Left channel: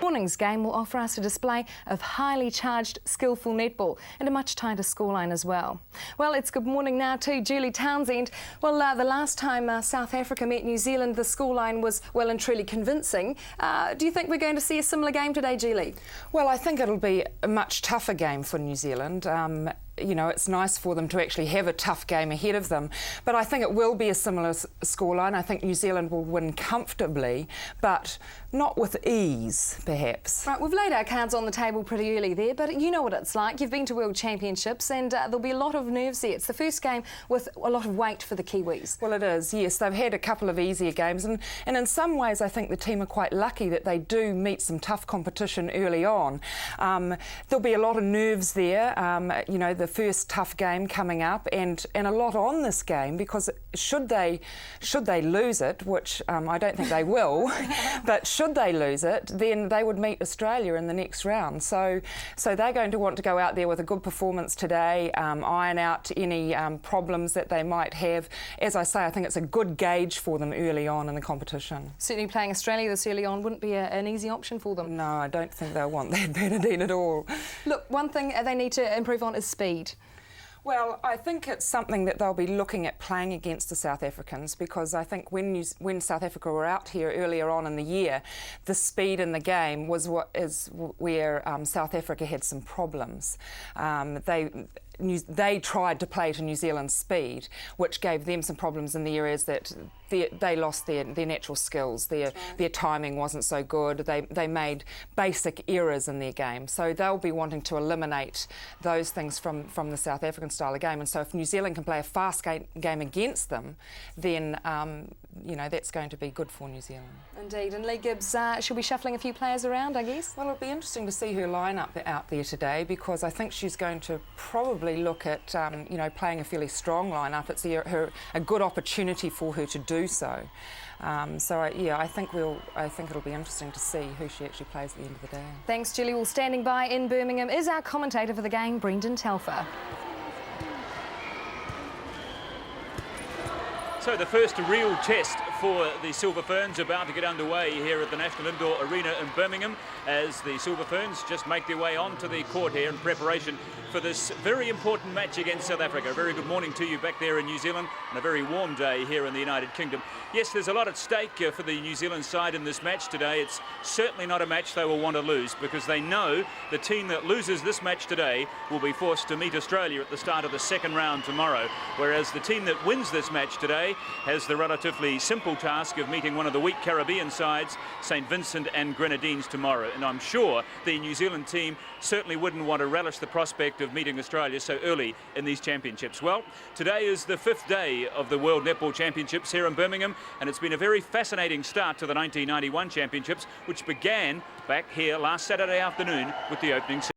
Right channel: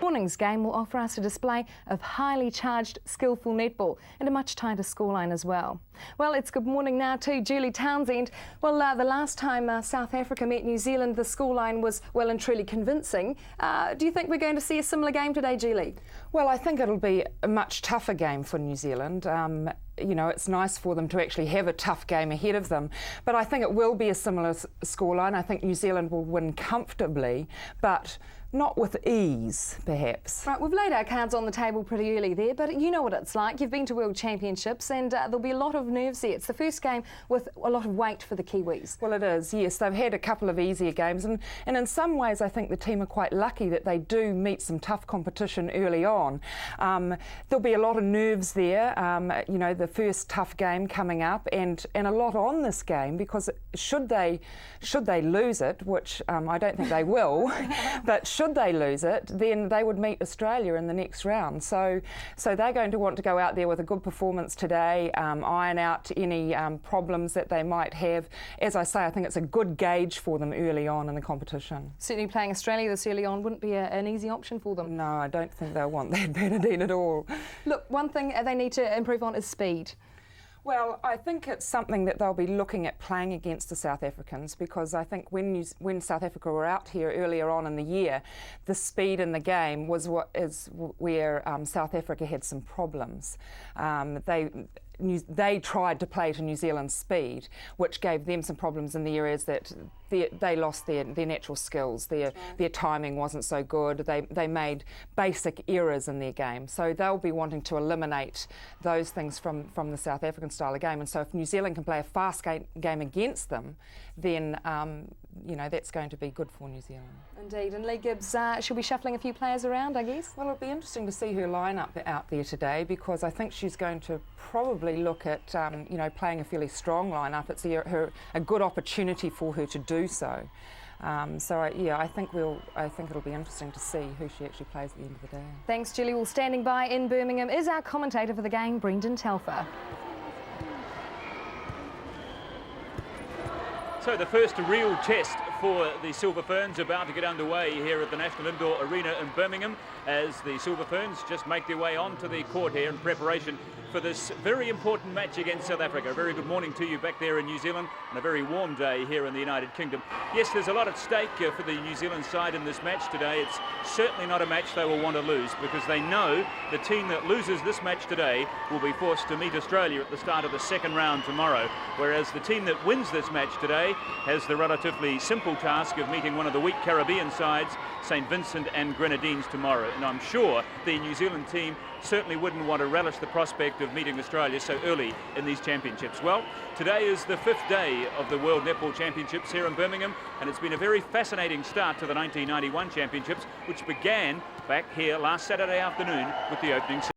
Morning's game will offer us a display of highly charged, skillful netball and a much tighter scoreline as well. Well, it's good morning now to Julie Townsend. Well, the last time South Africa met New Zealand, the scoreline was well and truly convincing. Do you think we're going to see a similar game today, Julie? Well, I think it'll be a much tougher game for New Zealand. You know, it's nice for them to actually have a tough game ahead of them, but I think it will be a similar scoreline. I think New Zealand will win comfortably, but not with ease, perhaps. Right, we've laid our cards on the table pretty early there, but you know what it's like. You've been to World Championships and there'll be a lot of nerves there. It's the first game with a lot of weight for the Kiwis. Well, it is, yes. They've had a couple of easier games, and in some ways I think the team are quite lucky that they do meet some tough competition early on. There'll be a lot of nerves there, you know, the first tough game coming up, and a lot on this game, because should they lose it, which I don't think they will, but should they lose it, then they would meet Australia in the next round. So they're going to want to go out there with a good performance today, iron out any problems that they might have. As I say, I think it's a good gauge for them early on in the competition. Certainly playing Australia this early on wouldn't be an easy option for them. No, I don't think they'll want that, Bernadine, at all. Look, one thing they need to improve on is speed. Well, I think it's something that they'll be looking at playing against the South Africans, because I think when South Africa were out here earlier on in the year, the speed in the game was where South Africa had some problems. They tried to play to New Zealand's speed, which gave them some problems in the areas that they lost their natural skills. Their timing wasn't so good. They made basic errors in their game. So they'll be wanting to eliminate those things from the South African style of game. And so if New Zealand can play a fast game against them, then you know, that's going to be good for New Zealand. Indeed. And Lee Gibbs, she'll be shuffling a few players around, I guess? Well, it'll be interesting to see her lineup out there today, because I think she's going to probably look at you know, playing a fairly strong lineup. It's a good opportunity for her to do so. Yeah, I think it'll be interesting to see who she actually plays at the end of the day. Thanks, Julie. Well, standing by in Birmingham is our commentator for the game, Brendan Telfer. So the first real test for the Silver Ferns about to get underway here at the National Indoor Arena in Birmingham, as the Silver Ferns just make their way onto the court here in preparation for this very important match against South Africa. A very good morning to you back there in New Zealand, and a very warm day here in the United Kingdom. Yes, there's a lot at stake for the New Zealand side in this match today. It's certainly not a match they will want to lose, because they know the team that loses this match today will be forced to meet Australia at the start of the second round tomorrow, whereas the team that wins this match today has the relatively simple task of meeting one of the weak Caribbean sides, St Vincent and Grenadines, tomorrow. And I'm sure the New Zealand team certainly wouldn't want to relish the prospect of meeting Australia so early in these championships. Well, today is the 5th day of the World Netball Championships here in Birmingham, and it's been a very fascinating start to the 1991 Championships, which began back here last Saturday afternoon with the opening ceremony.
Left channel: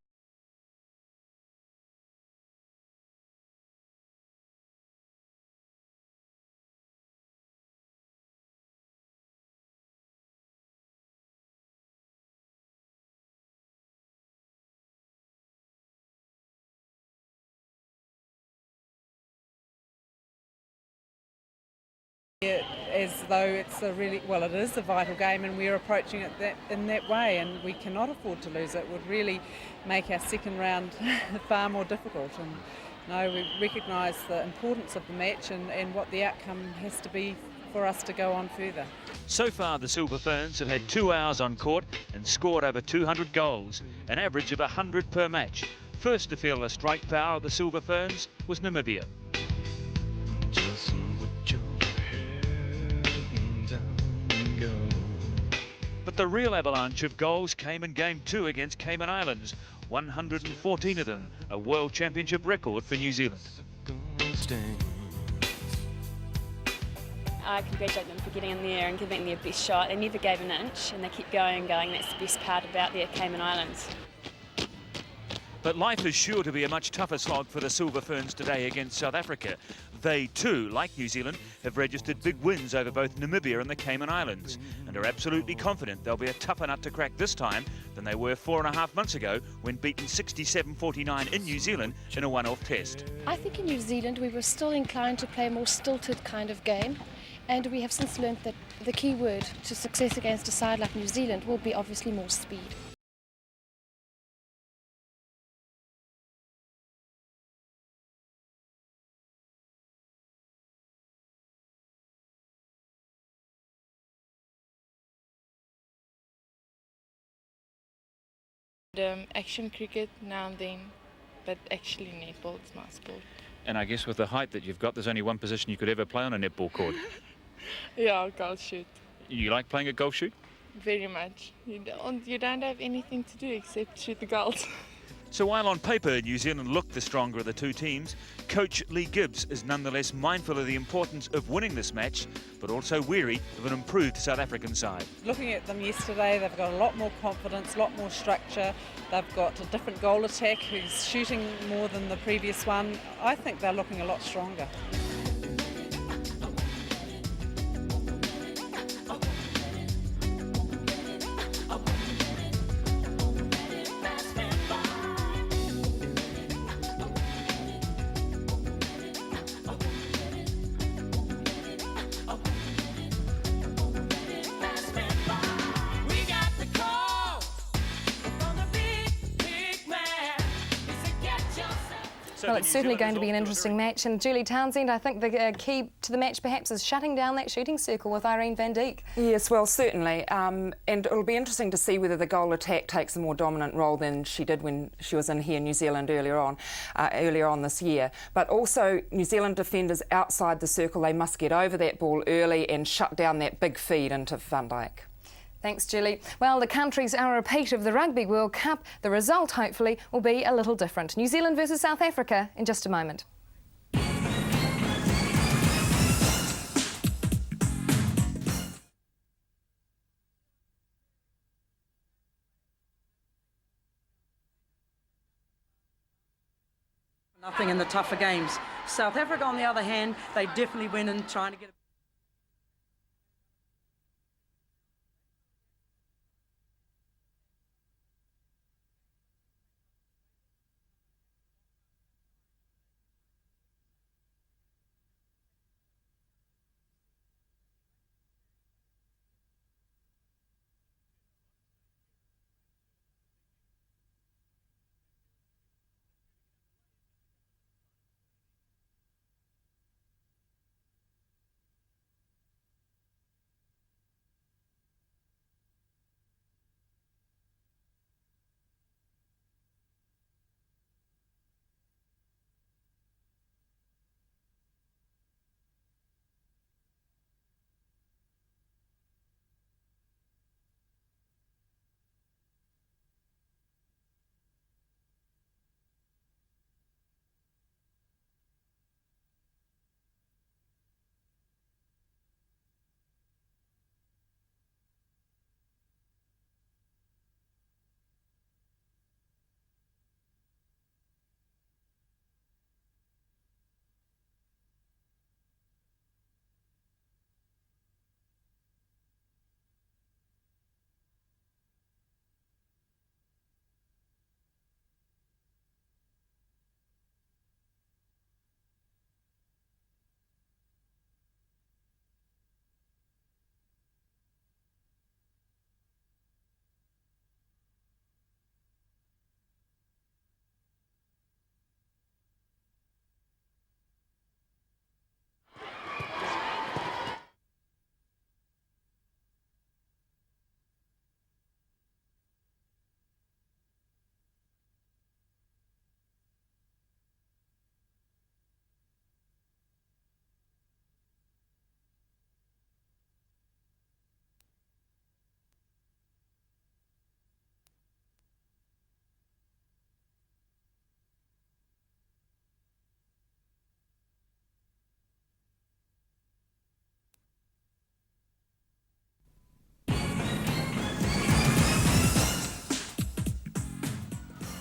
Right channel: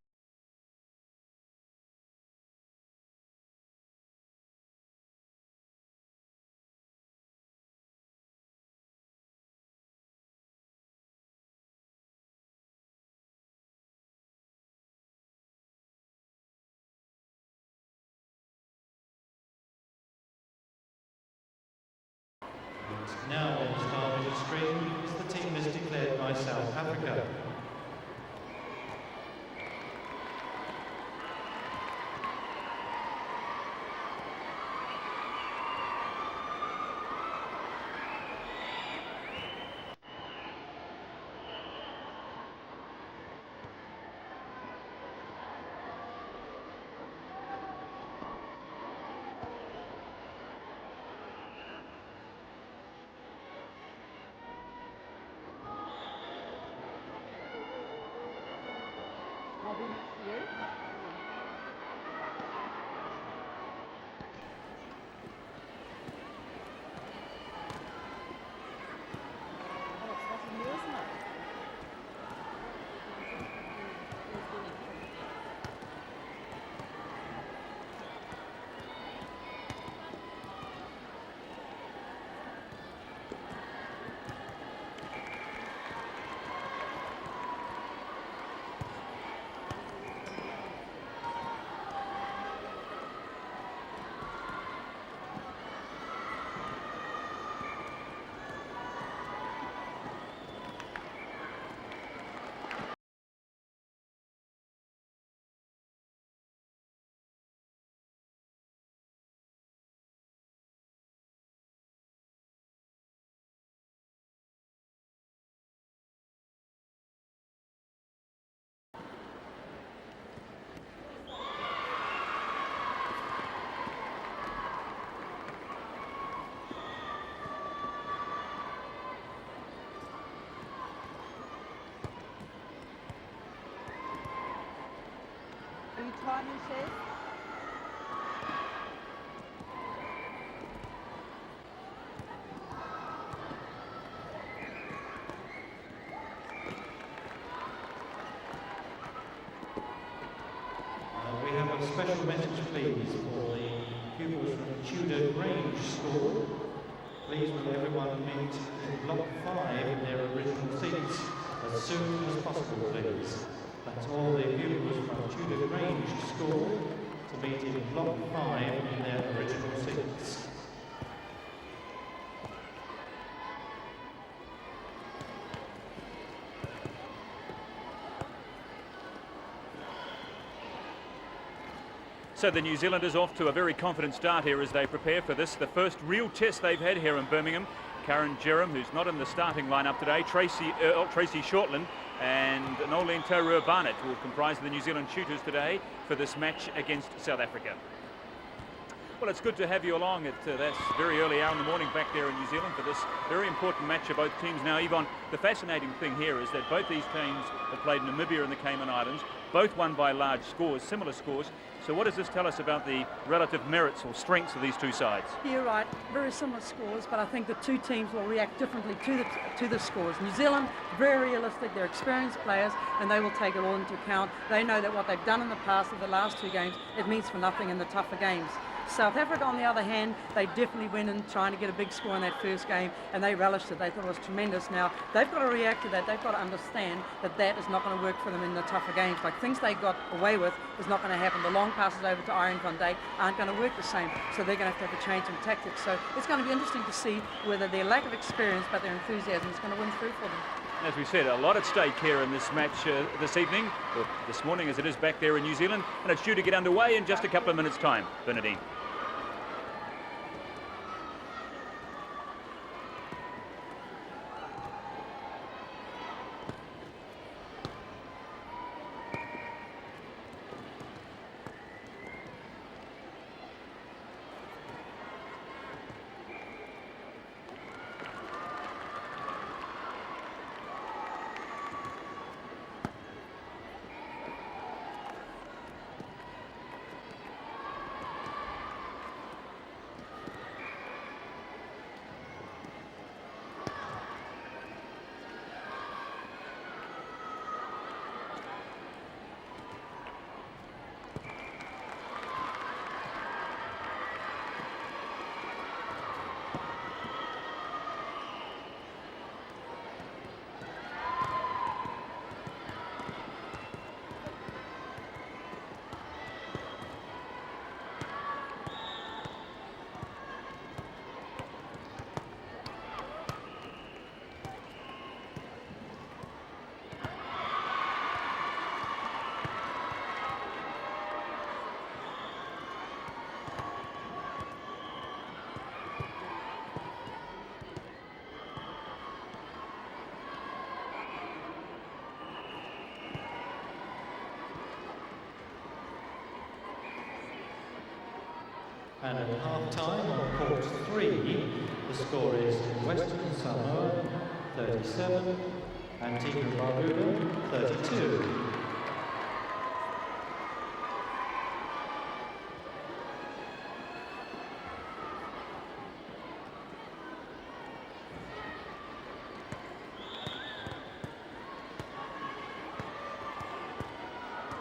As though it's it is a vital game, and we're approaching it in that way, and we cannot afford to lose it. It would really make our second round far more difficult, and we recognise the importance of the match and what the outcome has to be for us to go on further. So far the Silver Ferns have had 2 hours on court and scored over 200 goals, an average of 100 per match. First to feel the strike power of the Silver Ferns was Namibia. But the real avalanche of goals came in Game 2 against Cayman Islands, 114 of them, a World Championship record for New Zealand. I congratulate them for getting in there and giving their best shot. They never gave an inch, and they kept going and going. That's the best part about their Cayman Islands. But life is sure to be a much tougher slog for the Silver Ferns today against South Africa. They too, like New Zealand, have registered big wins over both Namibia and the Cayman Islands, and are absolutely confident they'll be a tougher nut to crack this time than they were 4.5 months ago when beaten 67-49 in New Zealand in a one-off test. I think in New Zealand we were still inclined to play a more stilted kind of game, And we have since learned that the key word to success against a side like New Zealand will be obviously more speed. Action cricket now and then, but actually netball is my sport. And I guess with the height that you've got, there's only one position you could ever play on a netball court. Yeah, goal shoot. You like playing a golf shoot? Very much. You don't have anything to do except shoot the goals. So while on paper New Zealand looked the stronger of the two teams, coach Lee Gibbs is nonetheless mindful of the importance of winning this match, but also weary of an improved South African side. Looking at them yesterday, they've got a lot more confidence, a lot more structure. They've got a different goal attack who's shooting more than the previous one. I think they're looking a lot stronger. So Well, the it's New certainly Zealanders going to be off an to a very interesting match, confident and Julie start here as they Townsend, I think prepare for the this, key first to the real match test perhaps they've is had shutting here in down that Birmingham. shooting circle Karen with Irene Jerram van is Dijk. not in the Yes, starting well, lineup certainly. today. Tracy And Earl, it'll be Tracy interesting to Shortland, see whether the goal and attack takes a more Nolene dominant role Barnett than will she comprise did the when New Zealand she was in shooters here in New today Zealand for this earlier match against earlier South on this Africa. year. But also New Well, it's Zealand good to have you defenders along. outside the That's circle, very they must early get hour over morning that back ball here in New early Zealand and for shut this down very that big important match feed for both into teams. Now, Thumbo. Yvonne, the fascinating Thanks, Julie. thing here is Well, that the both these countries are a teams repeat of the played rugby Namibia World and the Cup. Cayman The Islands, result, both hopefully, won by will be large a little scores, different. similar New Zealand scores. versus So South what does this tell Africa us in just a about the moment. relative merit and strength of these two sides? You're right, very similar scores, but I think the two teams will react differently to the scores. New Zealand, very realistic, they're experienced players, and they will take it all into account. They know that what they've done in the past of the last two games, it means for nothing in the tougher games. South Africa, on the other hand, they definitely went in trying to get a big score in that first game, and they relished it. They thought it was tremendous. Now, they've got to react to that. They've got to understand that that is not going to work for them in the tougher games. Like, things they got away with is not going to happen. The long passes over to Irene van Dijk aren't going to work the same, so they're going to have a change in tactics. So it's going to be interesting to see whether their lack of experience but their enthusiasm is going to win through for them. As we said, a lot at stake here in this match this evening, or this morning as it is back there in New Zealand, and it's due to get underway in just a couple of minutes' time. Bernadine. And at half-time on court 3, the score is Western Samoa 37, Antigua and Barbuda 32.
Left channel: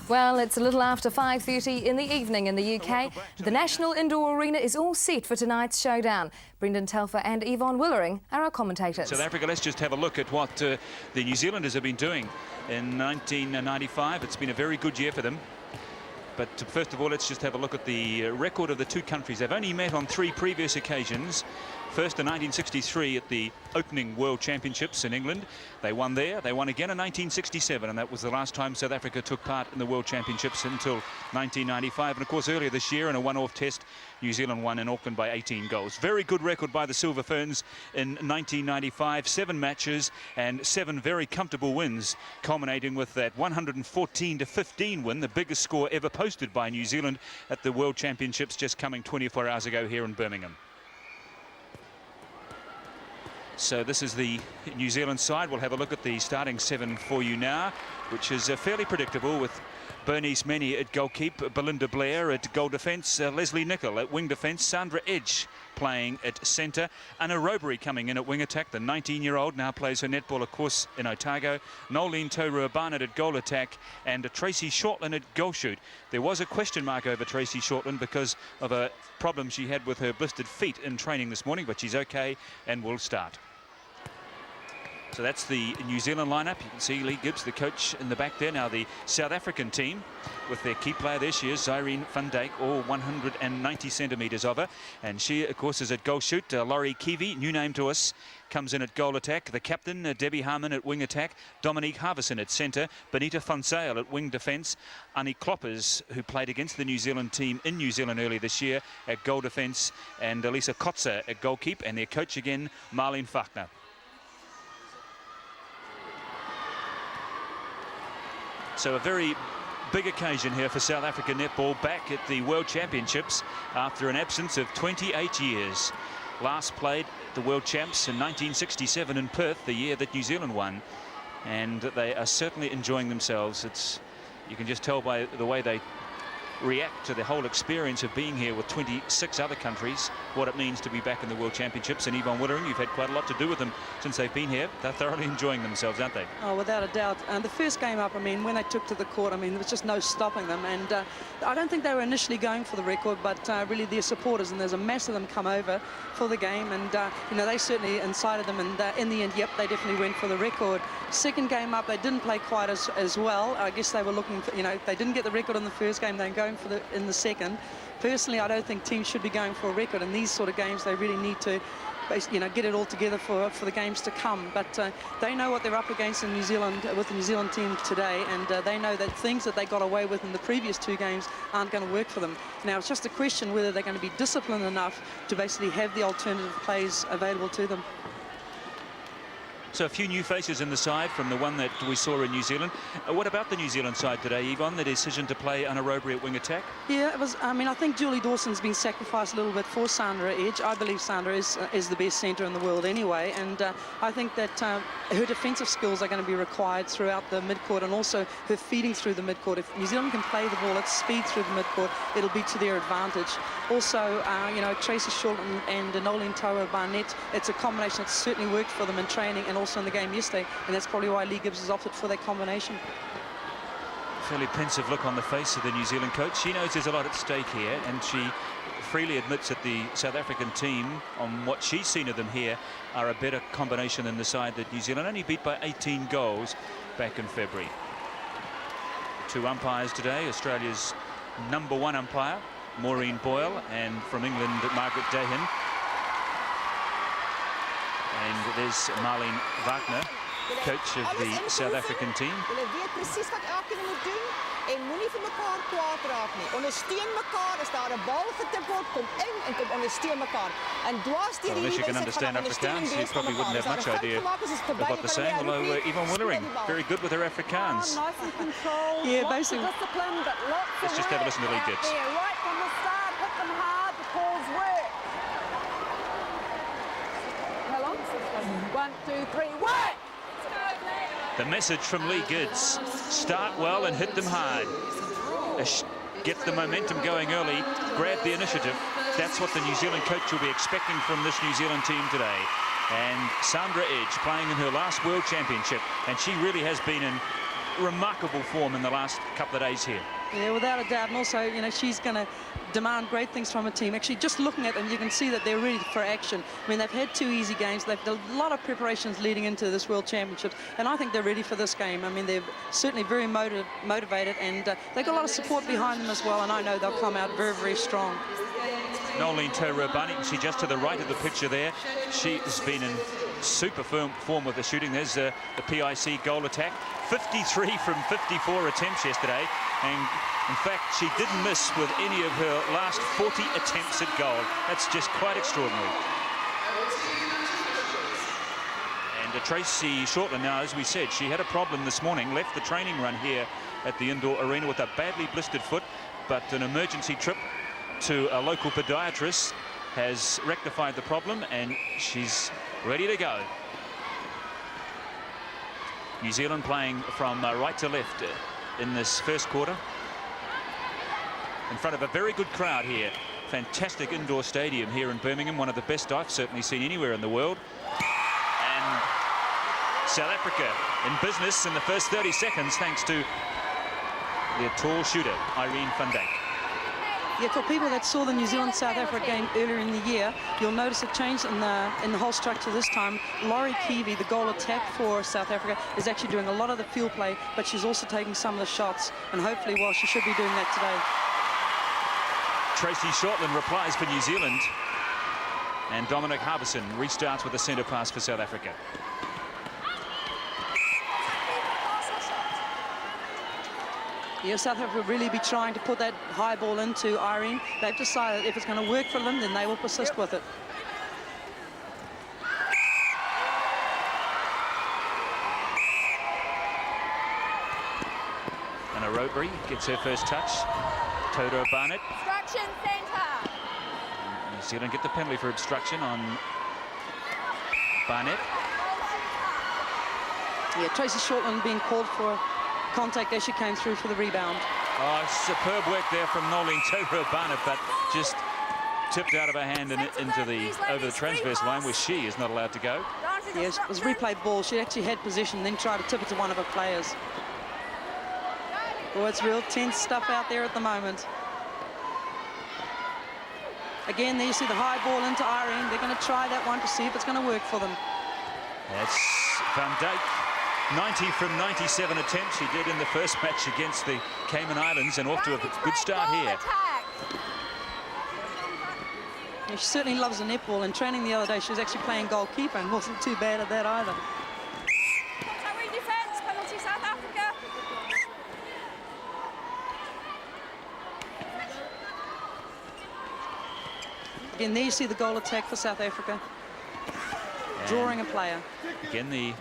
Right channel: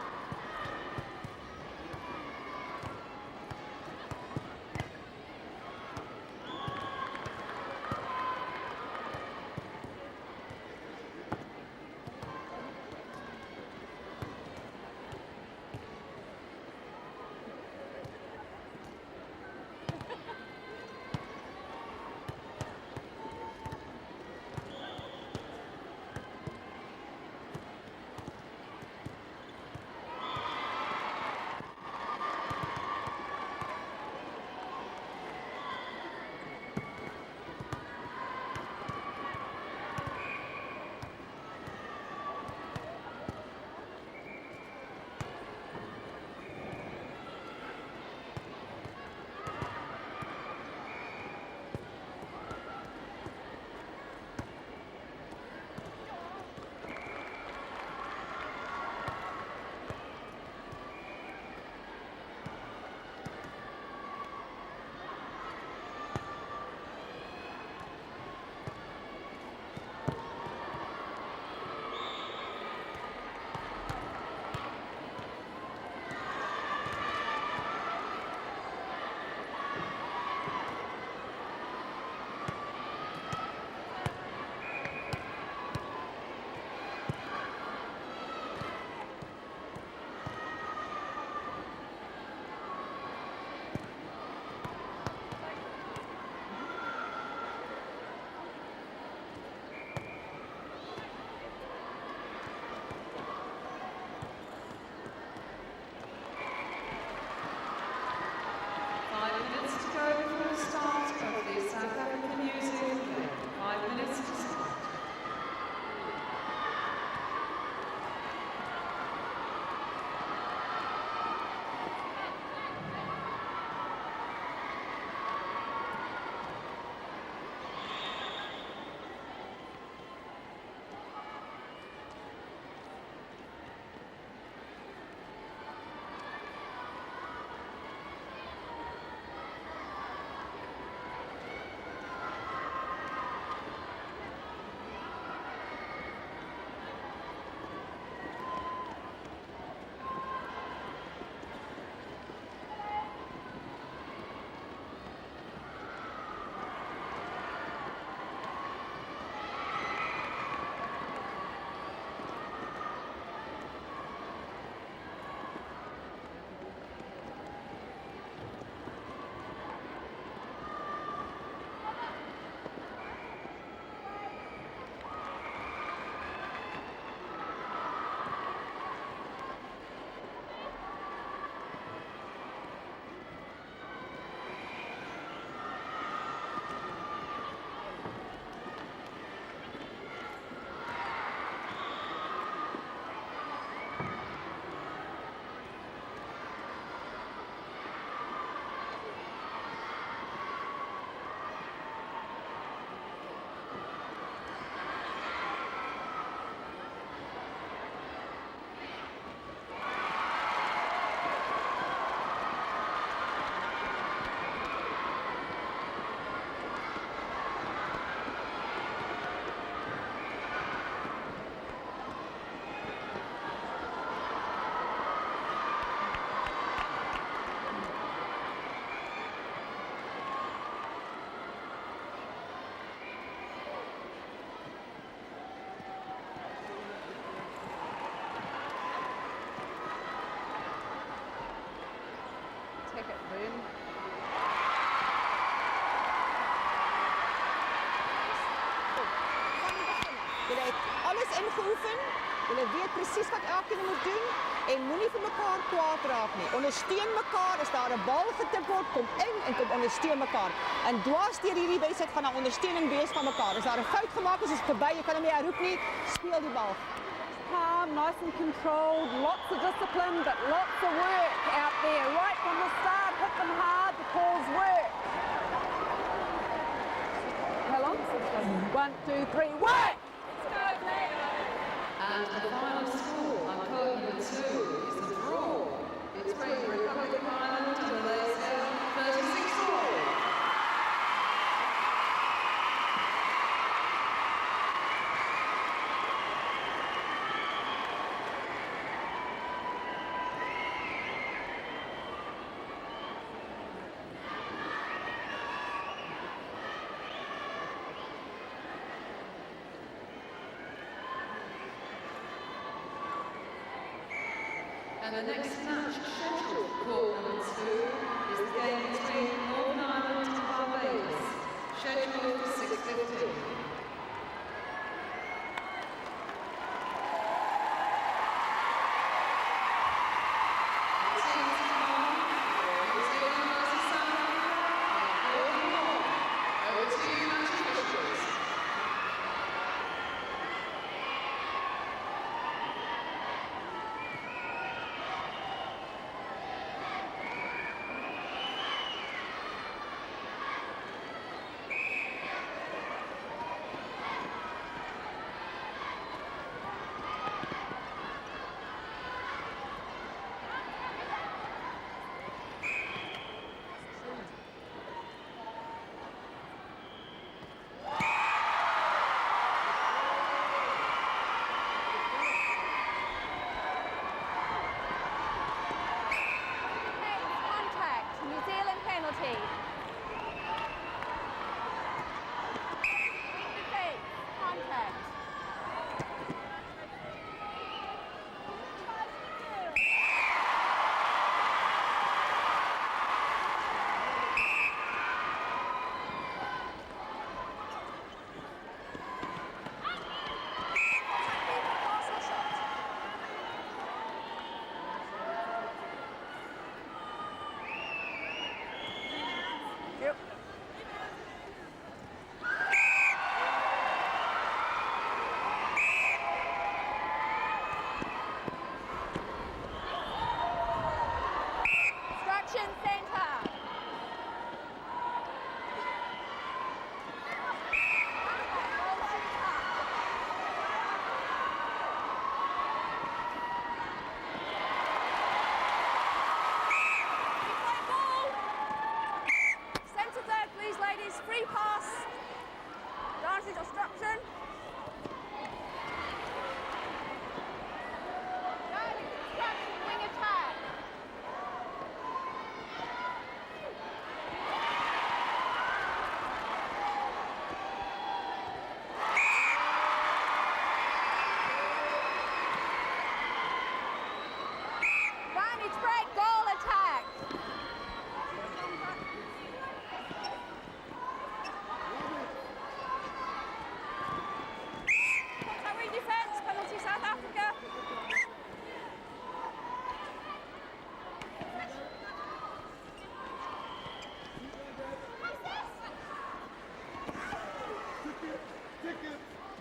Well, it's a little after 5:30 in the evening in the UK. The National Indoor Arena is all set for tonight's showdown. Brendan Telfer and Yvonne Willering are our commentators. South Africa, let's just have a look at what the New Zealanders have been doing in 1995. It's been a very good year for them. But first of all, let's just have a look at the record of the two countries. They've only met on 3 previous occasions. First in 1963 at the opening World Championships in England. They won there. They won again in 1967, and that was the last time South Africa took part in the World Championships until 1995. And of course, earlier this year in a one-off test, New Zealand won in Auckland by 18 goals. Very good record by the Silver Ferns in 1995. 7 matches and 7 very comfortable wins, culminating with that 114-15 win, the biggest score ever posted by New Zealand at the World Championships just coming 24 hours ago here in Birmingham. So this is the New Zealand side. We'll have a look at the starting 7 for you now, which is fairly predictable, with Bernice Menny at goalkeep, Belinda Blair at goal defence, Leslie Nicol at wing defence, Sandra Edge playing at centre, Anna Robery coming in at wing attack. The 19-year-old now plays her netball, of course, in Otago. Nolene Toru-Barnett at goal attack, and Tracy Shortland at goal shoot. There was a question mark over Tracy Shortland because of a problem she had with her blistered feet in training this morning, but she's okay and will start. So that's the New Zealand lineup. You can see Lee Gibbs, the coach, in the back there. Now the South African team with their key player, there she is, Zyrene van Dijk, all 190 centimetres of her. And she, of course, is at goal shoot. Laurie Kiwi, new name to us, comes in at goal attack. The captain, Debbie Harmon, at wing attack. Dominique Harvison at centre. Benita Fonsail at wing defence. Annie Kloppers, who played against the New Zealand team in New Zealand earlier this year, at goal defence. And Elisa Kotzer at goalkeep. And their coach again, Marlene Fachner. So a very big occasion here for South African netball, back at the World Championships after an absence of 28 years. Last played the World Champs in 1967 in Perth, the year that New Zealand won. And they are certainly enjoying themselves. You can just tell by the way they react to the whole experience of being here with 26 other countries, what it means to be back in the World Championships. And Yvonne Wittering, you've had quite a lot to do with them since they've been here. They're thoroughly enjoying themselves, aren't they? Oh, without a doubt. And the first game up, I mean, when they took to the court, I mean, there was just no stopping them. And I don't think they were initially going for the record, but really their supporters, and there's a mass of them come over for the game. And, you know, they certainly incited them. And in the end, yep, they definitely went for the record. Second game up, they didn't play quite as well. I guess they were looking for, you know, they didn't get the record in the first game. They're going for in the second. Personally, I don't think teams should be going for a record. In these sort of games, they really need to, you know, get it all together for the games to come. But they know what they're up against in New Zealand with the New Zealand team today, and they know that things that they got away with in the previous 2 games aren't going to work for them. Now, it's just a question whether they're going to be disciplined enough to basically have the alternative plays available to them. So a few new faces in the side from the one that we saw in New Zealand. What about the New Zealand side today, Yvonne, the decision to play Anna Robery at wing attack? Yeah, it was, I mean, I think Julie Dawson's been sacrificed a little bit for Sandra Edge. I believe Sandra is the best centre in the world anyway, and I think that her defensive skills are going to be required throughout the midcourt, and also her feeding through the midcourt. If New Zealand can play the ball at speed through the midcourt, it'll be to their advantage. Also, you know, Tracy Shortland and Nolene Toru-Barnett, it's a combination that certainly worked for them in training and also in the game yesterday, and that's probably why Lee Gibbs has opted for that combination. Fairly pensive look on the face of the New Zealand coach. She knows there's a lot at stake here, and she freely admits that the South African team, on what she's seen of them here, are a better combination than the side that New Zealand only beat by 18 goals back in February. 2 umpires today. Australia's #1 umpire, Maureen Boyle, and from England, Margaret Dahan. And there's Marlene Wagner, coach of the South African team. Hulle weet presies wat elkeen moet doen en moenie vir mekaar kwaad raak nie. Ondersteun mekaar, as daar 'n bal getip word, kom in en kom ondersteun mekaar. En dwars deur hierdie wedstryd gaan daar ondersteuning wees van mekaar. As daar 'n fout gemaak is, is dit verby. Jy kan hom nie herroep nie. Speel die bal. Very good with her Afrikaans. Nice and controlled, lots of discipline, but lots of work out there. Right from the start, hit them hard, the calls work. How long? 1, 2, 3, work! The message from Lee Gibbs: start well and hit them hard. Get the momentum going early, grab the initiative. That's what the New Zealand coach will be expecting from this New Zealand team today. And Sandra Edge playing in her last World Championship, and she really has been in remarkable form in the last couple of days here. Yeah, without a doubt. And also, you know, she's going to demand great things from a team. Actually, just looking at them, you can see that they're ready for action. I mean, they've had 2 easy games. They've done a lot of preparations leading into this World Championship, and I think they're ready for this game. I mean, they're certainly very motivated, and they've got a lot of support behind them as well, and I know they'll come out very, very strong. Nolene Taurabani, she's just to the right of the picture there. She has been in super form with the shooting. There's the PIC goal attack. 53 from 54 attempts yesterday, and in fact, she didn't miss with any of her last 40 attempts at goal. That's just quite extraordinary. And Tracy Shortland now, as we said, she had a problem this morning, left the training run here at the indoor arena with a badly blistered foot, but an emergency trip to a local podiatrist has rectified the problem, and she's ready to go. New Zealand playing from right to left in this first quarter, in front of a very good crowd here. Fantastic indoor stadium here in Birmingham, one of the best I've certainly seen anywhere in the world. And South Africa in business in the first 30 seconds thanks to their tall shooter, Irene van Dijk. Yeah, for people that saw the New Zealand-South Africa game earlier in the year, you'll notice a change in the whole structure this time. Laurie Keevy, the goal attack for South Africa, is actually doing a lot of the field play, but she's also taking some of the shots, and hopefully, well, she should be doing that today. Tracy Shortland replies for New Zealand, and Dominic Harbison restarts with a centre pass for South Africa. Yeah, South Africa will really be trying to put that high ball into Irene. They've decided if it's going to work for them, then they will persist with it. And Robery gets her first touch. Toto Barnett. Obstruction centre. New Zealand get the penalty for obstruction on Barnett. Yeah, Tracy Shortland being called for contact as she came through for the rebound. Oh, superb work there from Nolene Taurabani, but just tipped out of her hand and into the over the transverse line where she is not allowed to go. Yes, it was replay ball. She actually had position, then tried to tip it to one of her players. Well, it's real tense stuff out there at the moment. Again, there you see the high ball into Irene. They're going to try that one to see if it's going to work for them. That's Van Dijk. 90 from 97 attempts she did in the first match against the Cayman Islands, and off to a good start here. Yeah, she certainly loves the netball. In training the other day, she was actually playing goalkeeper and wasn't too bad at that either. Defense, penalty South Africa. Again, there you see the goal attack for South Africa. Drawing a player. Again, the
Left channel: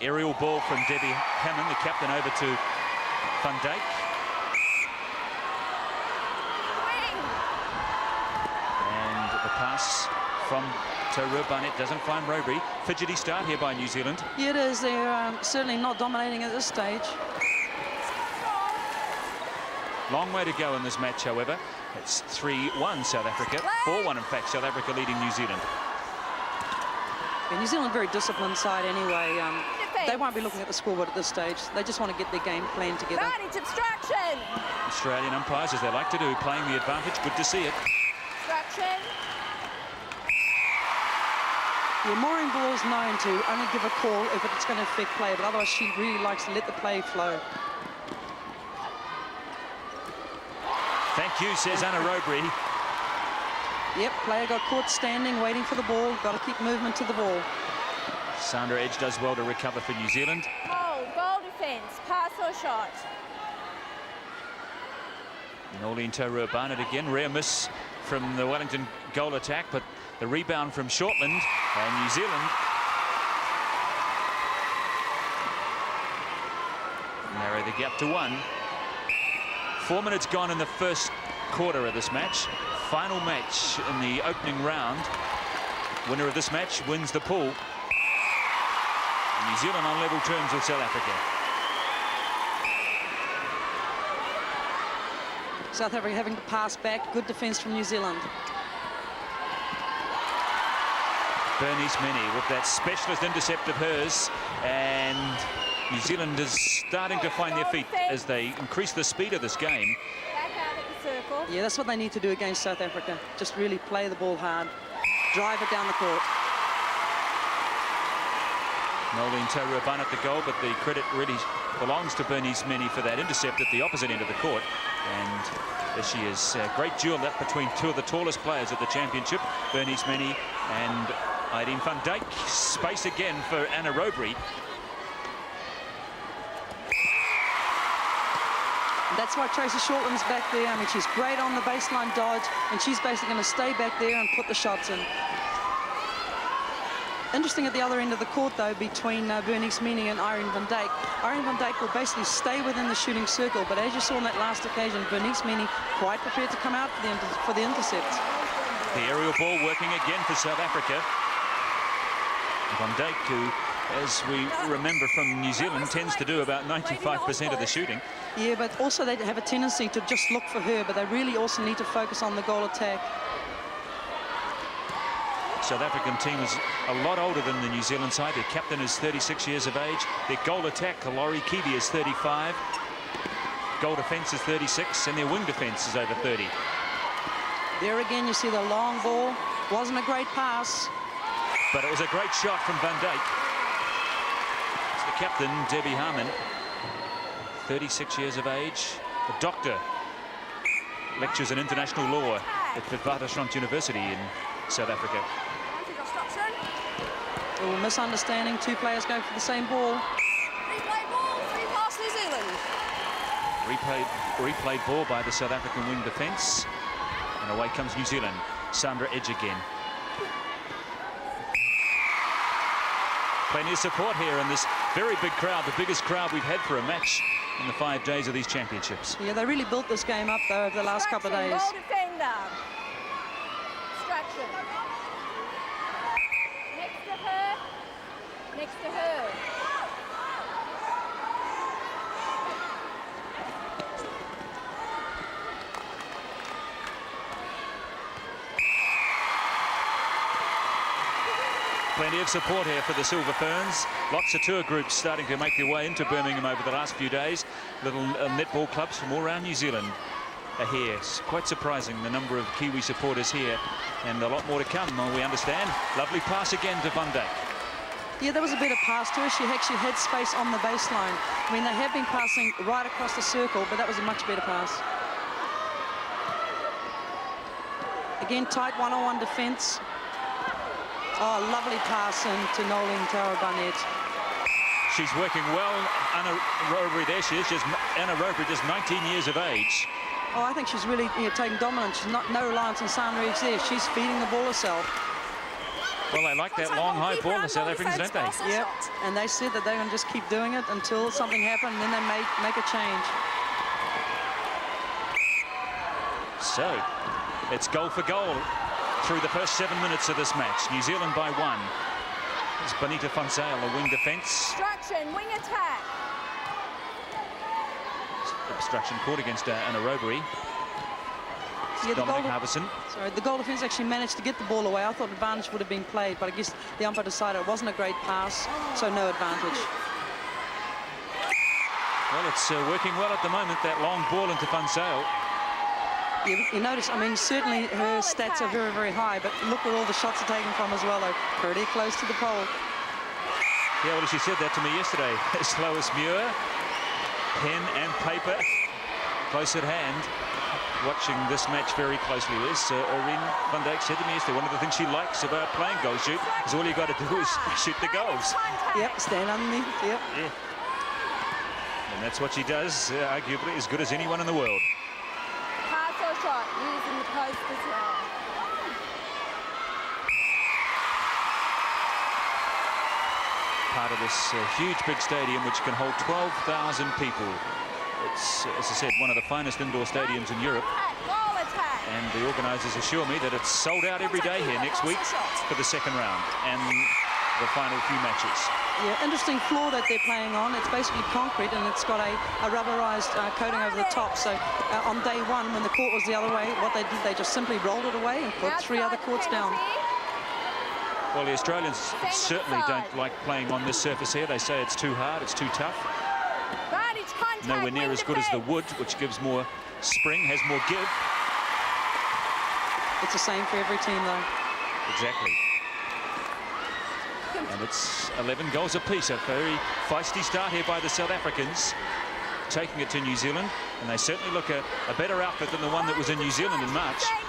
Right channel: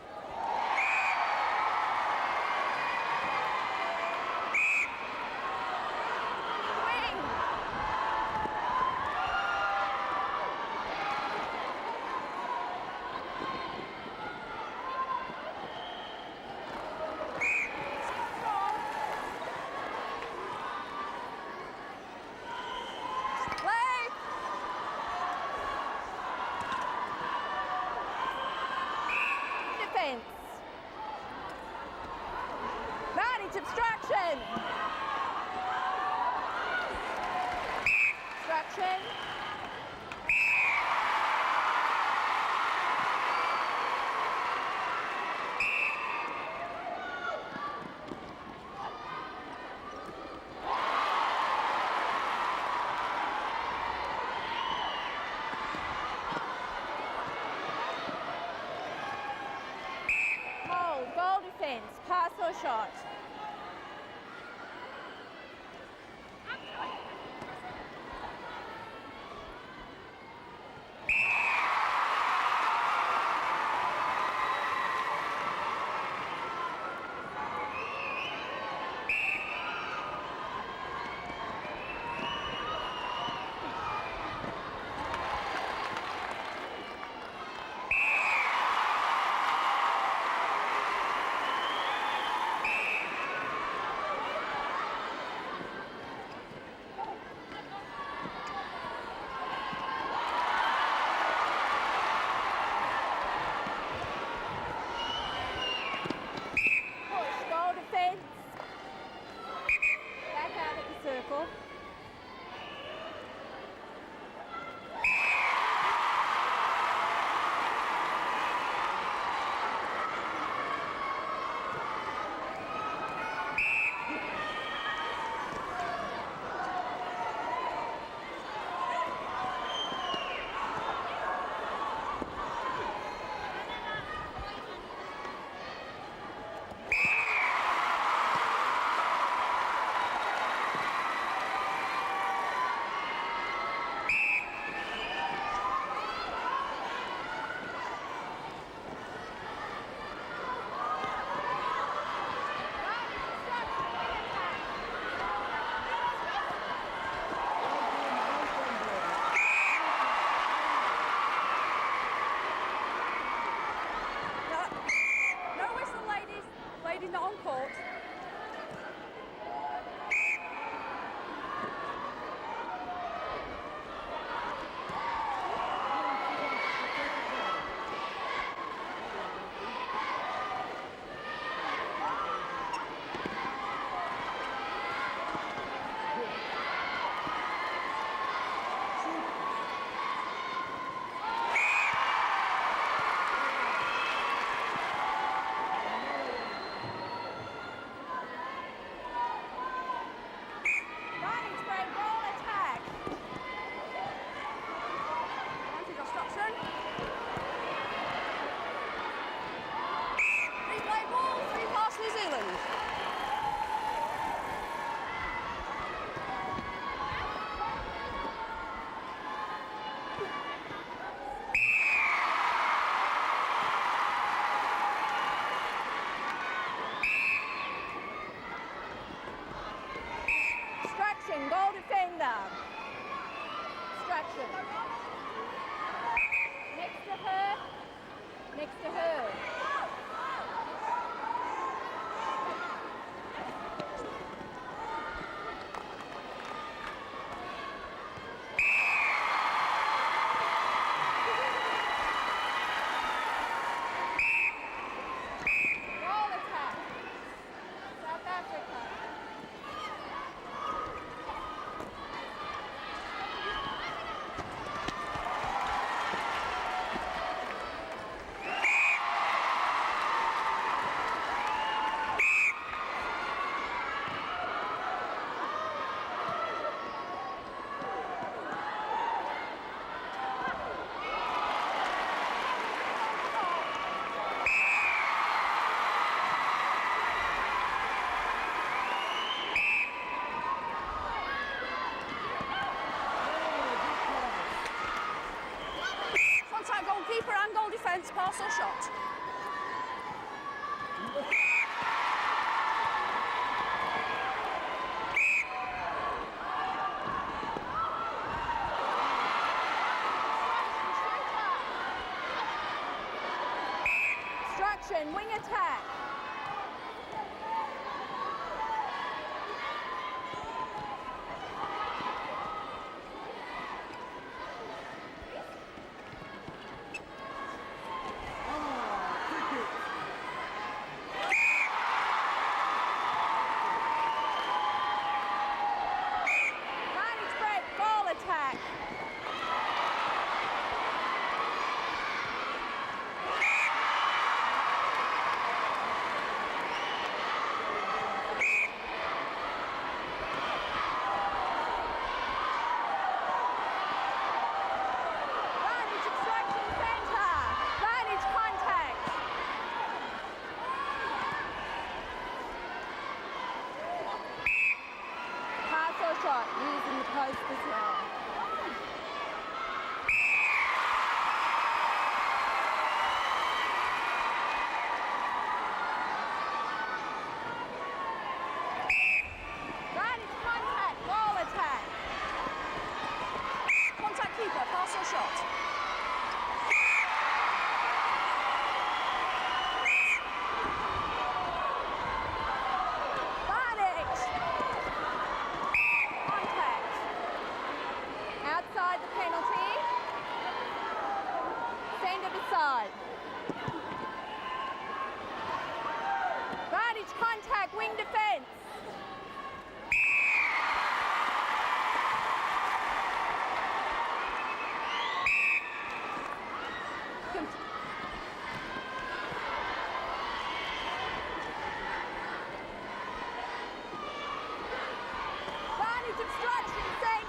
aerial ball from Debbie Cannon, the captain, over to Van Dijk. And the pass from Taurabani doesn't find Robery. Fidgety start here by New Zealand. Yeah, it is. They're certainly not dominating at this stage. Long way to go in this match, however. It's 3-1 South Africa. 4-1, in fact, South Africa leading New Zealand. Yeah, New Zealand very disciplined side anyway. They won't be looking at the scoreboard at this stage. They just want to get their game plan together. It's obstruction. Australian umpires, as they like to do, playing the advantage. Good to see it. Obstruction. Yeah, Maureen Boyle's known to only give a call if it's going to affect play, but otherwise she really likes to let the play flow. Thank you, says Anna Robery. Yep, player got caught standing, waiting for the ball. Got to keep movement to the ball. Sandra Edge does well to recover for New Zealand. Hold, goal defence, pass or shot. Nolene Taurabani again, rare miss from the Wellington goal attack, but the rebound from Shortland and New Zealand narrow the gap to 1. 4 minutes gone in the first quarter of this match. Final match in the opening round. Winner of this match wins the pool. New Zealand on level terms with South Africa. South Africa having to pass back. Good defence from New Zealand. Bernice Mini with that specialist intercept of hers, and New Zealand is starting to find their feet as they increase the speed of this game. Back out at the circle. Yeah, that's what they need to do against South Africa. Just really play the ball hard, drive it down the court. Noeline Taurobana at the goal, but the credit really belongs to Bernice Meni for that intercept at the opposite end of the court. And she is a great duel up between two of the tallest players at the championship, Bernice Meni and Irene van Dijk. Space again for Anna Robery. That's why Tracy Shortland's back there. I mean, she's great on the baseline dodge, and she's basically going to stay back there and put the shots in. Interesting at the other end of the court, though, between Bernice Meni and Irene van Dijk. Irene van Dijk will basically stay within the shooting circle, but as you saw on that last occasion, Bernice Meni quite prepared to come out for the intercept. The aerial ball working again for South Africa. Van Dijk, who, as we remember from New Zealand, tends to do about 95% of the shooting. Yeah, but also they have a tendency to just look for her, but they really also need to focus on the goal attack. South African team is a lot older than the New Zealand side. Their captain is 36 years of age. Their goal attack, Kalori Kiwi, is 35. Goal defence is 36, and their wing defence is over 30. There again, you see the long ball. Wasn't a great pass, but it was a great shot from Van Dijk. The captain, Debbie Harmon, 36 years of age, a doctor, lectures in international law at Witwatersrand University in South Africa. A misunderstanding, two players go for the same ball. Replay ball, 3 pass New Zealand. Replay ball by the South African wing defence. And away comes New Zealand. Sandra Edge again. Plenty of support here in this very big crowd, the biggest crowd we've had for a match in the 5 days of these championships. Yeah, they really built this game up, though, over the last couple of days. Ball defender. Distraction. Next to her. Next to her. Plenty of support here for the Silver Ferns. Lots of tour groups starting to make their way into Birmingham over the last few days. Little netball clubs from all around New Zealand are here. It's quite surprising, the number of Kiwi supporters here, and a lot more to come, we understand. Lovely pass again to Van Dijk. Yeah, there was a bit of pass to her. She actually had space on the baseline. I mean, they have been passing right across the circle, but that was a much better pass. Again, tight one-on-one defence. Oh, lovely pass into Noeline Taurobana. She's working well. Anna Robery, there she is. Anna Robery, just 19 years of age. Oh, I think she's really taking dominance. She's no reliance on Sandra Edge there. She's feeding the ball herself. Well, they like that long, high ball, the South Africans, don't they? Yeah, and they said that they're going to just keep doing it until something happens, and then they make a change. So, it's goal for goal through the first 7 minutes of this match. New Zealand by 1. It's Bonita Fonseca, a wing defence. Distraction, wing attack. Obstruction caught against Anna Robery. Yeah, the goal defence actually managed to get the ball away. I thought advantage would have been played, but I guess the umpire decided it wasn't a great pass, so no advantage. Well, it's working well at the moment, that long ball into Fonseca. You notice, I mean, certainly her stats are very, very high, but look where all the shots are taken from as well. They're pretty close to the pole. Yeah, well, she said that to me yesterday. As slow as Muir, pen and paper, close at hand. Watching this match very closely is Irene van Dijk said to me, one of the things she likes about playing goal shoot is all you got to do is shoot the goals. Yeah, stand underneath, yeah. And that's what she does, arguably as good as anyone in the world. Pass or shot, using the post as well. Part of this huge big stadium which can hold 12,000 people. It's, as I said, one of the finest indoor stadiums in Europe. And the organisers assure me that it's sold out every day here next week for the second round and the final few matches. Yeah, interesting floor that they're playing on. It's basically concrete and it's got a rubberised coating over the top. So on day 1, when the court was the other way, what they did, they just simply rolled it away and put 3 other courts down. Well, the Australians certainly don't like playing on this surface here. They say it's too hard, it's too tough. Advantage contact. Nowhere near as good as the wood, which gives more spring, has more give. It's the same for every team, though. Exactly. And it's 11 goals apiece. A very feisty start here by the South Africans, taking it to New Zealand, and they certainly look a better outfit than the one that was in New Zealand in March. Yeah,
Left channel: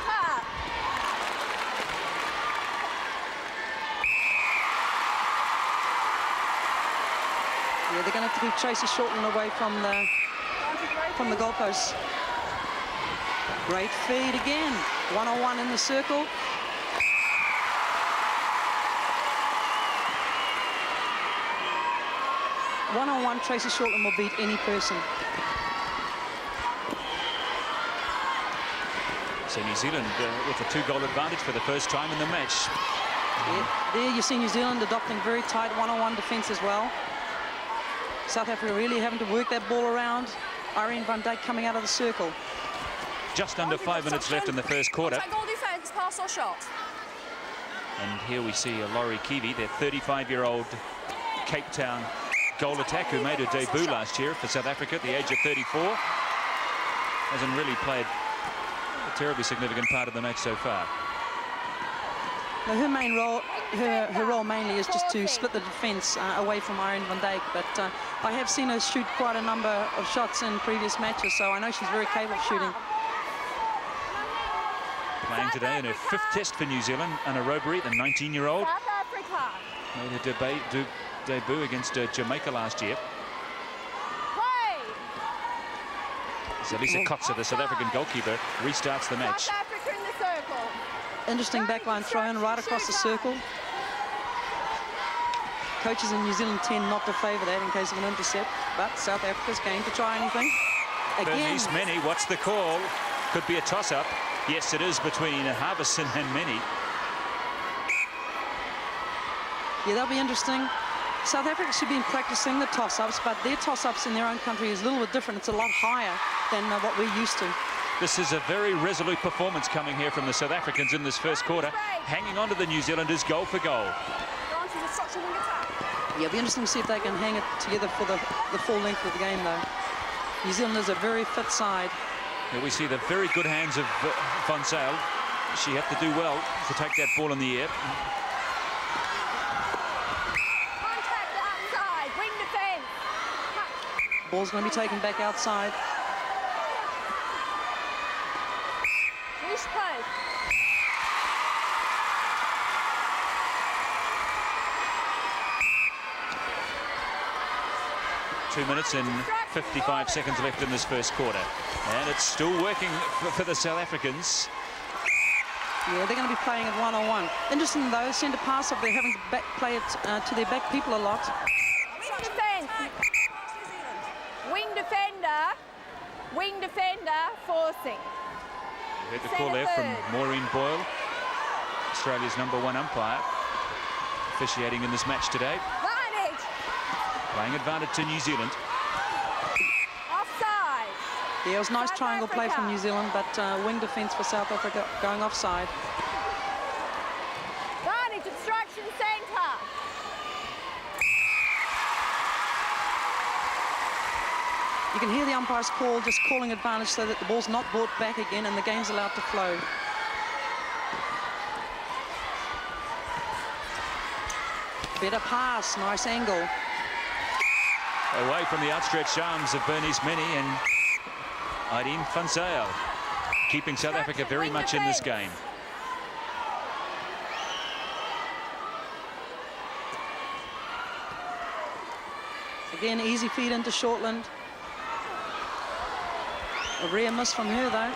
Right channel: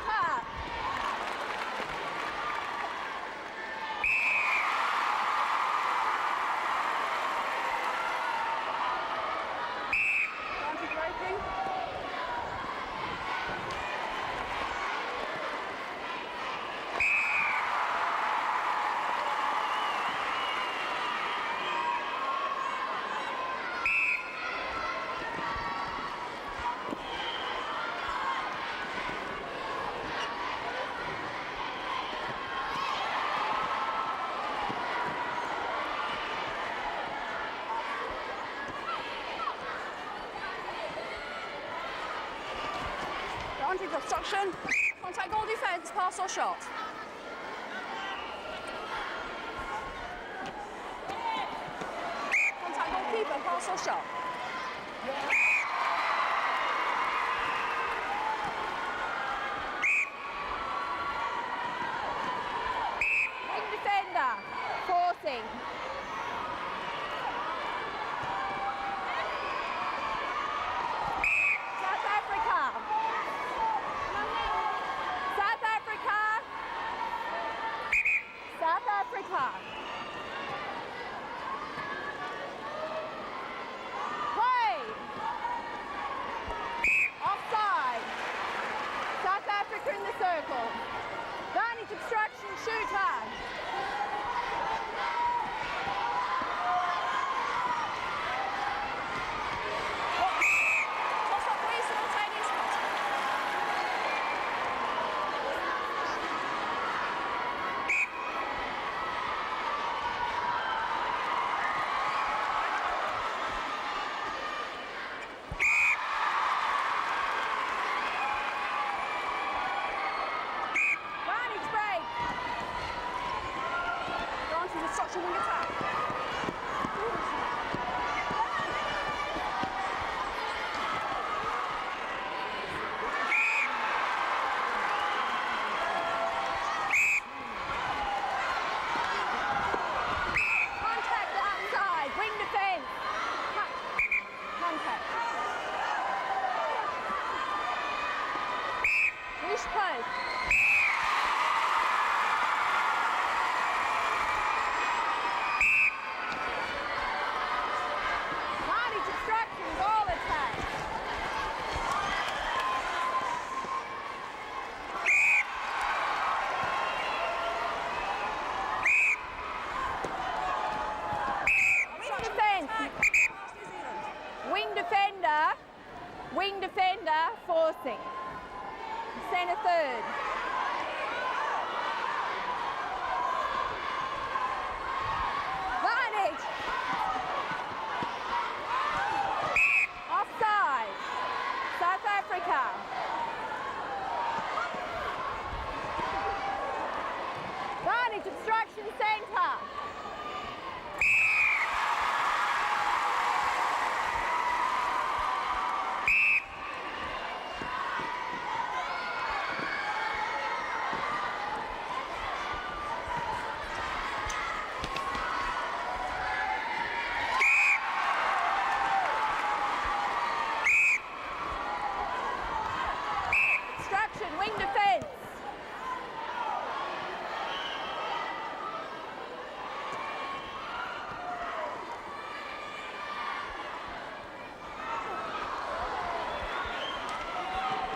they're going to keep Tracy Shortland away from the goalposts. Great feed again. 1-on-1 in the circle. One-on-one, Tracy Shortland will beat any person. So New Zealand with a 2-goal advantage for the first time in the match. There you see New Zealand adopting very tight one-on-one defence as well. South Africa really having to work that ball around. Irene van Dijk coming out of the circle. Just under 5 minutes left in the first quarter. Contact goal defence, pass or shot. And here we see Laurie Kiwi, their 35-year-old Cape Town goal attack who made a debut last year for South Africa at the age of 34. Hasn't really played a terribly significant part of the match so far. Well, her main role, her role mainly is just to split the defence away from Irene van Dijk, but I have seen her shoot quite a number of shots in previous matches, so I know she's very capable of shooting. Playing today in her 5th test for New Zealand, Anna Robery, the 19-year-old. South Africa. Made her debut against Jamaica last year. So Lisa Kotzer, the South African goalkeeper, restarts the match. South Africa in the circle. Interesting backline throw in right across the circle. Coaches in New Zealand tend not to favour that in case of an intercept, but South Africa's going to try anything. Again. Many, what's the call? Could be a toss-up. Yes, it is between Harbison and Many. Yeah, that'll be interesting. South Africa should be practicing the toss-ups, but their toss-ups in their own country is a little bit different. It's a lot higher than what we're used to. This is a very resolute performance coming here from the South Africans in this first quarter, hanging on to the New Zealanders goal for goal. Gone to the structure wing attack. Yeah, it'll be interesting to see if they can hang it together for the full length of the game, though. New Zealand is a very fit side. Here we see the very good hands of Van Zyl. She had to do well to take that ball in the air. Contact outside, wing defence. Ball's going to be taken back outside. Push post. 2 minutes and 55 seconds left in this first quarter. And it's still working for the South Africans. Yeah, they're going to be playing it one-on-one. Interesting though, centre pass up, they're having to play it to their back people a lot. Wing defence. Wing defender, forcing. Centre third. From Maureen Boyle, Australia's #1 umpire, officiating in this match today. Advantage. Playing advantage to New Zealand. Offside. Yeah, it was a nice triangle play from New Zealand, but wing defence for South Africa going offside. Advantage, obstruction, centre. You can hear the umpire's call, just calling advantage so that the ball's not brought back again and the game's allowed to flow. Better pass, nice angle. Away from the outstretched arms of Bernice Mini and Irene van Zyl, keeping South Africa very much in this game. Again, easy feed into Shortland. A rare miss from her though.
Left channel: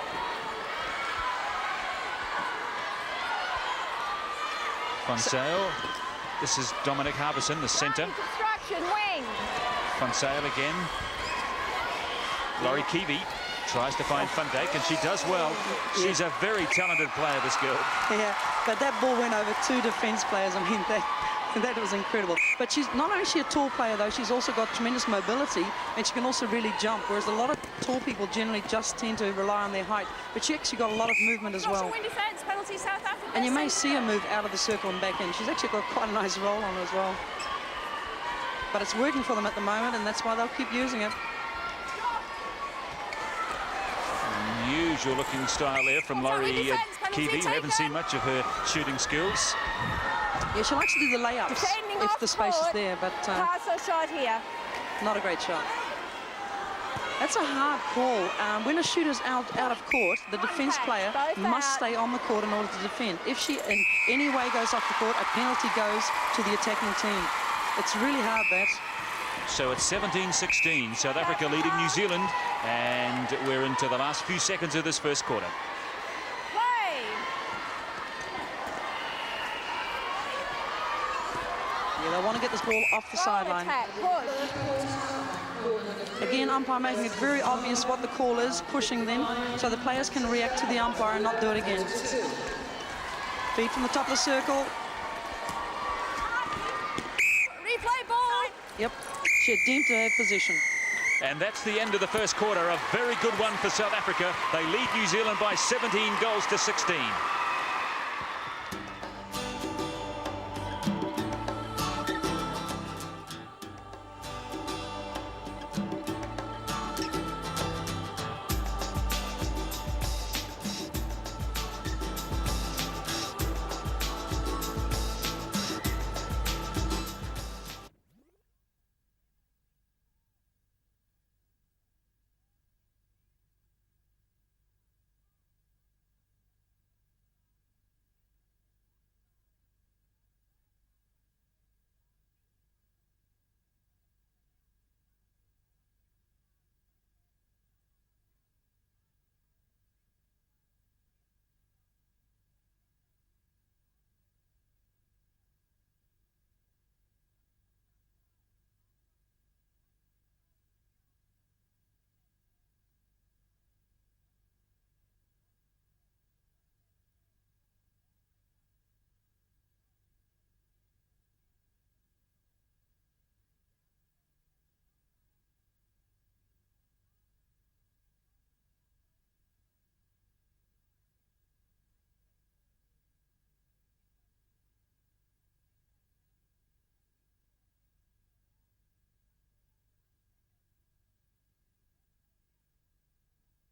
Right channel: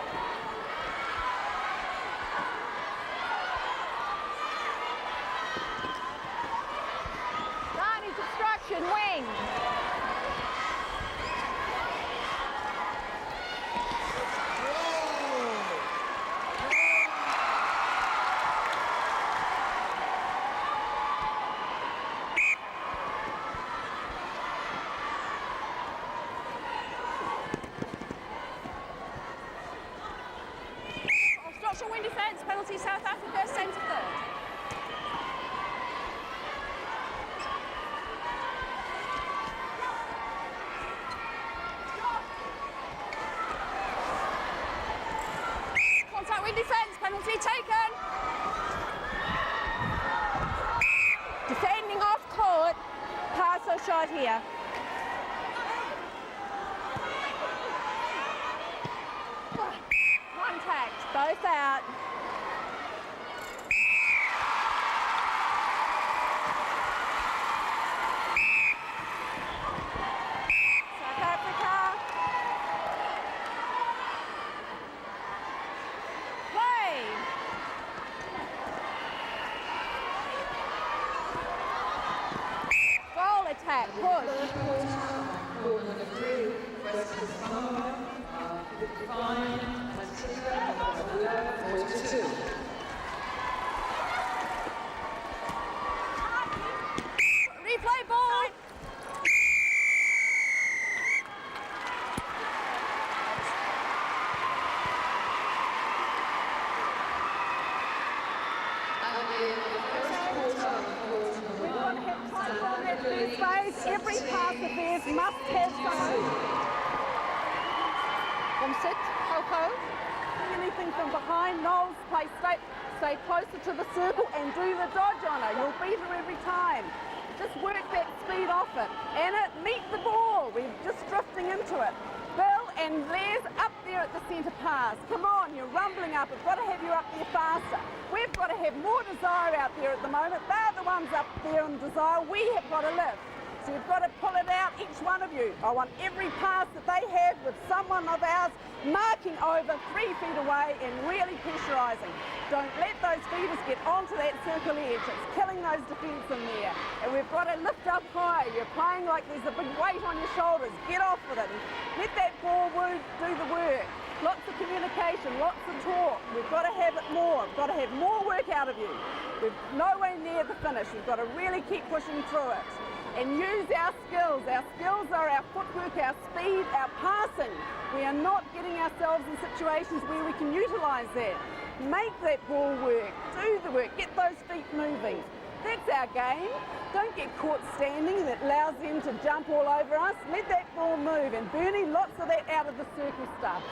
Van Zyl, this is Dominic Harbison, the centre. Obstruction, wing. Van Zyl again. Laurie Kiwi tries to find Van Dijk and she does well. She's a very talented player, this girl. Yeah, but that ball went over 2 defence players. I mean, that was incredible. But she's not only a tall player though, she's also got tremendous mobility and she can also really jump, whereas a lot of tall people generally just tend to rely on their height. But she actually got a lot of movement as well. Wing defence, penalty South Africa. And you may see her move out of the circle and back in. She's actually got quite a nice roll on as well. But it's working for them at the moment, and that's That's why they'll keep using it. Unusual looking style there from Laurie Kiwi. Haven't seen much of her shooting skills. Yeah, she likes to do the layups. Defending if off the space court. is there, but Pass or shot here. not a great shot. That's a hard call. When a shooter's out of court, the defence player must stay on the court in order to defend. If she in any way goes off the court, a penalty goes to the attacking team. It's really hard, that. So it's 17-16. South Africa leading New Zealand, and we're into the last few seconds of this first quarter. Play. Yeah, they want to get this ball off the sideline. Attack. Push. Again, umpire making it very obvious what the call is, pushing them so the players can react to the umpire and not do it again. Feed from the top of the circle. Replay ball. Yep, she deemed to have position. And that's the end of the first quarter. A very good one for South Africa. They lead New Zealand by 17 goals to 16. Every pass of theirs must have someone. From set, Coco. Anything from behind, Knowles, play straight, stay closer to the circle and do the dodge on it. You'll beat her every time. Just work that speed off it. And meet the ball. We're just drifting into it. Bill and Les up there at the centre pass. Come on, you're rumbling up. We've got to have you up there faster. We've got to have more desire out there at the moment. They're the ones up there in desire. We have got to live. So you've got to pull it out, each one of you. I want every pass that they have with someone of ours marking over 3 feet away and really pressurising. Don't let those feeders get onto that circle edge. It's killing those defence in there. And we've got to lift up high. You're playing like there's a big weight on your shoulders. Get off with it. Let that ball do the work. Lots of communication, lots of talk. We've got to have it more. We've got to have more work out of you. We're nowhere near the finish. We've got to really keep pushing through it. And use our skills. Our skills are our footwork, our speed, our passing. We are not getting ourselves in situations where we can utilise that. Make that ball work, do the work, get those feet moving. That's our game. Don't get caught standing. That allows them to jump all over us. Let that ball move. And Bernie, lots of that out of the circle stuff.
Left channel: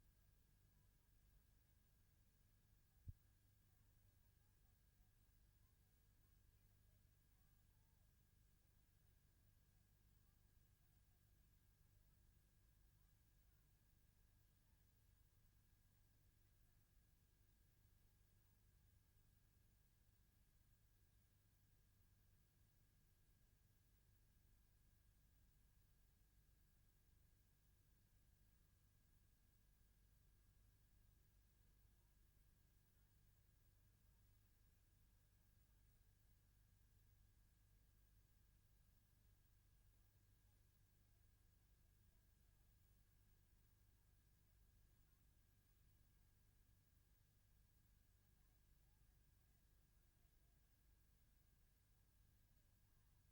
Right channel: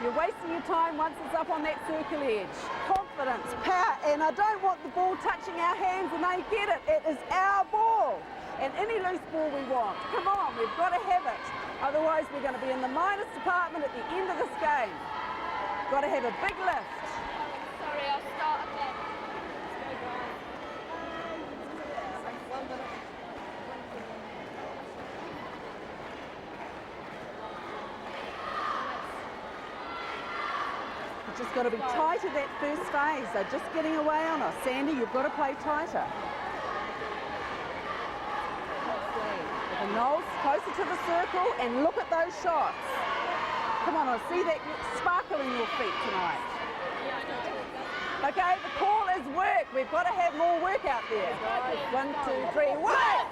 You're wasting your time once it's up on that circle edge. Confidence, power, and I don't want the ball touching our hands and they get it. It is our ball. And any loose ball we want. Come on, we've got to have it. Otherwise, we're going to be in the minus department at the end of this game. Got to have a big lift. Sorry, I'll start again. You've just got to be tight at that first phase. They're just getting away on us. Sandy, you've got to play tighter. And Knowles, closer to the circle, and look at those shots. Come on, I see that sparkle in your feet tonight. Okay, the call is work. We've got to have more work out there. 1, 2, 3, work!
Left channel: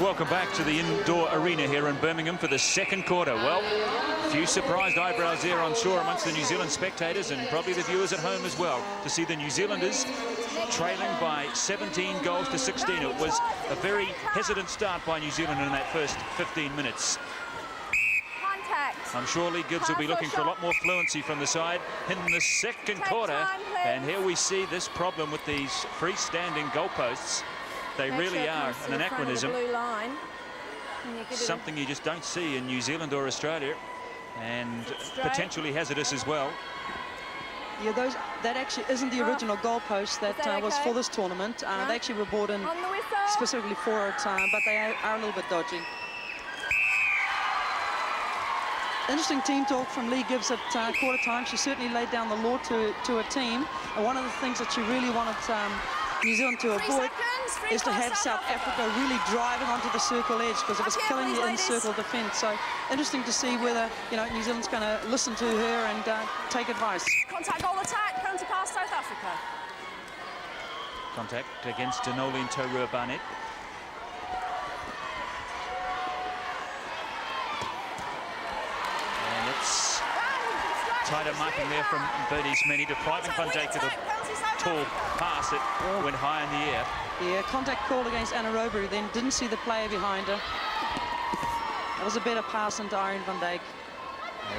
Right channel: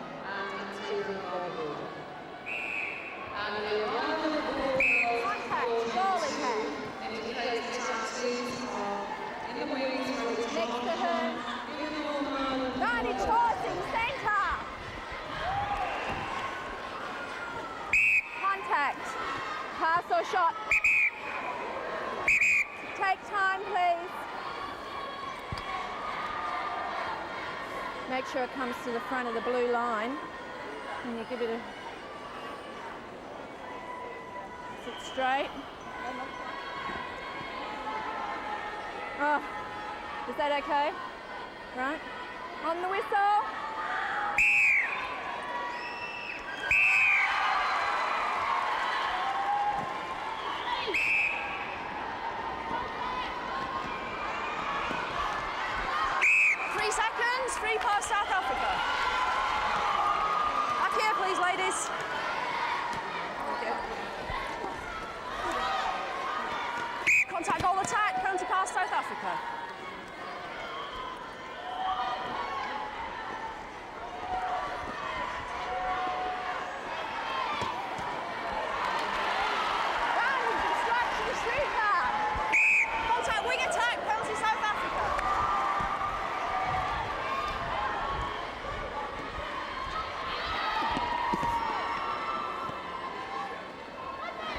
Welcome back to the indoor arena here in Birmingham for the second quarter. Well, a few surprised eyebrows there, I'm sure, amongst the New Zealand spectators and probably the viewers at home as well, to see the New Zealanders trailing by 17 goals to 16. It was a very hesitant start by New Zealand in that first 15 minutes. Contact. I'm sure Lee Gibbs will be looking for a lot more fluency from the side in the second quarter. And here we see this problem with these freestanding goalposts. They Make really sure it are comes to an the front of the anachronism. blue line. And you give it Something you just don't see in New Zealand or Australia, and straight. potentially hazardous as well. Yeah, that actually isn't the original goalpost that, was for this tournament. They actually were brought in on the whistle specifically for a time, but they are a little bit dodgy. Interesting team talk from Lee Gibbs at quarter time. She certainly laid down the law to a team. And one of the things that she really wanted New Zealand to 3 seconds, free is to pass have South Africa. really driving onto the circle edge because Up it's here, killing please, the ladies. circle defence. So interesting to see whether New Zealand's going to listen to her and take advice. Contact goal attack, penalty pass South Africa. Contact against Denoli and Taurua Barnett. Contact wing attack, penalty South Africa. Pass it went high in the air. The contact call against Anaerobi, then didn't see the player behind her. It was a better pass into Irene van Dijk.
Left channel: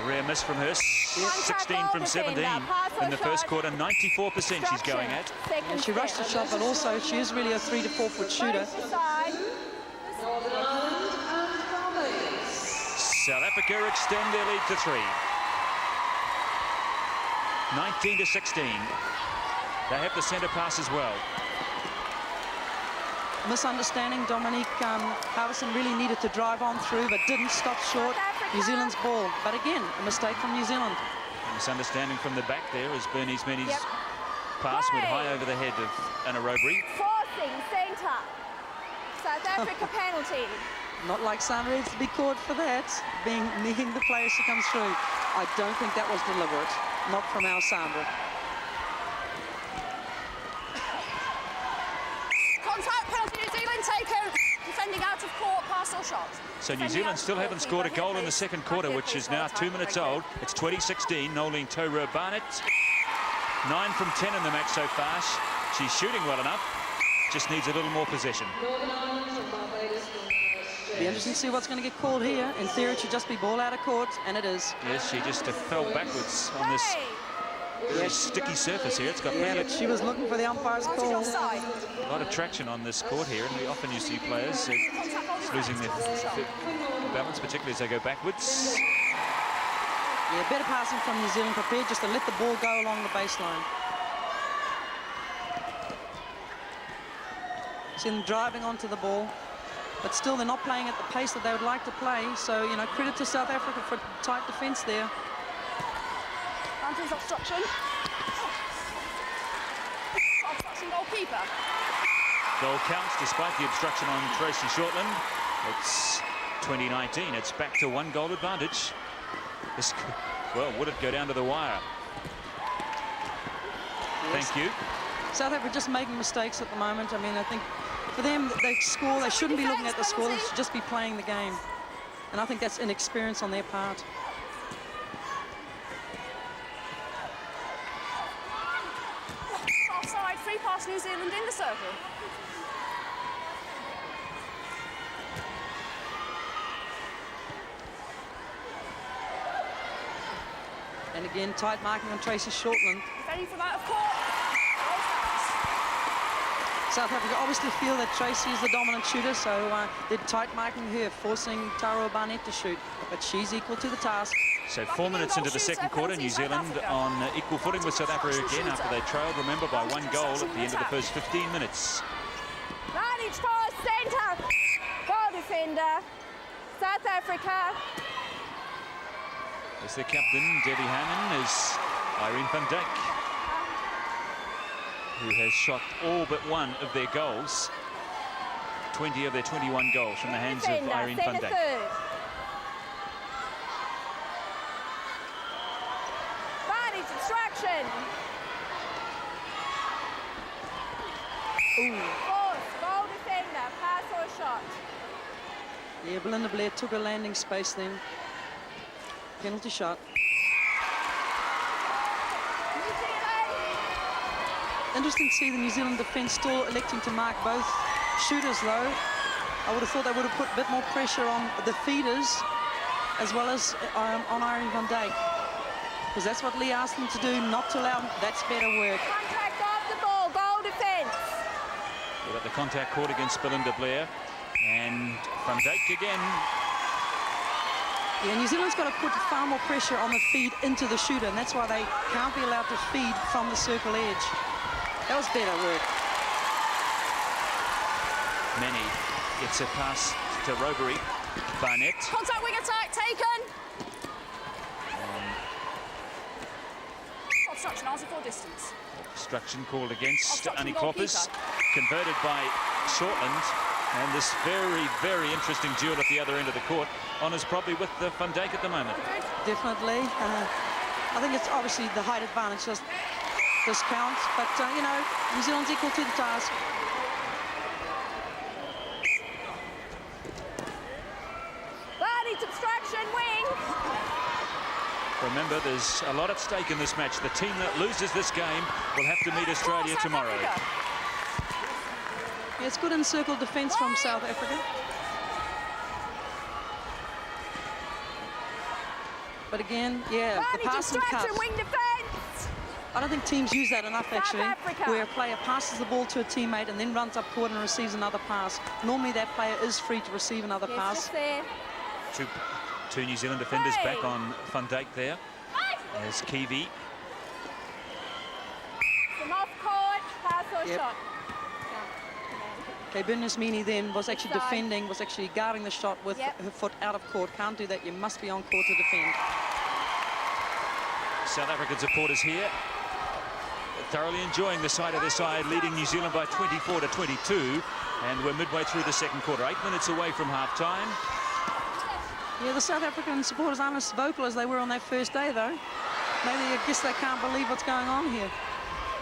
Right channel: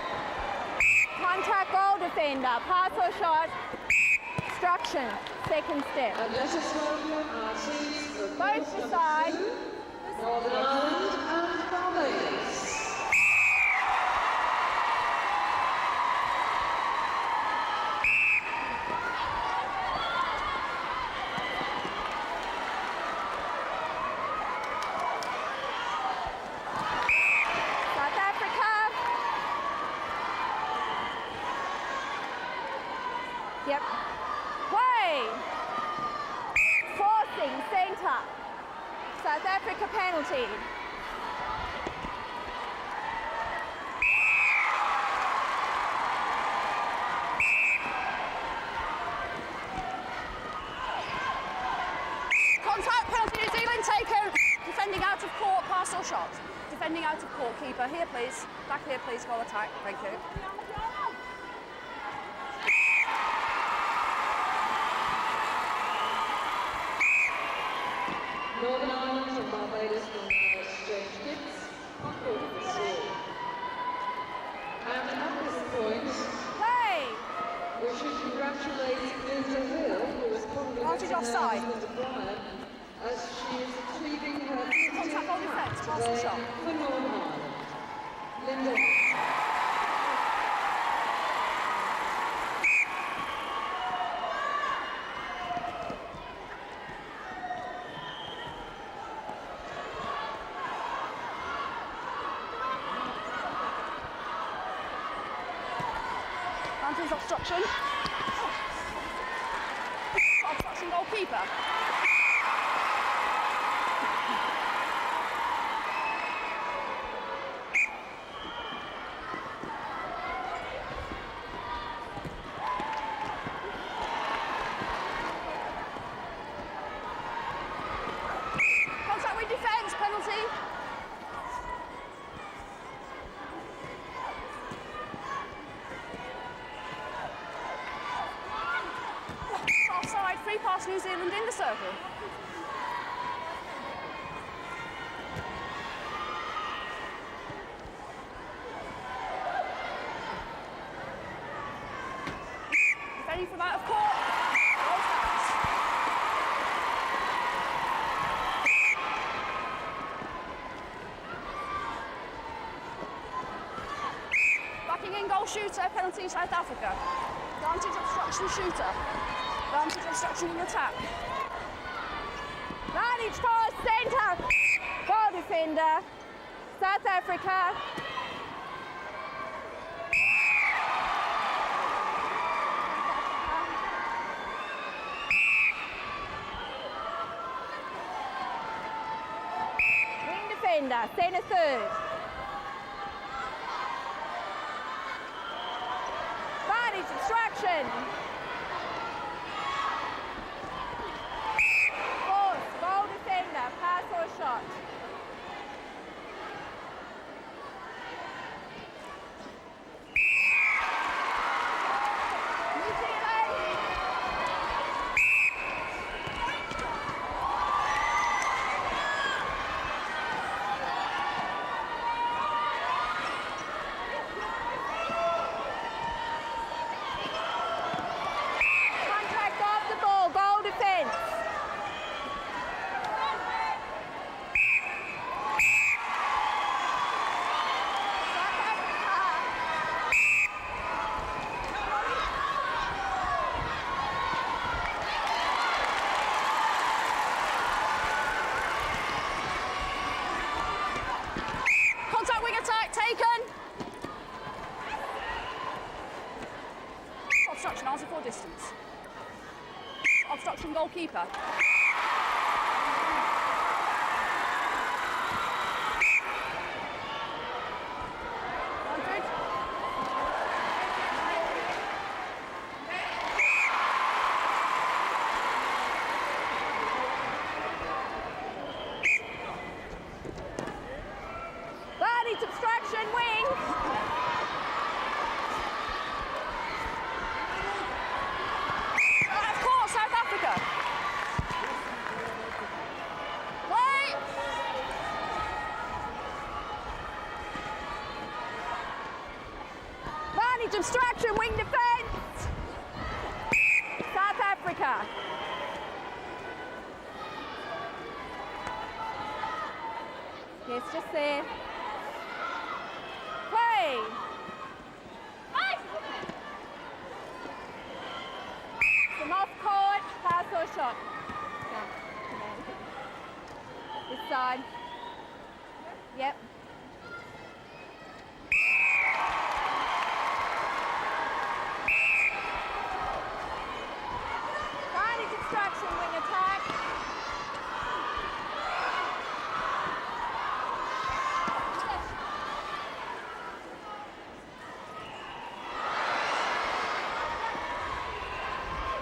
Rare miss from her. Contact 16 goal from 17 defender, pass or in the first shot. quarter, 94% she's going at. Second She step. rushed the shot, but also she is really a 3 to 4 foot shooter. Both aside. South Africa extend their lead to 3. 19 to 16. They have the centre pass as well. Misunderstanding, Dominique Harrison really needed to drive on through, but didn't stop short. New Zealand's ball, but again, a mistake from New Zealand. Misunderstanding from the back there as Bernie's Mini's Yep. pass went high over the head of Anaerobi. Forcing centre. South Africa penalty. Not like Sandra to be caught for that, being needing the players to come through. I don't think that was deliberate, not from our Sandra. Contact penalty, New Zealand taken. Defending out of court, pass or shot. So New Defending Zealand out of still court. haven't scored a Keeper goal here, in the please. second Back quarter, here, which please, is now goal 2 attack. minutes Thank you. old. It's 2016, Nolene Taurua Barnett. 9 from 10 in the match so far. She's shooting well enough, just needs a little more possession. Be interesting to see what's going to get called here. In theory, it should just be ball out of court, and it is. Yes, she just fell backwards on this sticky surface here. It's got She was looking for the umpires. Offside. a lot of traction on this court here. We often you see players Contact goal defence, pass or shot. balance, particularly as they go backwards. Yeah, better passing from New Zealand, prepared just to let the ball go along the baseline. See them driving onto the ball, but still they're not playing at the pace that they would like to play. So, credit to South Africa for tight defence there. Mountains obstruction. Obstruction goalkeeper. Goal counts despite the obstruction on Tracy Shortland. It's 2019. It's back to 1 goal advantage. This, well, would it go down to the wire? Thank you. South Africa just making mistakes at the moment. I mean, I think for them, they score. They shouldn't be looking at the score. They should just be playing the game. And I think that's inexperience on their part. Offside, free pass New Zealand in the circle. And again, tight marking on Tracy Shortland. Defending from out of court. South Africa obviously feel that Tracy is the dominant shooter, so they're tight marking her, forcing Taurua Barnett to shoot. But she's equal to the task. So 4 minutes into the second quarter, New Zealand on equal footing with South Africa again. They trailed, remember, by 1 goal at the end of the first 15 minutes. Managed pass, centre. Goal defender. South Africa. As the captain, Debbie Harmon, is Irene van Dijk, who has shot all but one of their goals. 20 of their 21 goals from the hands of Irene van centre Dijk. third. Managed obstruction. Force, goal defender, pass or shot. Yeah, Belinda Blair took a landing space then. Penalty shot. Interesting to see the New Zealand defence still electing to mark both shooters low. I would have thought they would have put a bit more pressure on the feeders as well as on Irene van Dijk. Because that's what Lee asked them to do, not to allow them. That's better work. Contact off the ball, goal defence. The contact caught against Belinda Blair. And van Dijk again. Yeah, New Zealand's got to put far more pressure on the feed into the shooter, and that's why they can't be allowed to feed from the circle edge. That was better work. Many. It's a pass to Rogeri. Barnett. Contact wing attack taken. Obstruction, answer for distance. Obstruction called against Obstruction Kloppers, goalkeeper. converted by Shortland. And this very, very interesting duel at the other end of the court. Honours probably with the Van Dijk at the moment. Definitely. I think it's obviously the height advantage just counts, but you know, New Zealand's equal to the task. Barney's obstruction, wing. Remember, there's a lot at stake in this match. The team that loses this game will have to meet Australia South tomorrow. Africa. It's good encircled defence from South Africa. But again, yeah. Barney's obstruction, wing defence. I don't think teams use that enough, South actually. Africa. Where a player passes the ball to a teammate and then runs up court and receives another pass. Normally that player is free to receive another Yes, pass. just there. Two New Zealand defenders back on Van Dijk there. There's Kiwi. From off court, pass or shot. Okay, Birmingham then was actually Inside. defending, was actually guarding the shot with her foot out of court. Can't do that, you must be on court to defend. South African supporters here, thoroughly enjoying the side-of-the-side, leading New Zealand by 24 to 22, and we're midway through the second quarter, 8 minutes away from half-time. Yeah, the South African supporters aren't as vocal as they were on that first day, though. I guess they can't believe what's going on here.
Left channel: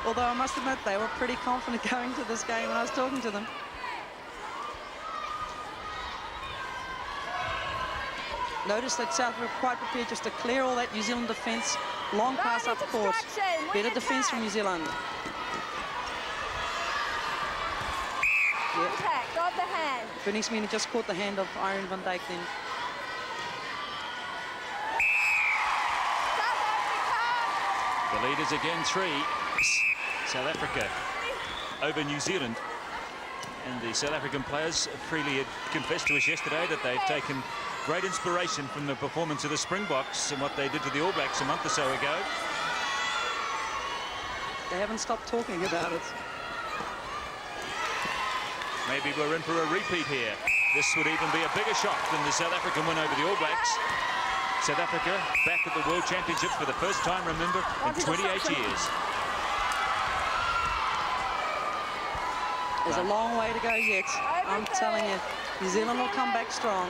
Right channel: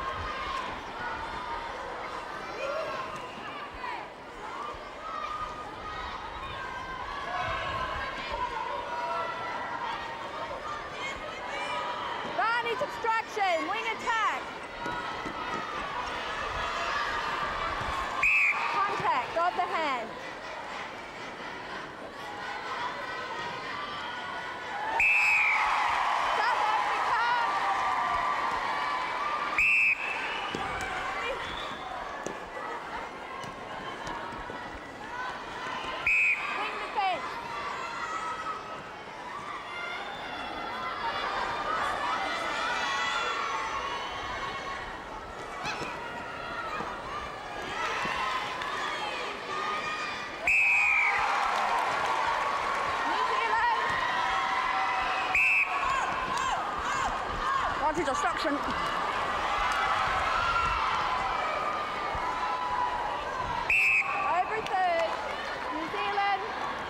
Although I must admit, they were pretty confident going into this game when I was talking to them. Notice that South were quite prepared just to clear all that New Zealand defence. Long pass up course. Better defence from New Zealand. Contact of the hand. Birmingham just caught the hand of Iron Van Dijk then. South Africa. The lead is again 3. South Africa over New Zealand. And the South African players freely confessed to us yesterday that they've taken great inspiration from the performance of the Springboks and what they did to the All Blacks a month or so ago. They haven't stopped talking about it. Maybe we're in for a repeat here. This would even be a bigger shock than the South African win over the All Blacks. South Africa back at the World Championship for the first time, remember, in 28 years. There's a long way to go yet. I'm telling you, New Zealand will come back strong.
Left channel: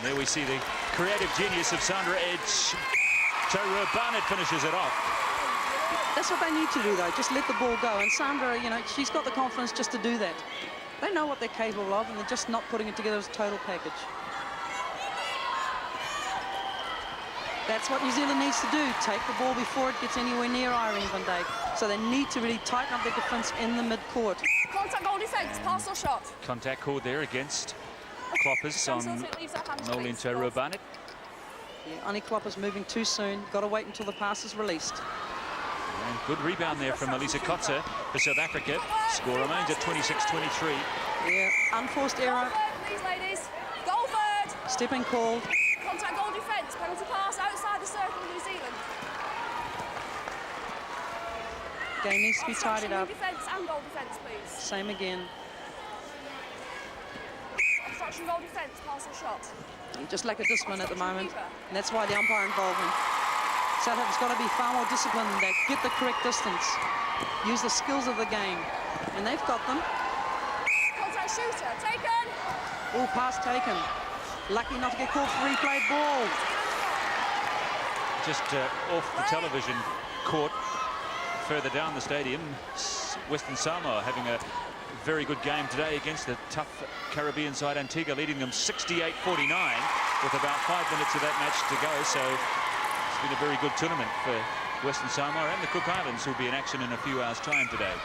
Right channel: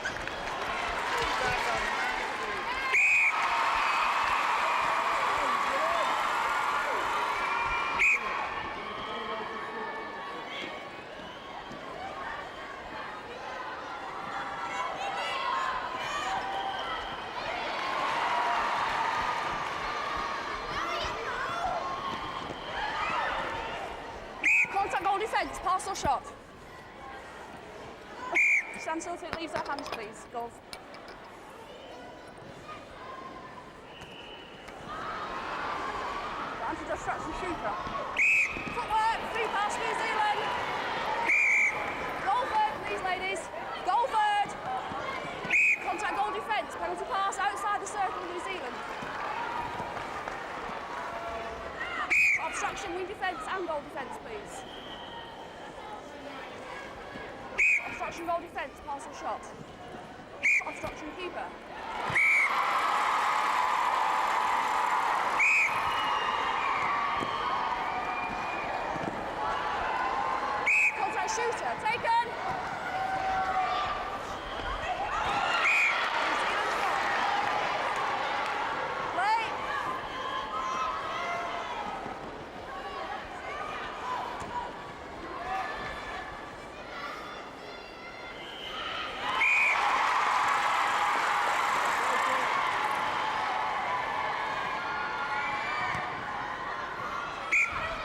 There we see the creative genius of Sandra Edge. Taylor Barnett finishes it off. That's what they need to do, though. Just let the ball go. And Sandra, you know, she's got the confidence just to do that. They know what they're capable of, and they're just not putting it together as a total package. That's what New Zealand needs to do. Take the ball before it gets anywhere near Ireland Van Dijk. So they need to really tighten up the defence in the mid-court. Contact goal defence, pass or shot. Contact called there against Kloppers on leaves our hands, please. Rubanik. Only Kloppers moving too soon. Got to wait until the pass is released. Good rebound there from Elisa Kotze for South Africa. Score remains at 26-23. Yeah, unforced error. Goal third, please, ladies. Goal third. Stepping call. Contact goal defence, penalty pass outside the circle of New Zealand. Game needs to be Obstruction, tidied wing up. defence and goal defence, please. Same again. Obstruction, goal defence, pass or shot. Just like a discipline at the moment. Keeper. And that's why the umpire involvement. South Africa's got to be far more disciplined. They get the correct distance. Use the skills of the game. And they've got them. Contact shooter, taken. All pass taken. Lucky enough to get caught for replay ball. Just off the television court further down the stadium. Western Samoa having a very good game today against the tough Caribbean side Antigua, leading them 68-49 with about 5 minutes of that match to go. So it's been a very good tournament for Western Samoa and the Cook Islands, who'll be in action in a few hours' time today.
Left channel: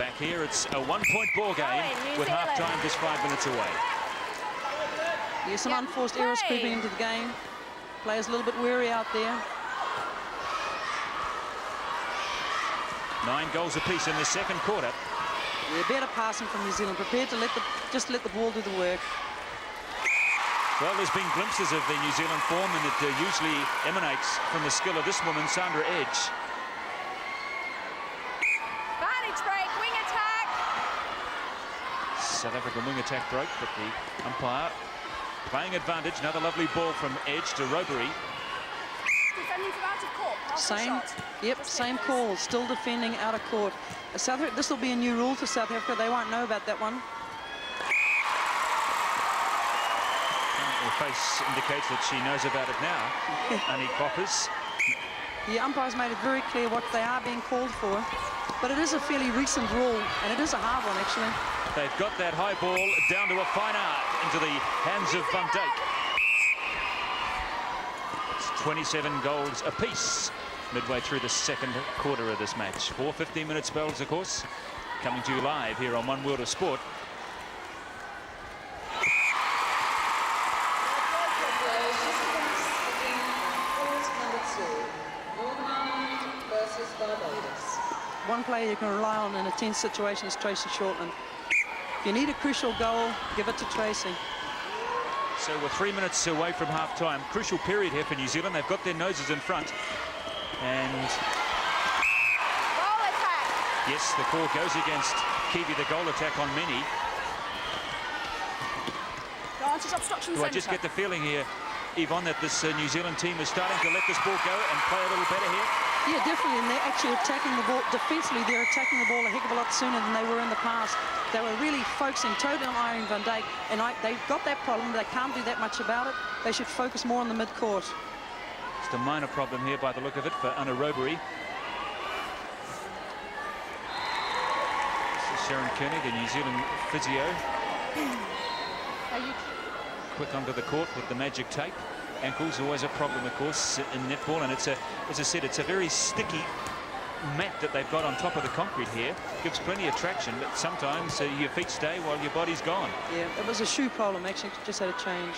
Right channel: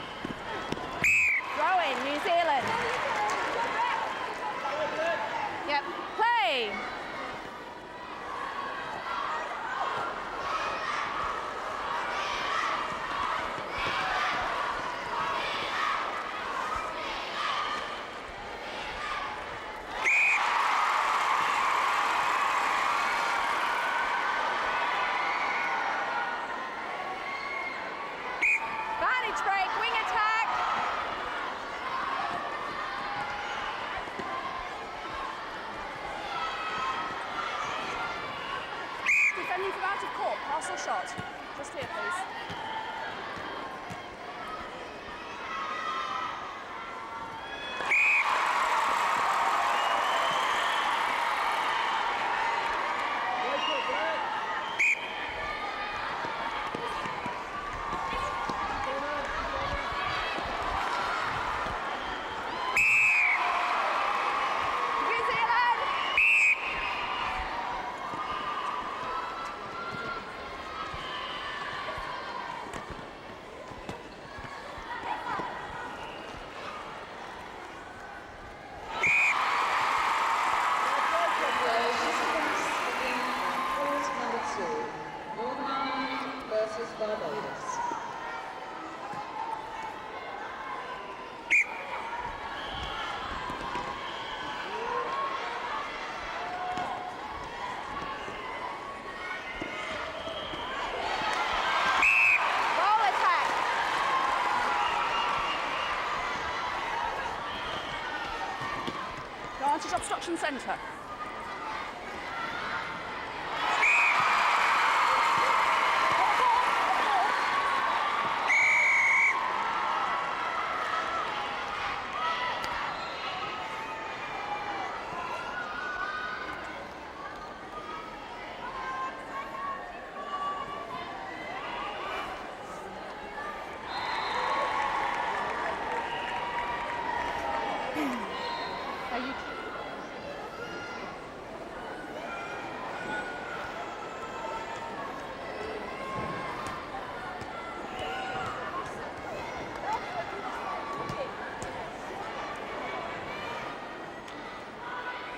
Back here, it's a one-point ball game. New with Zealand. half-time just 5 minutes away. There's some unforced errors creeping into the game. Players a little bit weary out there. 9 goals apiece in the second quarter. They're better passing from New Zealand, prepared to just let the ball do the work. Well, there's been glimpses of the New Zealand form, and it usually emanates from the skill of this woman, Sandra Edge. Vantage break, wing attack. South African wing attack break, but the umpire playing advantage. Another lovely ball from Edge to Rodri. defending from out of court. Pass or shot. Yep, same call. Still defending out of court. This will be a new rule for South Africa. They won't know about that one. The face indicates that she knows about it now. The umpires made it very clear what they are being called for, but it is a fairly recent rule, and it is a hard one, actually. They've got that high ball down to a final into the hands of Van Dijk. It's 27 goals apiece midway through the second quarter of this match. 4 15-minute spells, of course, coming to you live here on One World of Sport. One player you can rely on in a tense situation is Tracy Shortman. If you need a crucial goal, give it to Tracy. So we're 3 minutes away from half-time. Crucial period here for New Zealand. They've got their noses in front. And... Goal attack! Yes, the call goes against Kiwi, the goal attack on Mini. Advantage obstruction Well, I centre. just get the feeling here, Yvonne, that this New Zealand team is starting to let this ball go and play a little better here. Yeah, definitely. And they're actually attacking the ball defensively. They're attacking the ball a heck of a lot sooner than they were in the past. They were really focusing totally on Iron Van Dijk, and they've got that problem. They can't do that much about it. They should focus more on the mid-court. Just a minor problem here by the look of it for Anna Robery. Sharon Kelly, the New Zealand physio. Quick under the court with the magic tape. Ankles always a problem, of course, in netball, and it's as I said, it's a very sticky mat that they've got on top of the concrete here. Gives plenty of traction, but sometimes your feet stay while your body's gone. Yeah, it was a shoe problem, actually. Just had a change.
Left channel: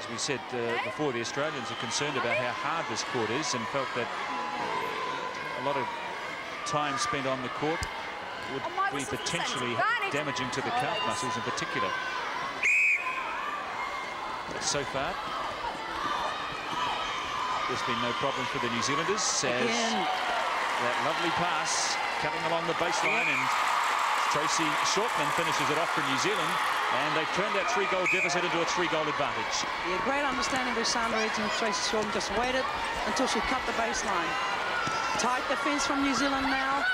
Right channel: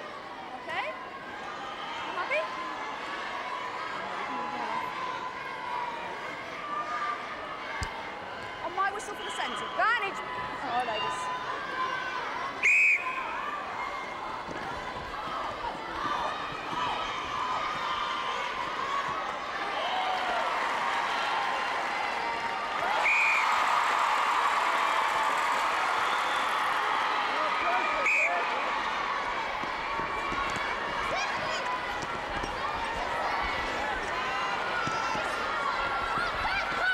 As we said before, the Australians are concerned about how hard this court is and felt that a lot of time spent on the court would be potentially damaging to the calf muscles in particular. So far, there's been no problem for the New Zealanders as that lovely pass coming along the baseline, and Tracy Shortman finishes it up for New Zealand, and they've turned that 3-goal deficit into a 3-goal advantage. Yeah, great understanding of Sam Reeds and Tracy Shortman. Just waited until she cut the baseline. Tight defence from New Zealand now.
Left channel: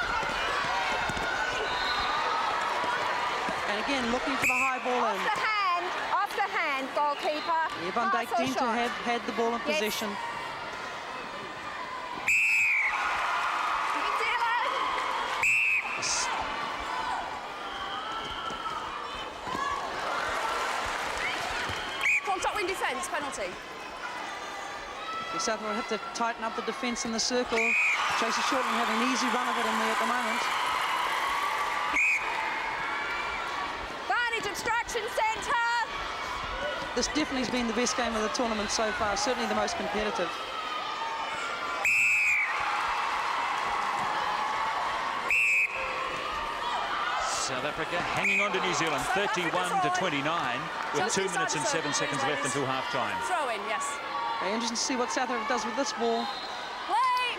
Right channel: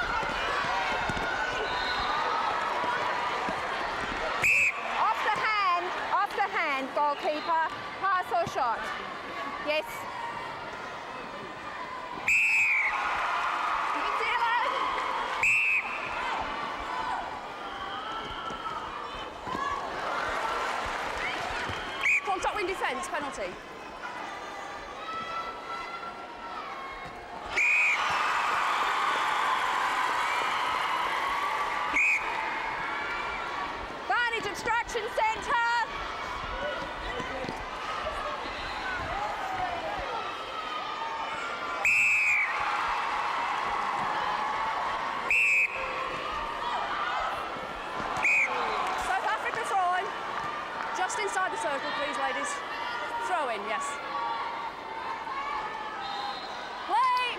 And again, looking for the high ball. Off the hand, goalkeeper. Pass or shot. Had the ball in possession. New Zealand! Contact wing defence, penalty. South will have to tighten up the defence in the circle. Tracy Shortman had an easy run of it in there at the moment. Advantage obstruction centre. This definitely has been the best game of the tournament so far, certainly the most competitive. South Africa hanging on to New Zealand, 31-29. Just 2 inside minutes the and 7 circle, seconds please, left ladies. until half-time. Throw in, yes. Interesting to see what South Africa does with this ball. Play!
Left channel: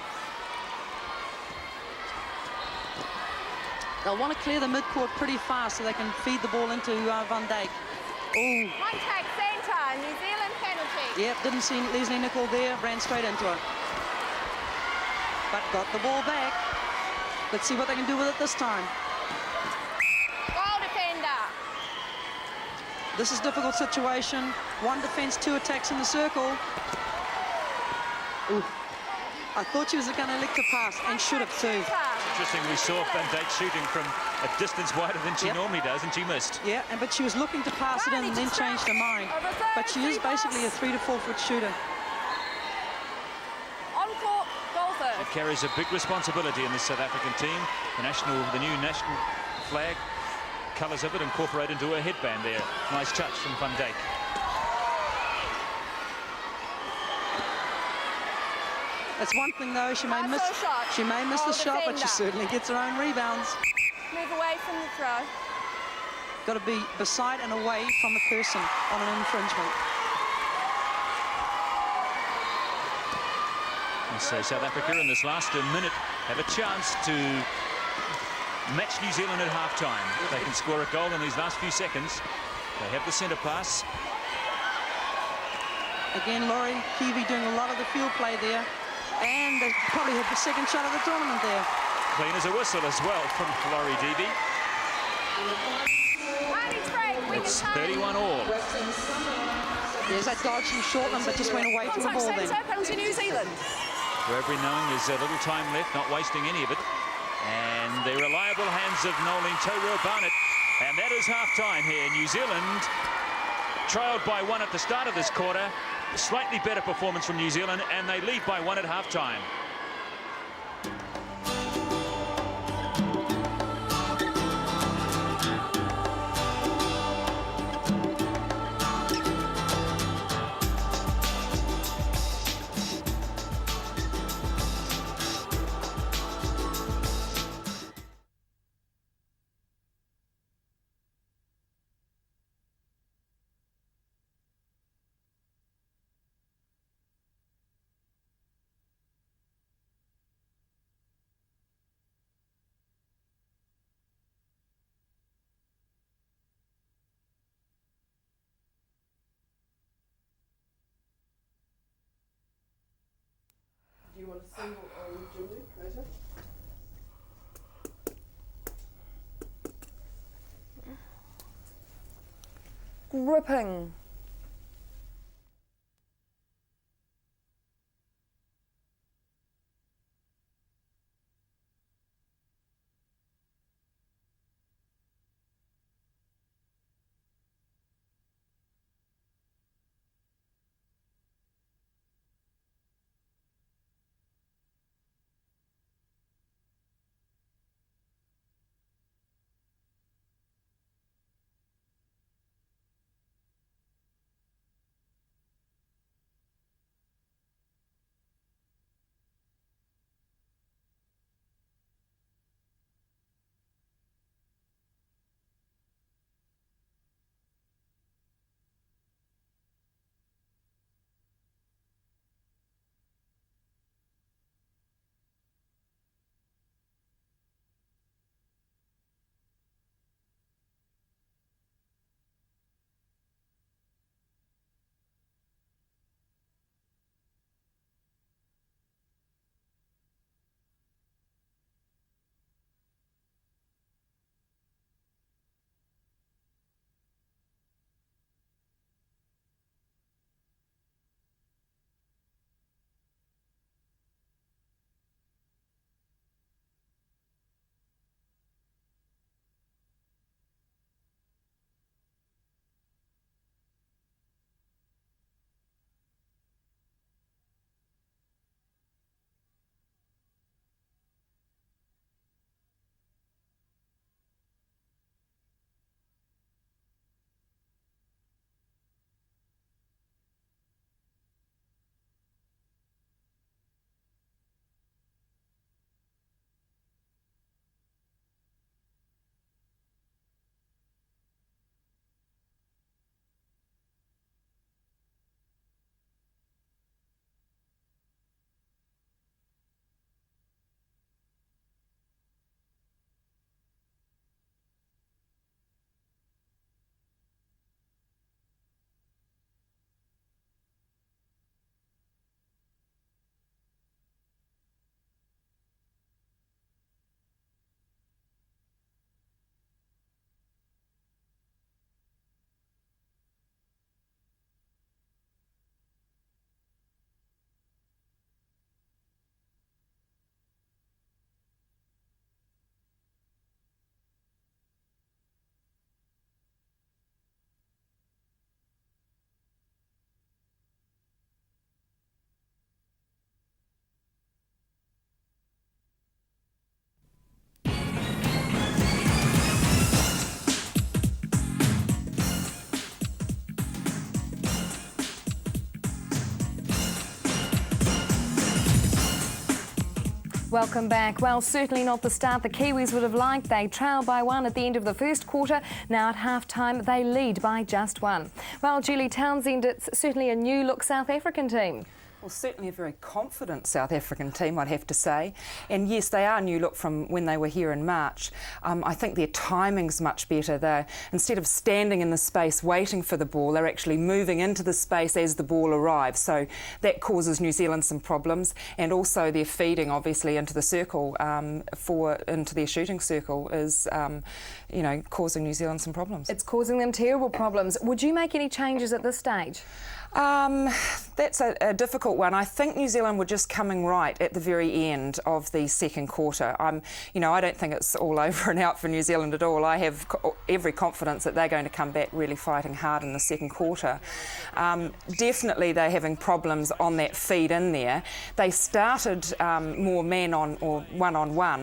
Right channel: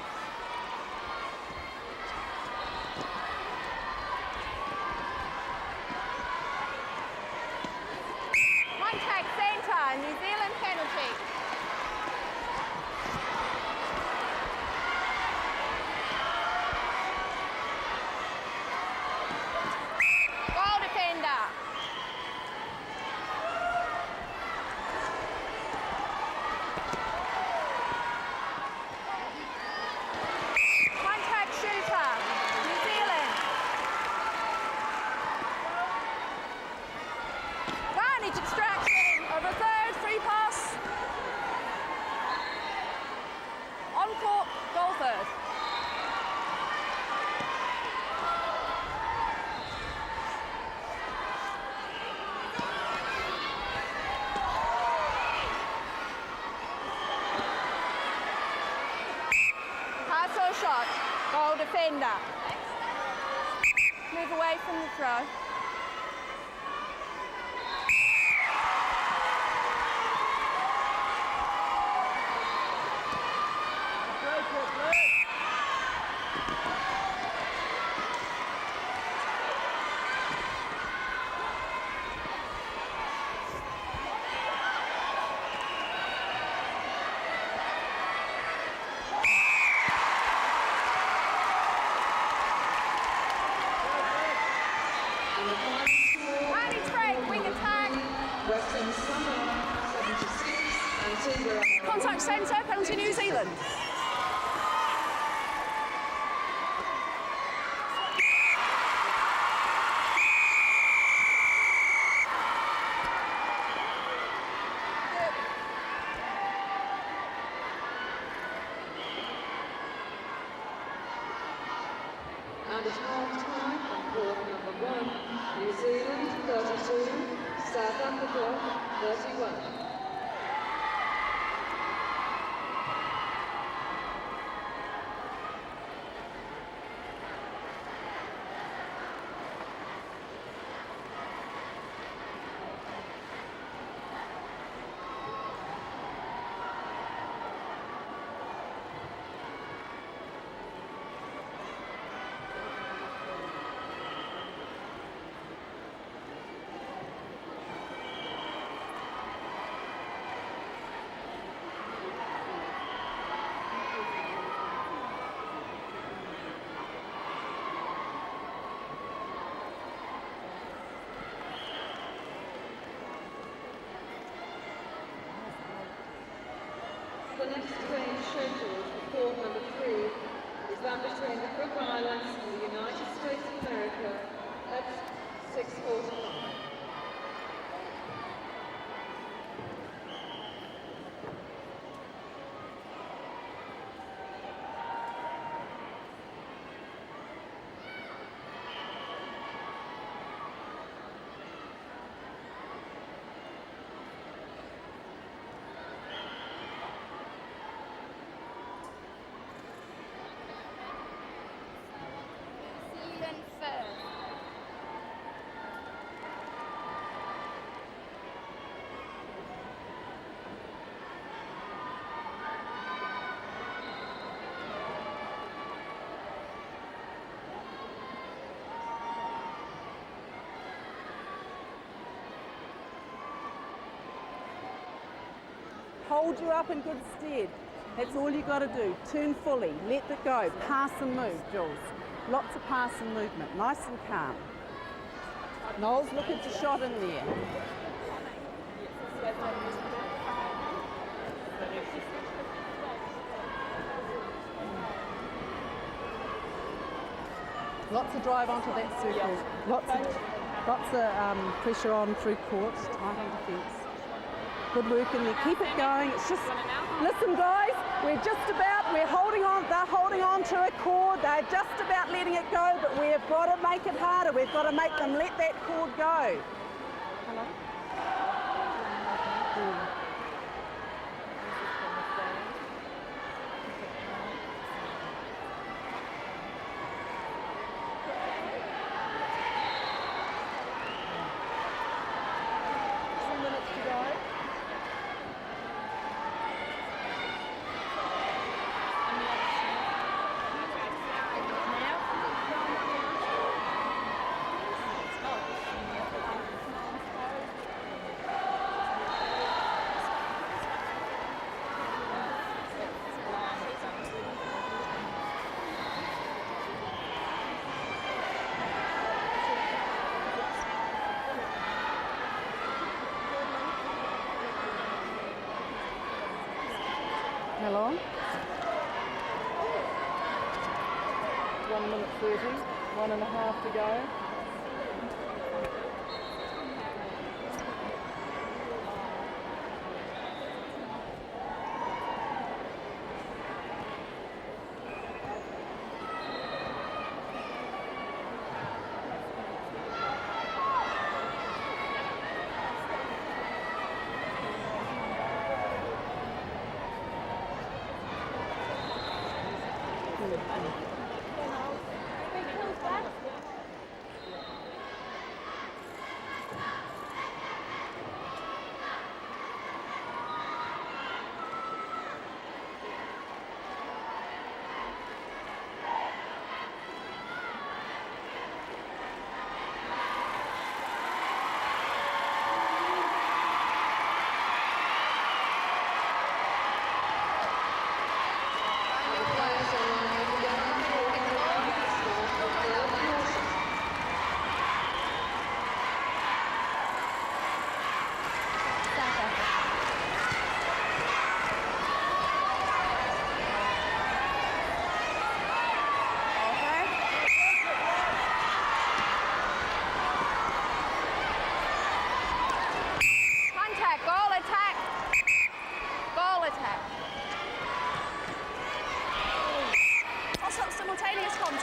They'll want to clear the midcourt pretty fast so they can feed the ball into Van Dijk. Contact centre, New Zealand penalty. Yeah, didn't see Leslie Nichol there, ran straight into it. But got the ball back. Let's see what they can do with it this time. Goal defender. This is a difficult situation. One defence, 2 attacks in the circle. Ooh. I thought she was going to elect to pass and should have saved. Interesting, we saw Van Dijk shooting from a distance wider than she normally does, and she missed. Yeah, but she was looking to pass it in and then change her mind. But she is basically a 3 to 4 foot shooter. On court, goal third. Carries a big responsibility in the South African team. The new national flag, colours of it incorporated into her headband there. Nice touch from Van Dijk. It's one thing though, she may miss the shot, but she certainly gets her own rebounds. Move away from the throw. Got to be beside and away from the person on an infringement. And so South Africa in this last minute have a chance to match New Zealand at half-time. They can score a goal in these last few seconds. They have the centre pass. again, Lauren. Kiwi doing a lot of the field play there. And they probably had the second shot of the tournament there. Clean as a whistle as well from Laurie Deavy. Arnie's break, wing is home. 31 all. Contact centre, penalty New Zealand. For every known, there's a little time left, not wasting any of it. And the reliable hands of Noeline Taylor-Barnett. And that is half-time here. New Zealand trailed by 1 at the start of this quarter. A slightly better performance from New Zealand, and they lead by 1 at half-time. Whipping. The next train scheduled for court number 3 is that between the Cook Islands and the United States of America at 6:45. Hold you up in good stead. That's all you got to do. Turn fully. Let it go. Pass and move, Jules. Lots of pass and movement. Nice and calm. Knowles, look at your shot in there. Lots of drive onto that circle. Lots of pressure on through court. Tight on defence. Good work in there. Keep it going. It's just, listen guys, we're holding on, they're holding on to a cord. They're just about letting it go, but we've got to make it harder. We've got to make them let that cord go. Hello? Hello? 1 minute 30, 1.5 to go. Welcome back. Well, certainly not the start the Kiwis would have liked. They trailed by 1 at the end of the first quarter. Now at half-time, they lead by just 1. Well, Julie Townsend, it's certainly a new-look South African team. Certainly a very confident South African team, I'd have to say. And yes, they are new look from when they were here in March. I think their timing's much better. They're, instead of standing in the space waiting for the ball, they're actually moving into the space as the ball arrives. So that causes New Zealand some problems. And also they're feeding, obviously, into the circle, into their shooting circle is... you know, causing New Zealand some problems. It's causing them terrible problems. Would you make any changes at this stage? That's a difficult one. I think New Zealand were just coming right at the very end of the second quarter. You know, I don't think it's all over and out for New Zealand at all. I have every confidence that they're going to come back really fighting hard in the second quarter. Definitely they're having problems on that feed in there. They started more man on or one-on-one,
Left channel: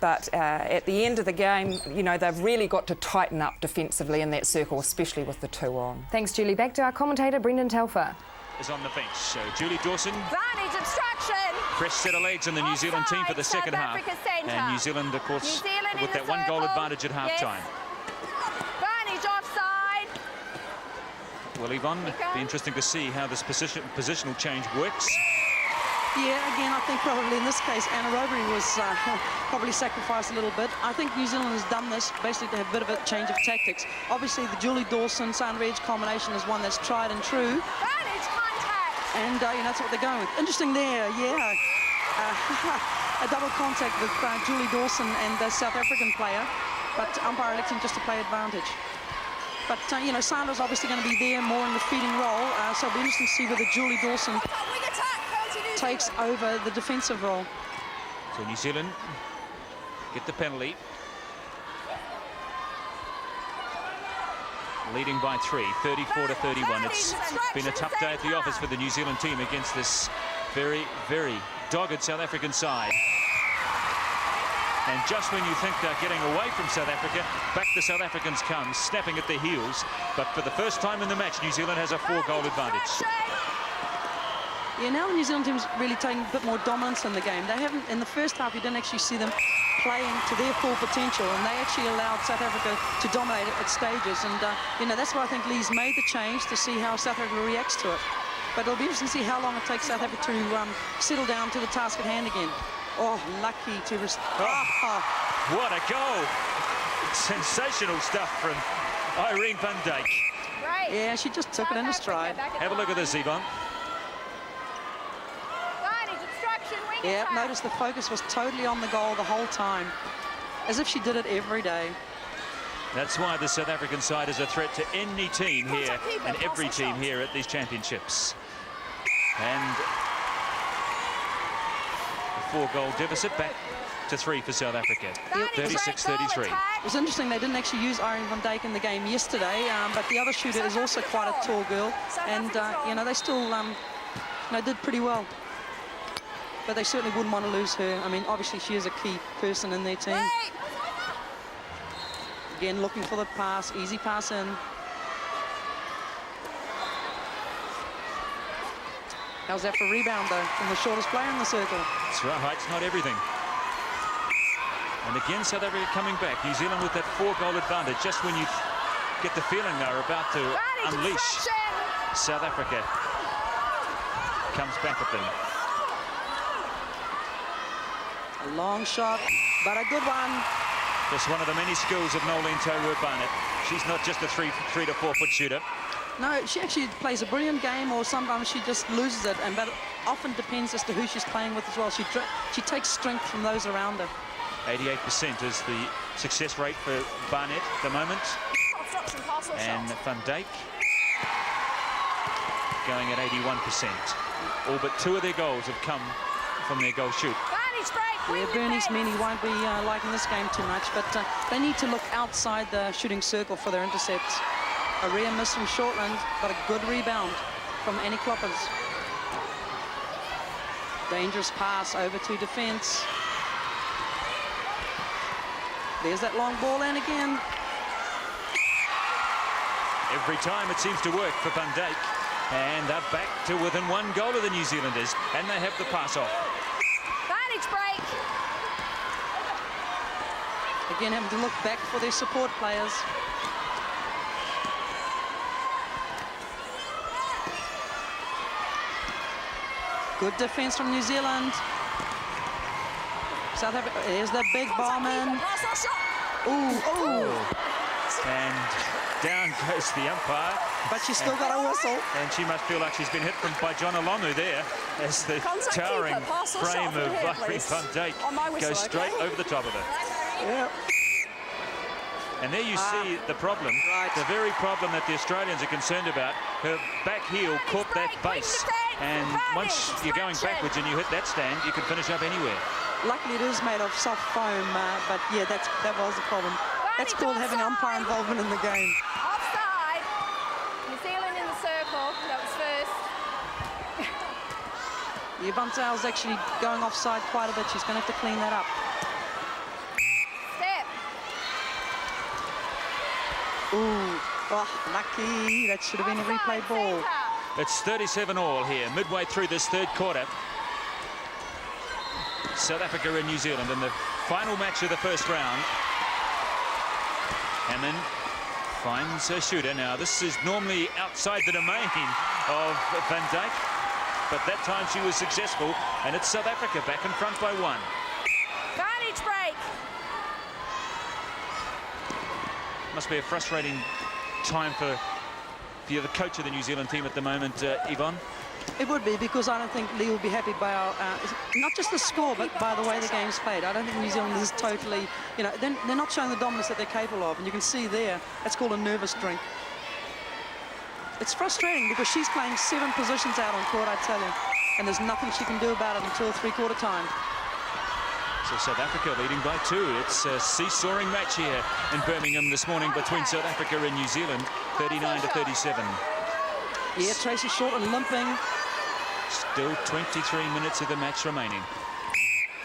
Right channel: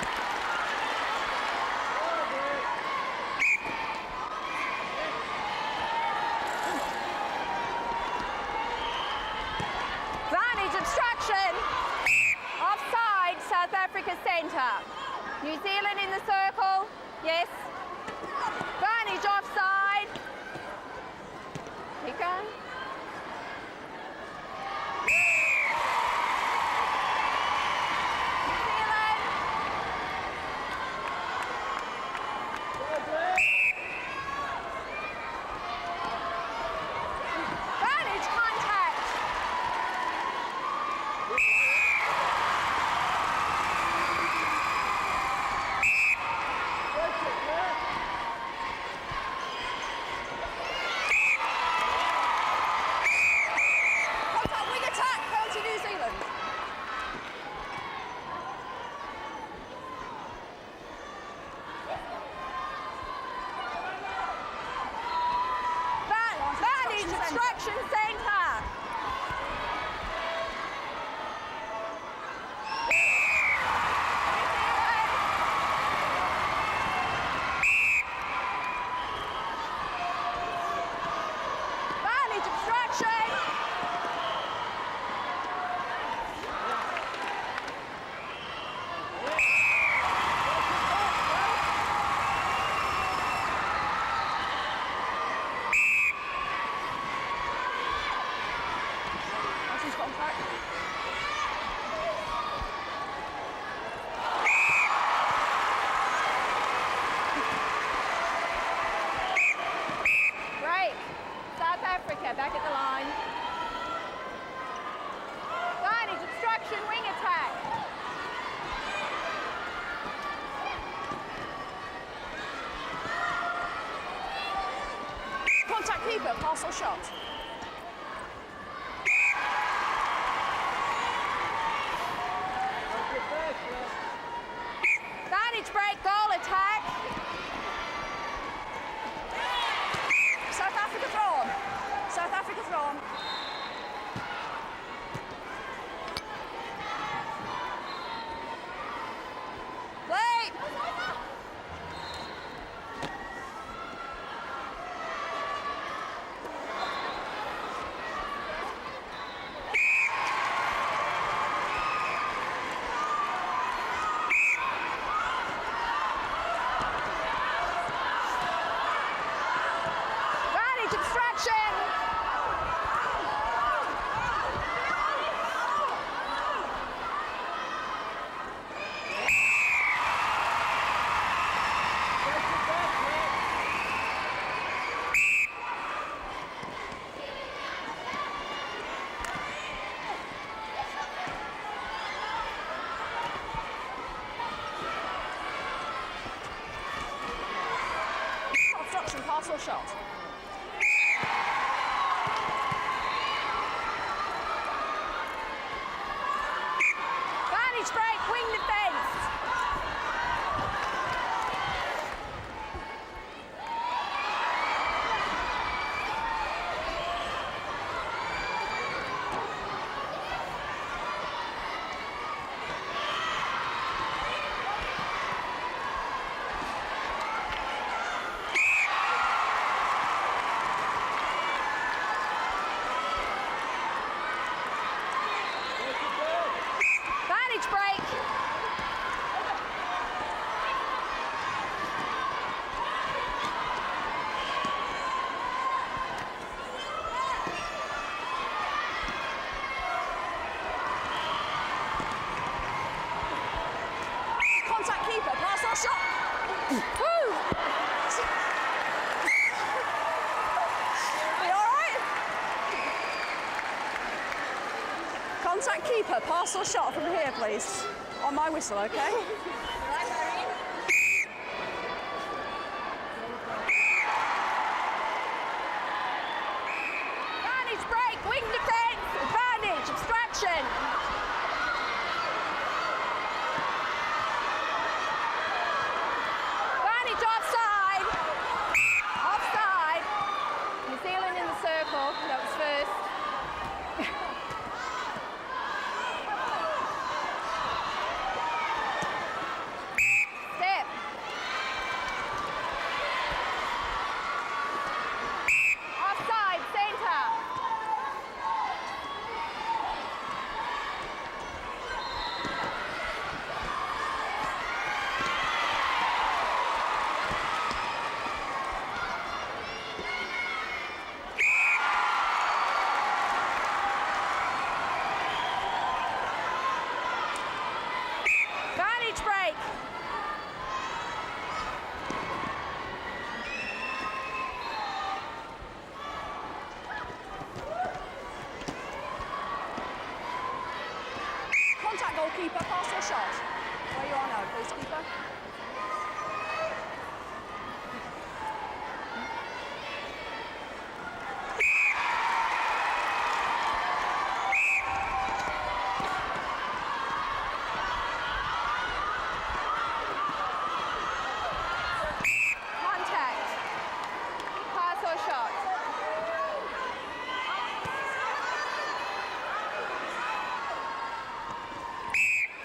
but at the end of the game, you know, they've really got to tighten up defensively in that circle, especially with the two on. Thanks, Julie. Back to our commentator, Brendan Telfer. Is on the bench. So Julie Dawson. Vantage obstruction. Fresh set of legs in the New Zealand team for the second half. South Africa centre. And New Zealand, of course, New Zealand in the with that circle. 1 goal advantage at half-time. Yes. Vantage offside. Well, Yvonne, it'll be interesting to see how this positional change works. Yeah, again, I think probably in this case, Anna Roby was probably sacrificed a little bit. I think New Zealand has done this basically a bit of a change of tactics. Obviously, the Julie Dawson-Sandridge combination is one that's tried and true. Vantage contact. And that's what they're going. Interesting there, yeah. A double contact with Julie Dawson and the South African player, but umpire electing just to play advantage. But, you know, Sanders obviously going to be there more in the feeding role, so we'll just see whether Julie Dawson takes over the defensive role. So New Zealand get the penalty. Leading by 3, 34 to 31. It's been a tough day at the office for the New Zealand team against this very, very dogged South African side. And just when you think they're getting away from South Africa, back the South Africans come, snapping at their heels. But for the first time in the match, New Zealand has a 4-goal advantage. Yeah, now the New Zealand team's really taking a bit more dominance in the game. They haven't, in the first half, you didn't actually see them playing to their full potential, and they actually allowed South Africa to dominate at stages. And, you know, that's why I think Lee's made the change to see how South Africa reacts to it. But it'll be interesting to see how long it takes South Africa to settle down to the task at hand again. Oh, lucky to restore. What a goal! Sensational stuff from Irene van Dijk. Right. Yeah, she just took it in a stride. Have a look at this, Yvonne. Vantage obstruction, wing Yeah, attack. notice the focus was totally on the goal the whole time, as if she did it every day. That's why the South African side is a threat to any team here, and every team here at these championships. And 4-goal deficit back to 3 for South Africa. Vantage break goal attack. It's interesting they didn't actually use Irene van Dijk in the game yesterday, but the other shooter is also quite a tall girl, and you know, they still they did pretty well. But they certainly wouldn't want to lose her. I mean, obviously she is a key person in their team. Wait. Again, looking for the pass, easy pass in. How's that for rebound though? And the shortest player in the circle. That's right, height's not everything. And again, South Africa coming back. New Zealand with that 4-goal advantage. Just when you get the feeling they're about to unleash South Africa. Comes back at them. Long shot, but a good one. That's one of the many skills of Maureen Tolworth-Butler. She's not just a 3 to 4 foot shooter. No, she actually plays a brilliant game, or sometimes she just loses it, and that often depends as to who she's playing with as well. She takes strength from those around her. 88% is the success rate for Barnett at the moment. Obstruction, pass or shot. And Van Dijk going at 81%. All but 2 of their goals have come from their goal shoot. Vantage break, wing defense. Many won't be liking this game too much, but they need to look outside the shooting circle for their intercepts. A real miss from Shortland, but a good rebound from Annie Kloppers. Dangerous pass over to defense. There's that long ball in again. Every time it seems to work for Van Dijk. And they're back to within 1 goal of the New Zealanders. And they have the pass off. Vantage break. Again, having to look back for their support players. Good defence from New Zealand. South Africa, there's the big Contact keeper, pass or shot. And down goes the umpire. But she's still got a whistle. And she might feel like she's been hit by John Alonu there. As the Contact keeper, pass or shot from here, please. On my whistle, goes okay? over the top of it. And there you see the problem, the very problem that the Australians are concerned about. Her back heel caught that base. And once you're going backwards and you hit that stand, you can finish up anywhere. Luckily it is made of soft foam, but yeah, that was the problem. That's called having umpire involvement in the game. Offside. New Zealand in the circle. That was first. Yeah, Buntal's actually going offside quite a bit. She's going to have to clean that up. Step. Ooh, lucky. That should have been a replay ball. It's 37 all here, midway through this third quarter. South Africa and New Zealand in the final match of the first round. And then finds a shooter. Now, this is normally outside the domain of Van Dijk, but that time she was successful, and it's South Africa back in front by 1. Vantage break. Must be a frustrating time for the coach of the New Zealand team at the moment, Yvonne. It would be, because I don't think Lee would be happy by our, not just the score, but by the way the game's played. I don't think New Zealand is totally, you know, they're not showing the dominance that they're capable of. And you can see there, that's called a nervous drink. It's frustrating because she's playing 7 positions out on court, I tell you. And there's nothing she can do about it until three-quarter time. So South Africa leading by 2. It's a seesawing match here in Birmingham this morning between South Africa and New Zealand, 39-37. Yeah, Tracy Shortland limping. Still 23 minutes of the match remaining.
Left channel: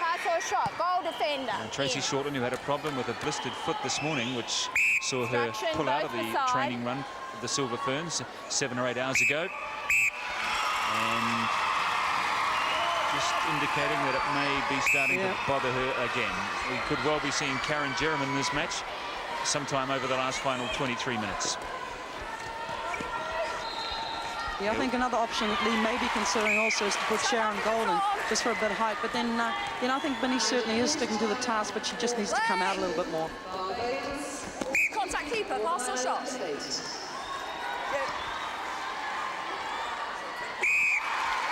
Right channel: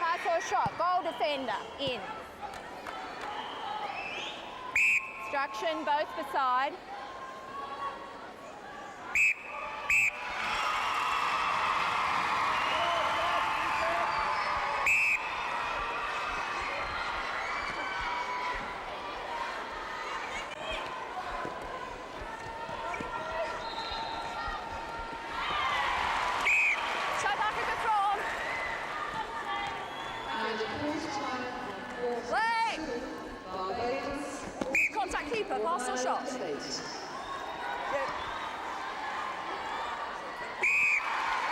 High for a shot, goal defender. And Tracy Shortland, who had a problem with a blistered foot this morning, which saw her pull out of the training run of the Silver Ferns 7 or 8 hours ago. And just indicating that it may be starting to bother her again. We could well be seeing Karen Jerram in this match sometime over the last final 23 minutes. Yeah, I think another option that Lee may be considering also is to put Sharon Golden just for a bit of height. But then, you know, I think Binny certainly is sticking to the task, but she just needs to come out a little bit more. Contact keeper, pass or shot.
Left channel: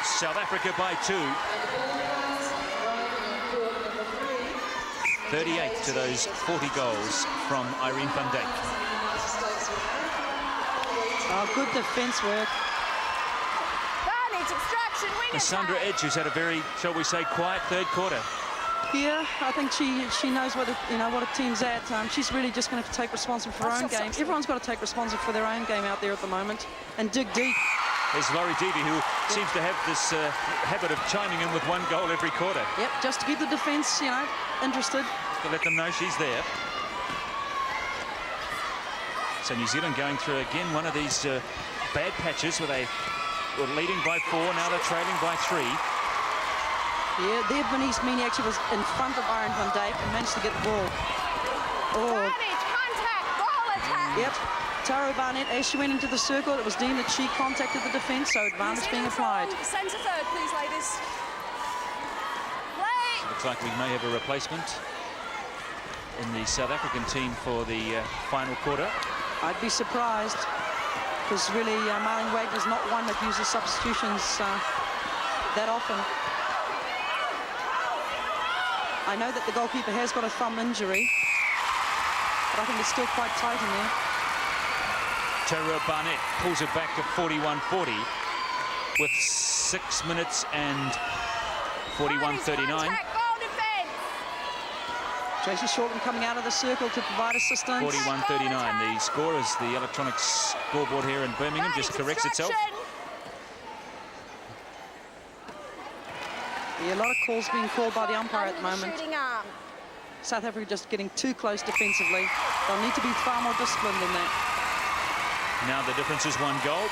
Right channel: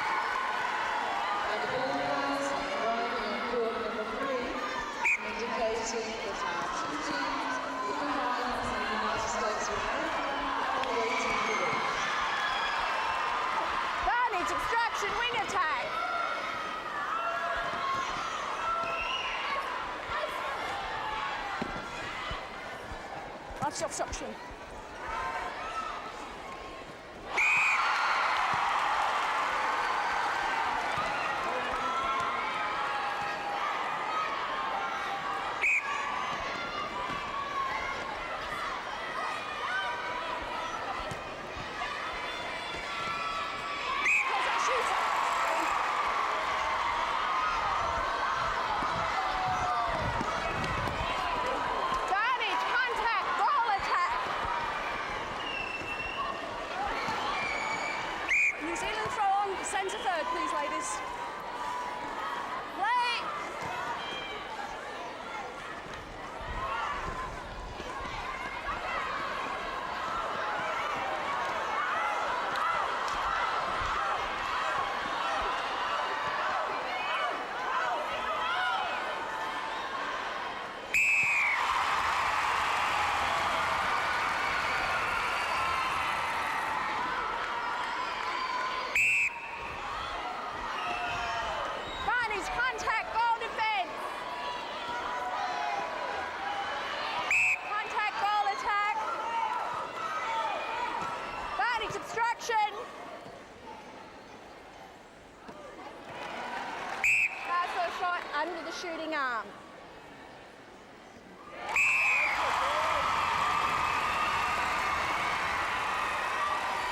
South Africa by 2. 38 to those 40 goals from Irene van Dijk. Good defence work. Extraction, wing attack. Sandra Edge, who's had a very, shall we say, quiet third quarter. Yeah, I think she knows what a team's at. She's really just going to have to take responsibility for her own game. Everyone's got to take responsibility for their own game out there at the moment and dig deep. There's Laurie Doody, who seems to have this habit of chiming in with 1 goal every quarter. Yep, just to keep the defence, you know, interested. To let them know she's there. So New Zealand going through again one of these bad patches where they were leading by 4, now they're trailing by 3. Yeah, there Bernice Meany actually was in front of Irene van Dijk and managed to get the ball. Damage, contact, ball attack. Yep, Tara Barnett, as she went into the circle, it was deemed that she contacted the defence, so advantage being applied. Centre third, please, ladies. Play. Looks like we may have a replacement in the South African team for the final quarter. I'd be surprised. Because really, Marlon Wade is not one that uses substitutions that often. I know that the goalkeeper has got a thumb injury, but I think it's still quite tight in there. Tara Barnett pulls it back to 41-40 with 6 minutes and 41-39. Tracy Shortland coming out of the circle to provide assistance. 41-39. The score as the electronic scoreboard here in Birmingham just corrects itself. Yeah, a lot of calls being called by the umpire at the moment. Shooting arm. South Africa just getting too close defensively. They need to be far more disciplined than that. Now the difference is 1 goal.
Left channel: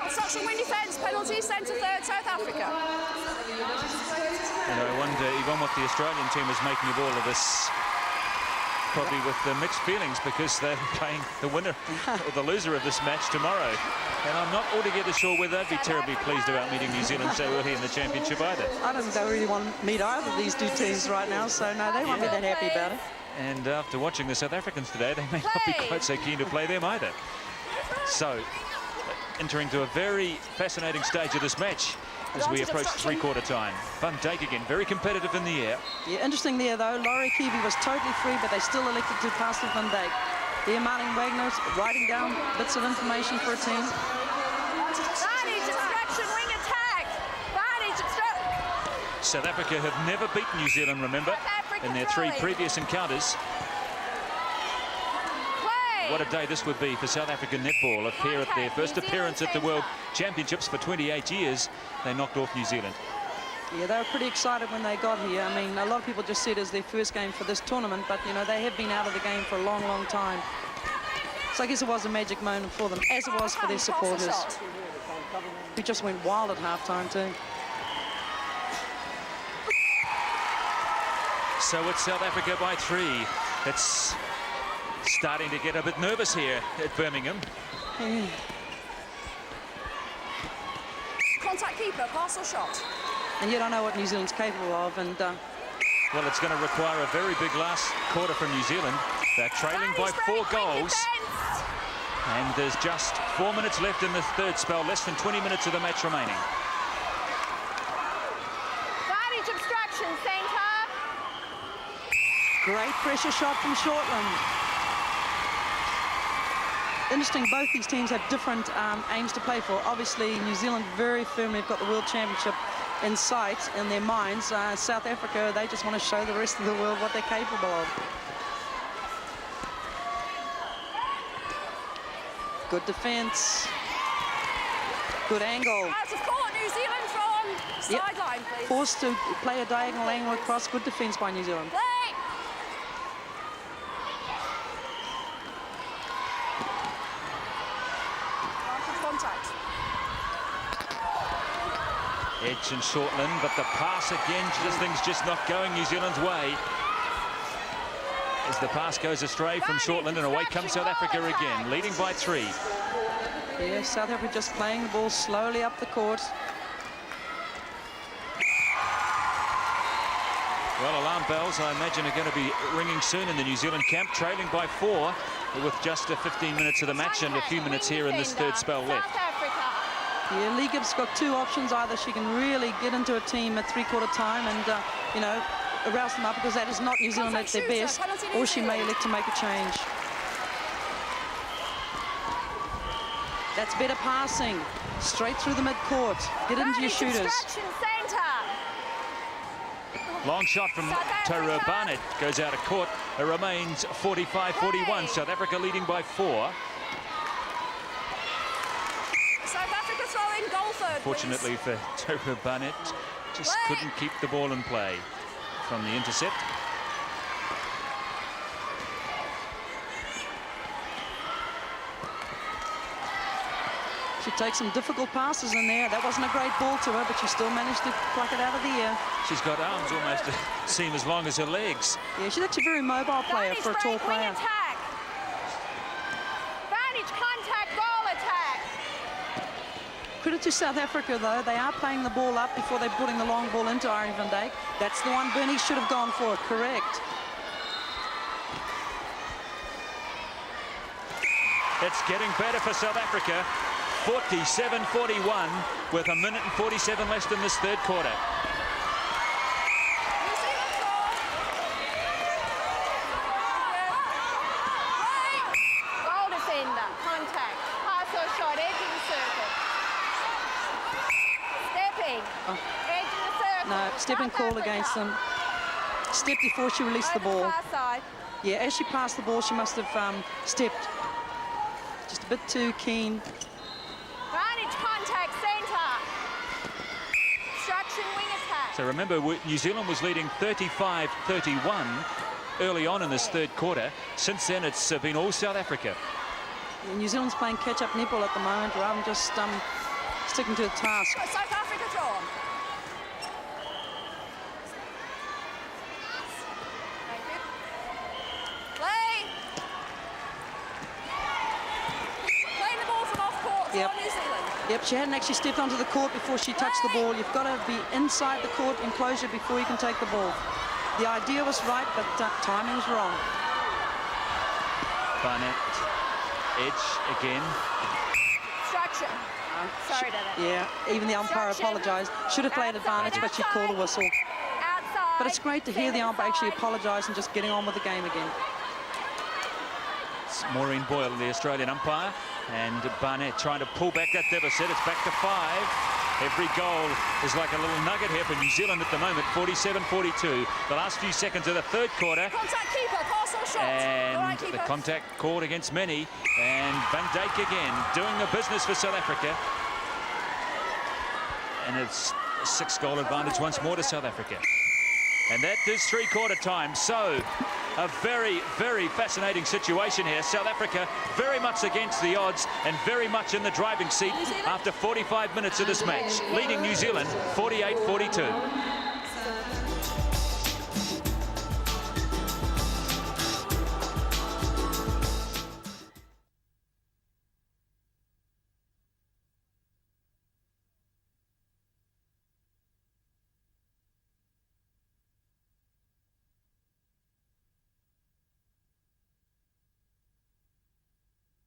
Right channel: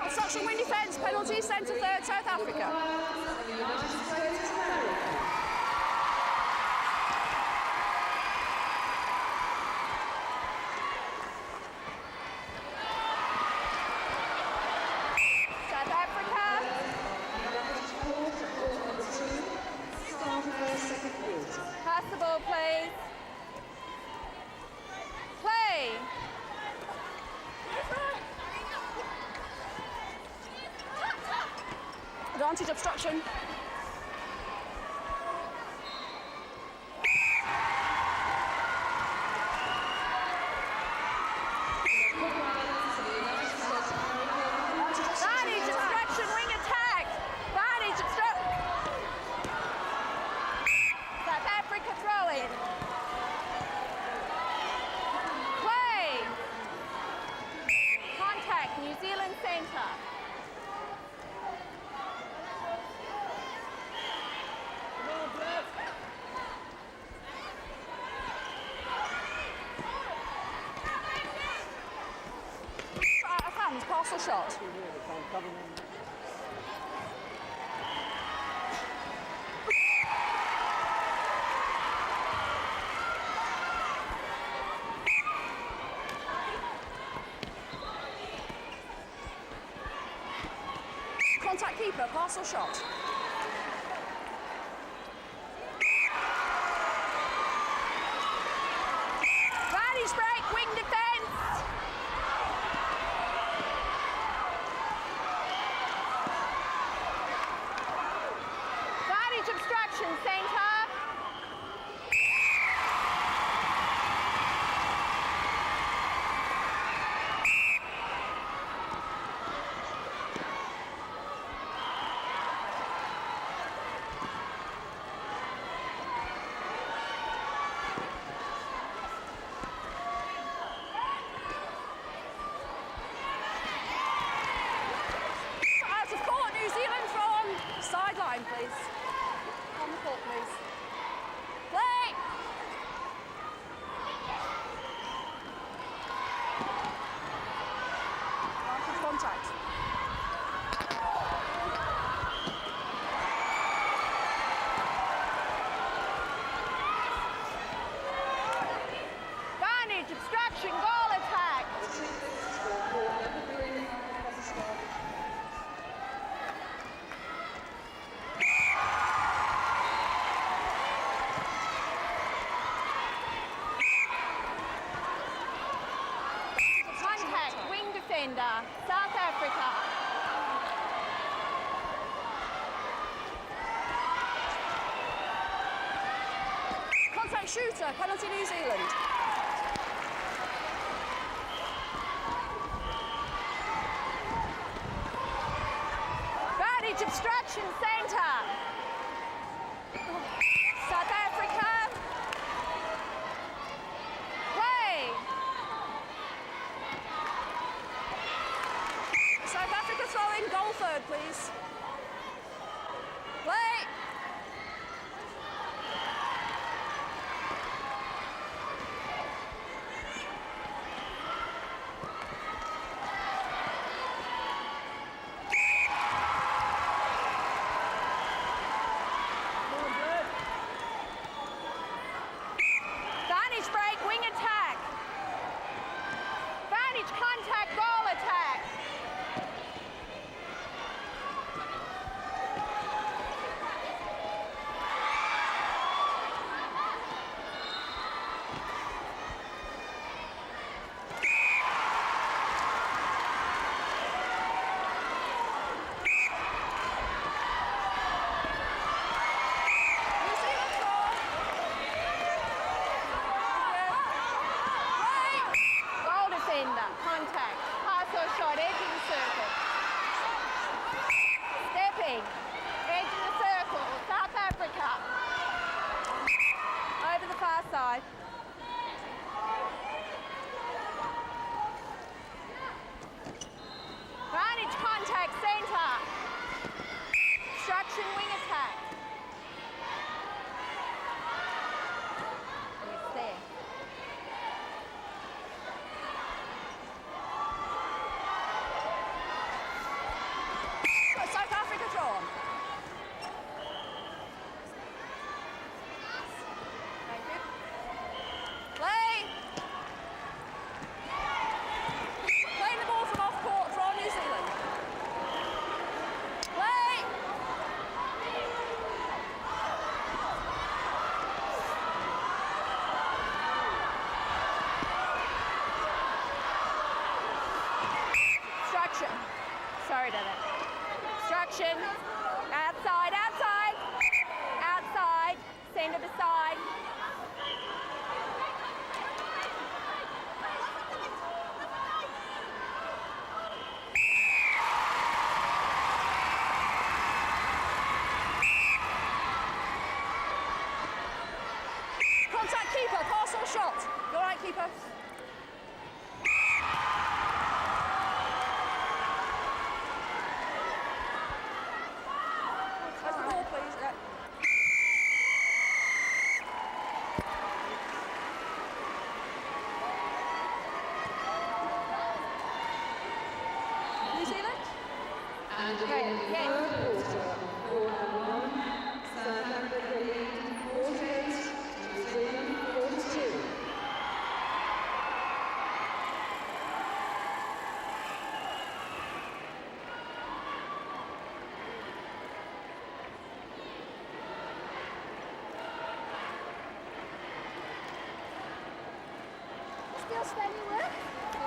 Obstruction, win defence, penalty, centre third, South Africa. I wonder even what the Australian team is making of all of this. probably with mixed feelings because they're playing the winner or the loser of this match tomorrow. And I'm not altogether sure whether they'd be terribly pleased about meeting New Zealand, say, early in the championship either. I don't think they really want to meet either of these two teams right now, so no, they won't be that happy about it. And after watching the South Africans today, they may not be quite so keen to play them either. So, entering to a very fascinating stage of this match as we approach three-quarter time. Van Dijk again, very competitive in the air. Yeah, interesting there though, Laurie Keevy was totally free, but they still elected to pass to Van Dijk. Here Martin Wagner's writing down bits of information for a team. Varnage obstruction, wing attack. Varnage obstruction. South Africa have never beaten New Zealand, remember, in their three previous encounters. What a day this would be for South African netball. Up here at their first appearance at the World Championships for 28 years, they knocked off New Zealand. Yeah, they were pretty excited when they got here. I mean, a lot of people just see it as their first game for this tournament, but, you know, they have been out of the game for a long, long time. So I guess it was a magic moment for them, as it was for their supporters, who just went wild at halftime too. So it's South Africa by 3. It's starting to get a bit nervous here at Birmingham. Contact keeper, pass or shot. And yet I know what New Zealand's capable of, and well, it's going to require a very big last quarter from New Zealand. They're trailing by 4 goals. And there's just 4 minutes left in the third spell, less than 20 minutes of the match remaining. Varnage obstruction, centre. great pressure shot from Shortland. Interesting, both these teams have different aims to play for. Obviously, New Zealand very firmly have got the World Championship in sight, in their minds. South Africa, they just want to show the rest of the world what they're capable of. Good defence. Good angle. Out of court, New Zealand from sideline, please. Forced to play a diagonal angle across. Good defence by New Zealand. Play! Contact. Edge and Shortland, but the pass again, things just not going New Zealand's way. As the pass goes astray from Shortland, and away comes South Africa again, leading by 3. Yeah, South Africa just playing the ball slowly up the court. Well, alarm bells, I imagine, are going to be ringing soon in the New Zealand camp, trailing by 4 with just 15 minutes of the match and a few minutes here in this third spell left. South Africa. Yeah, Lee Gibbs got 2 options. Either she can really get into a team at three-quarter time and, you know, arouse them up, because that is not New Zealand at their best, or she may look to make a change. That's better passing. Straight through the mid-court. Get into your shooters. Obstruction, centre. Long shot from Tara Barnett goes out of court. It remains 45-41. South Africa leading by 4. South Africa throwing goal third, Fortunately for Tara Barnett, just couldn't keep the ball in play from the intercept. She takes some difficult passes in there. That wasn't a great ball to her, but she still managed to pluck it out of the air. She's got arms almost seem as long as her legs. Yeah, she's actually a very mobile player for a tall wing player. attack. Vantage contact, goal attack. Credit to South Africa, though. They are playing the ball up before they're putting the long ball into Irene van Dijk. That's the one Bernie should have gone for, correct. It's getting better for South Africa. 47-41 with a minute and 47 left in this third quarter. New Zealand goal. Goal defender, contact, pass or shot, edge of the circle. Stepping, edge of the circle. No, stepping called against them. Stepped before she released the ball. Far side. Yeah, as she passed the ball, she must have stepped just a bit too keen. Vantage contact, centre. Obstruction, wing attack. So remember, New Zealand was leading 35-31 early on in this third quarter. Since then, it's been all South Africa. New Zealand's playing catch-up netball at the moment, rather than just sticking to the task. South Africa draw. Thank you. Play. She hadn't actually stepped onto the court before she touched the ball. You've got to be inside the court enclosure before you can take the ball. The idea was right, but timing was wrong. Barnett, edge again. Instruction. Sorry to that. Yeah, even the umpire apologised. Should have played advantage, but she called a whistle. Outside. But it's great to hear the umpire actually apologise and just getting on with the game again. It's Maureen Boyle, the Australian umpire, and Barnett trying to pull back that deficit. It's back to 5. Every goal is like a little nugget here for New Zealand at the moment, 47-42. The last few seconds of the third quarter. Contact keeper, pass or shot. And All right, keeper. the contact called against many. And Van Dijk again, doing the business for South Africa. And it's a 6-goal advantage once more to South Africa. And that is three-quarter time. So, a very, very fascinating situation here. South Africa very much against the odds and very much in the driving seat after 45 minutes of this match, leading New Zealand 48-42.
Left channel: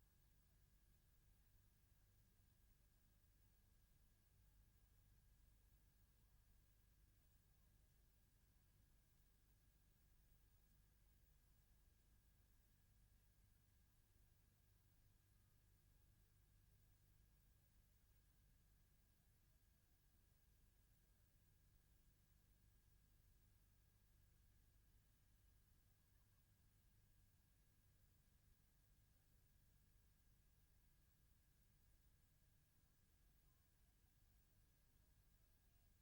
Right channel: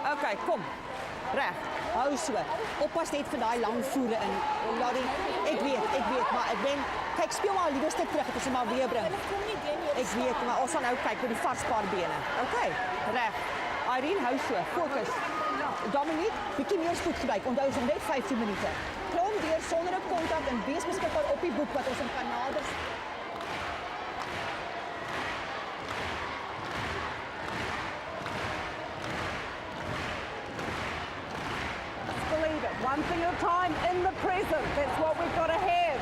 Okay, kom. Reg. Hou so. Oppas net vir daai lang voere in. Laat die ek weet, maar ek ben kyk speel maar liewerste terug, ek is maar weer bring. Ek weet, maar ons gaan nou kyk met die varspaar bene. Okay, reg. Irene, hou so. Fokus. Dominique, bietjie meer spoed gebruik. Onthou ons net 15 minute. Klom deur sonder 'n kontak en wees beskikbaar op die boek wat ons kan nader. One thing at a time in the present. That's what we've got to have.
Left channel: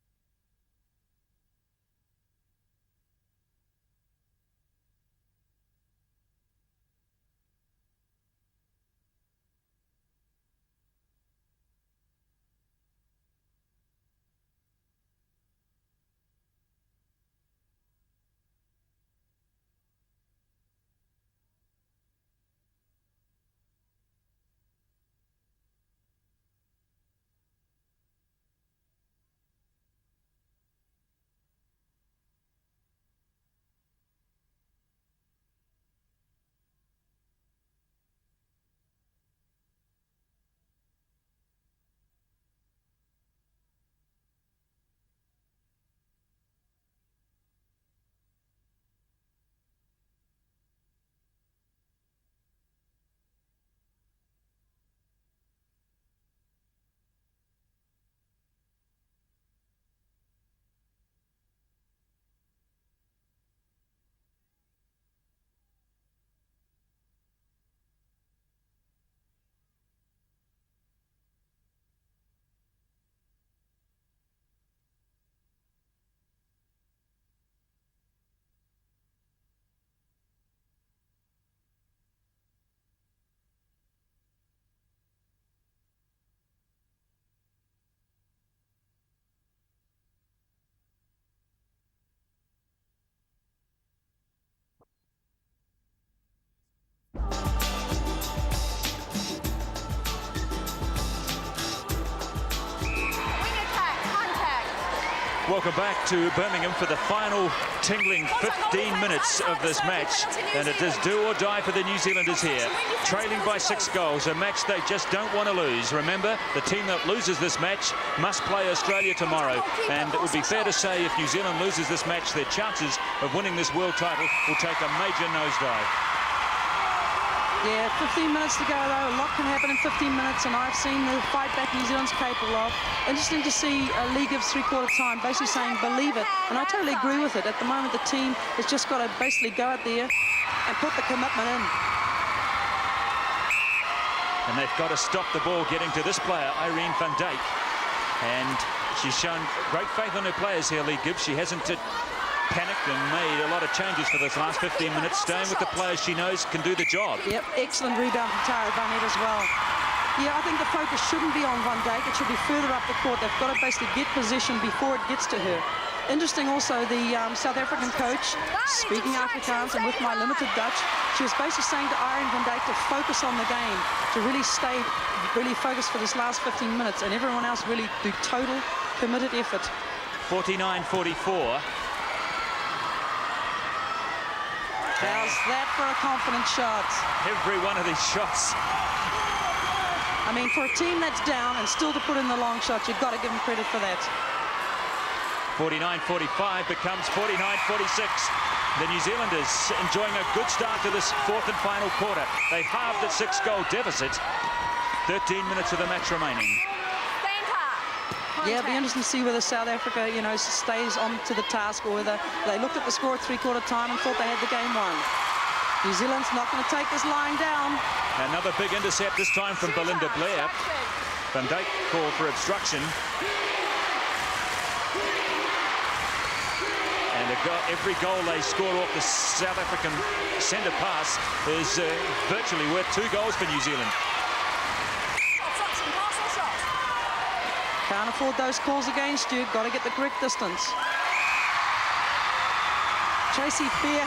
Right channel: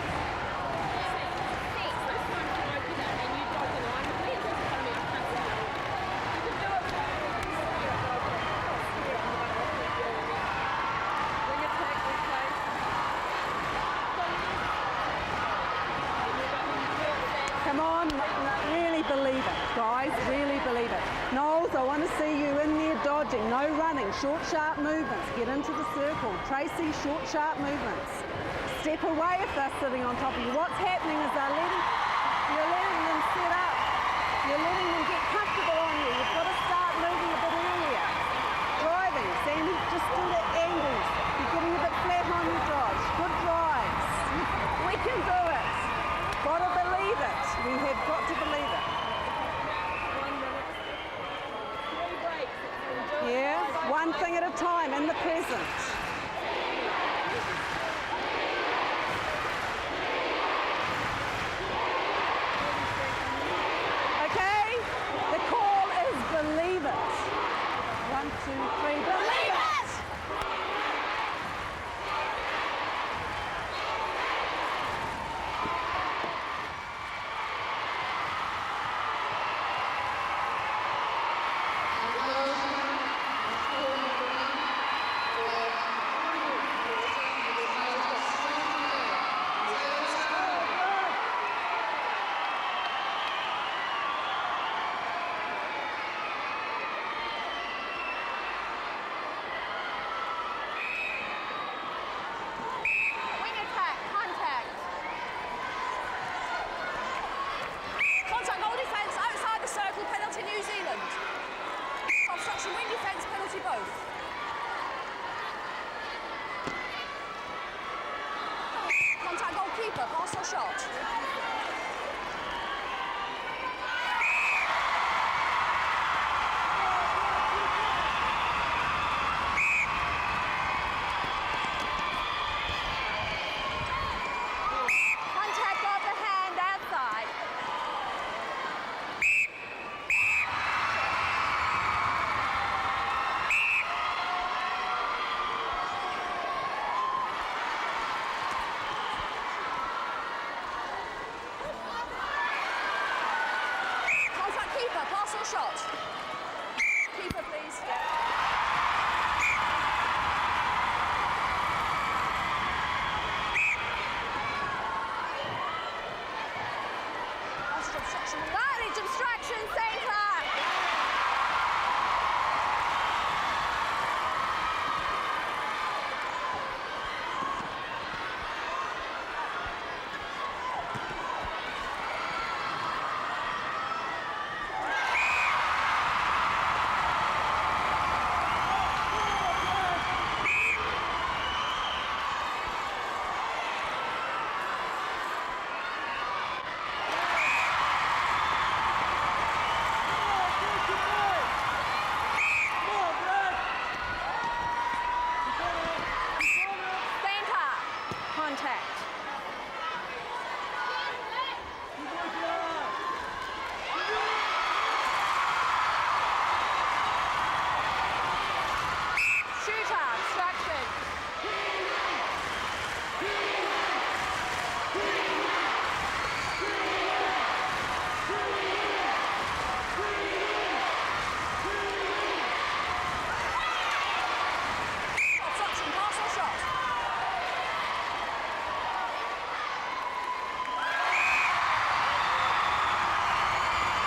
Come on, really believe it, guys, really believe it. Knowles, I want to see you in there dodging, no running, short, sharp movements, get into the circle. Tracy, short, sharp movements. Step away if they're sitting on top of you. What's happening is you're letting them set up. You're letting them get comfortable on you. You've got to start moving a bit earlier. Driving, Sandy, just do the angles. You're getting a bit flat on your dodge. Good drives. We can do it. Got to believe it. We have got to believe it. Yeah, one thing at a time in the present. Okay, the call is believe it. 1, 2, 3, believe it! Welcome back to Birmingham for the final tingling 15 minutes of this match. And it is do or die for the New Zealanders here. Trailing by 6 goals, a match they just don't want to lose. Remember, the team that loses this match must play Australia tomorrow. And it would be fair to say if New Zealand loses this match, their chances of winning this world title will take a major nosedive. Yeah, 15 minutes to go though. A lot can happen in 15 minutes, and I've seen the fight back New Zealand's capable of. Interesting to see Lee gives three-quarter time, basically saying believe it, and I totally agree with it. At the moment, the team has just got to basically go out there and put the commitment in. And they've got to stop the ball getting to this player, Irene Van Dijk. And she's shown great faith in her players here, Lee Gibbs. She hasn't panicked and made a lot of changes for those last 15 minutes, staying with the players she knows can do the job. Yep, excellent rebound from Tara Barnett as well. Yeah, I think the focus shouldn't be on Van Dijk. It should be further up the court. They've got to basically get position before it gets to her. interesting also, the South African coach, speaking Afrikaans and with my limited Dutch, she was basically saying to Arjen van Dijk to focus on the game, to really stay really focused for this last 15 minutes, and everyone else really do total committed effort. 49-44. How's that for a confident shot? Every one of these shots. I mean, for a team that's down and still to put in the long shots, you've got to give them credit for that. 49-45 becomes 49-46. The New Zealanders enjoying a good start to this fourth and final quarter. They halved the 6-goal deficit. 13 minutes of the match remaining. Yeah, it'll be interesting to see whether South Africa, you know, stays on to the task, or whether they looked at the score at three-quarter time and thought they had the game won. New Zealand's not going to take this line down. Another big intercept, this time from Belinda Blair. Van Dijk called for obstruction. And every goal they score off the South African centre pass is virtually worth 2 goals for New Zealand. Can't afford those calls against you. Got to get the correct distance. Tracy Fair,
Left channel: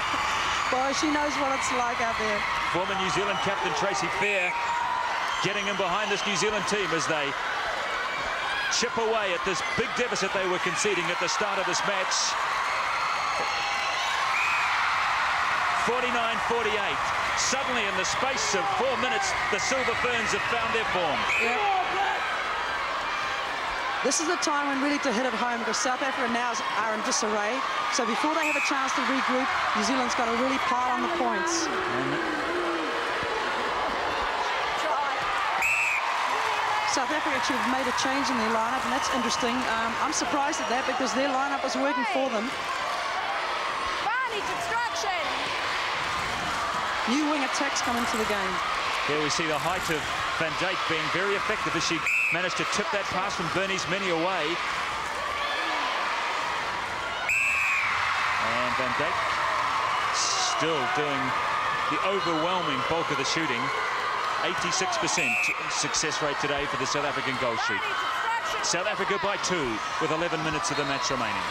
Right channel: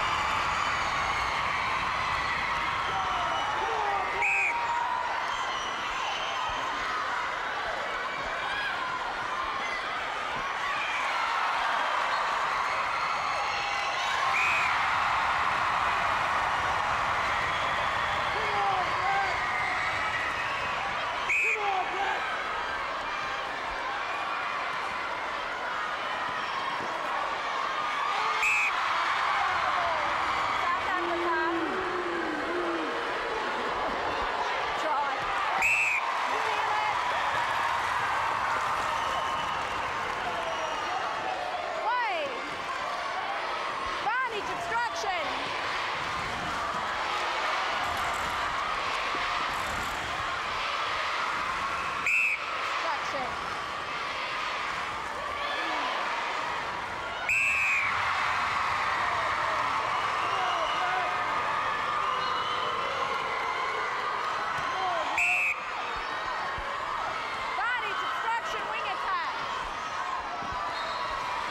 boy, she knows what it's like out there. Former New Zealand captain Tracy Fair getting in behind this New Zealand team as they chip away at this big deficit they were conceding at the start of this match. 49-48. Suddenly, in the space of 4 minutes, the Silver Ferns have found their form. This is the time when really to hit it home, because South Africa now are in disarray. So before they have a chance to regroup, New Zealand's got to really pile on the points. South Africa should have made a change in their lineup, and that's interesting. I'm surprised at that, because their lineup is working for them. Distraction. New wing attacks come into the game. There we see the height of Van Dijk being very effective as she managed to tip that pass from Bernie's Mini away. And Van Dijk still doing the overwhelming bulk of the shooting. 86% success rate today for the South African goal shoot. South Africa by 2 with 11 minutes of the match remaining.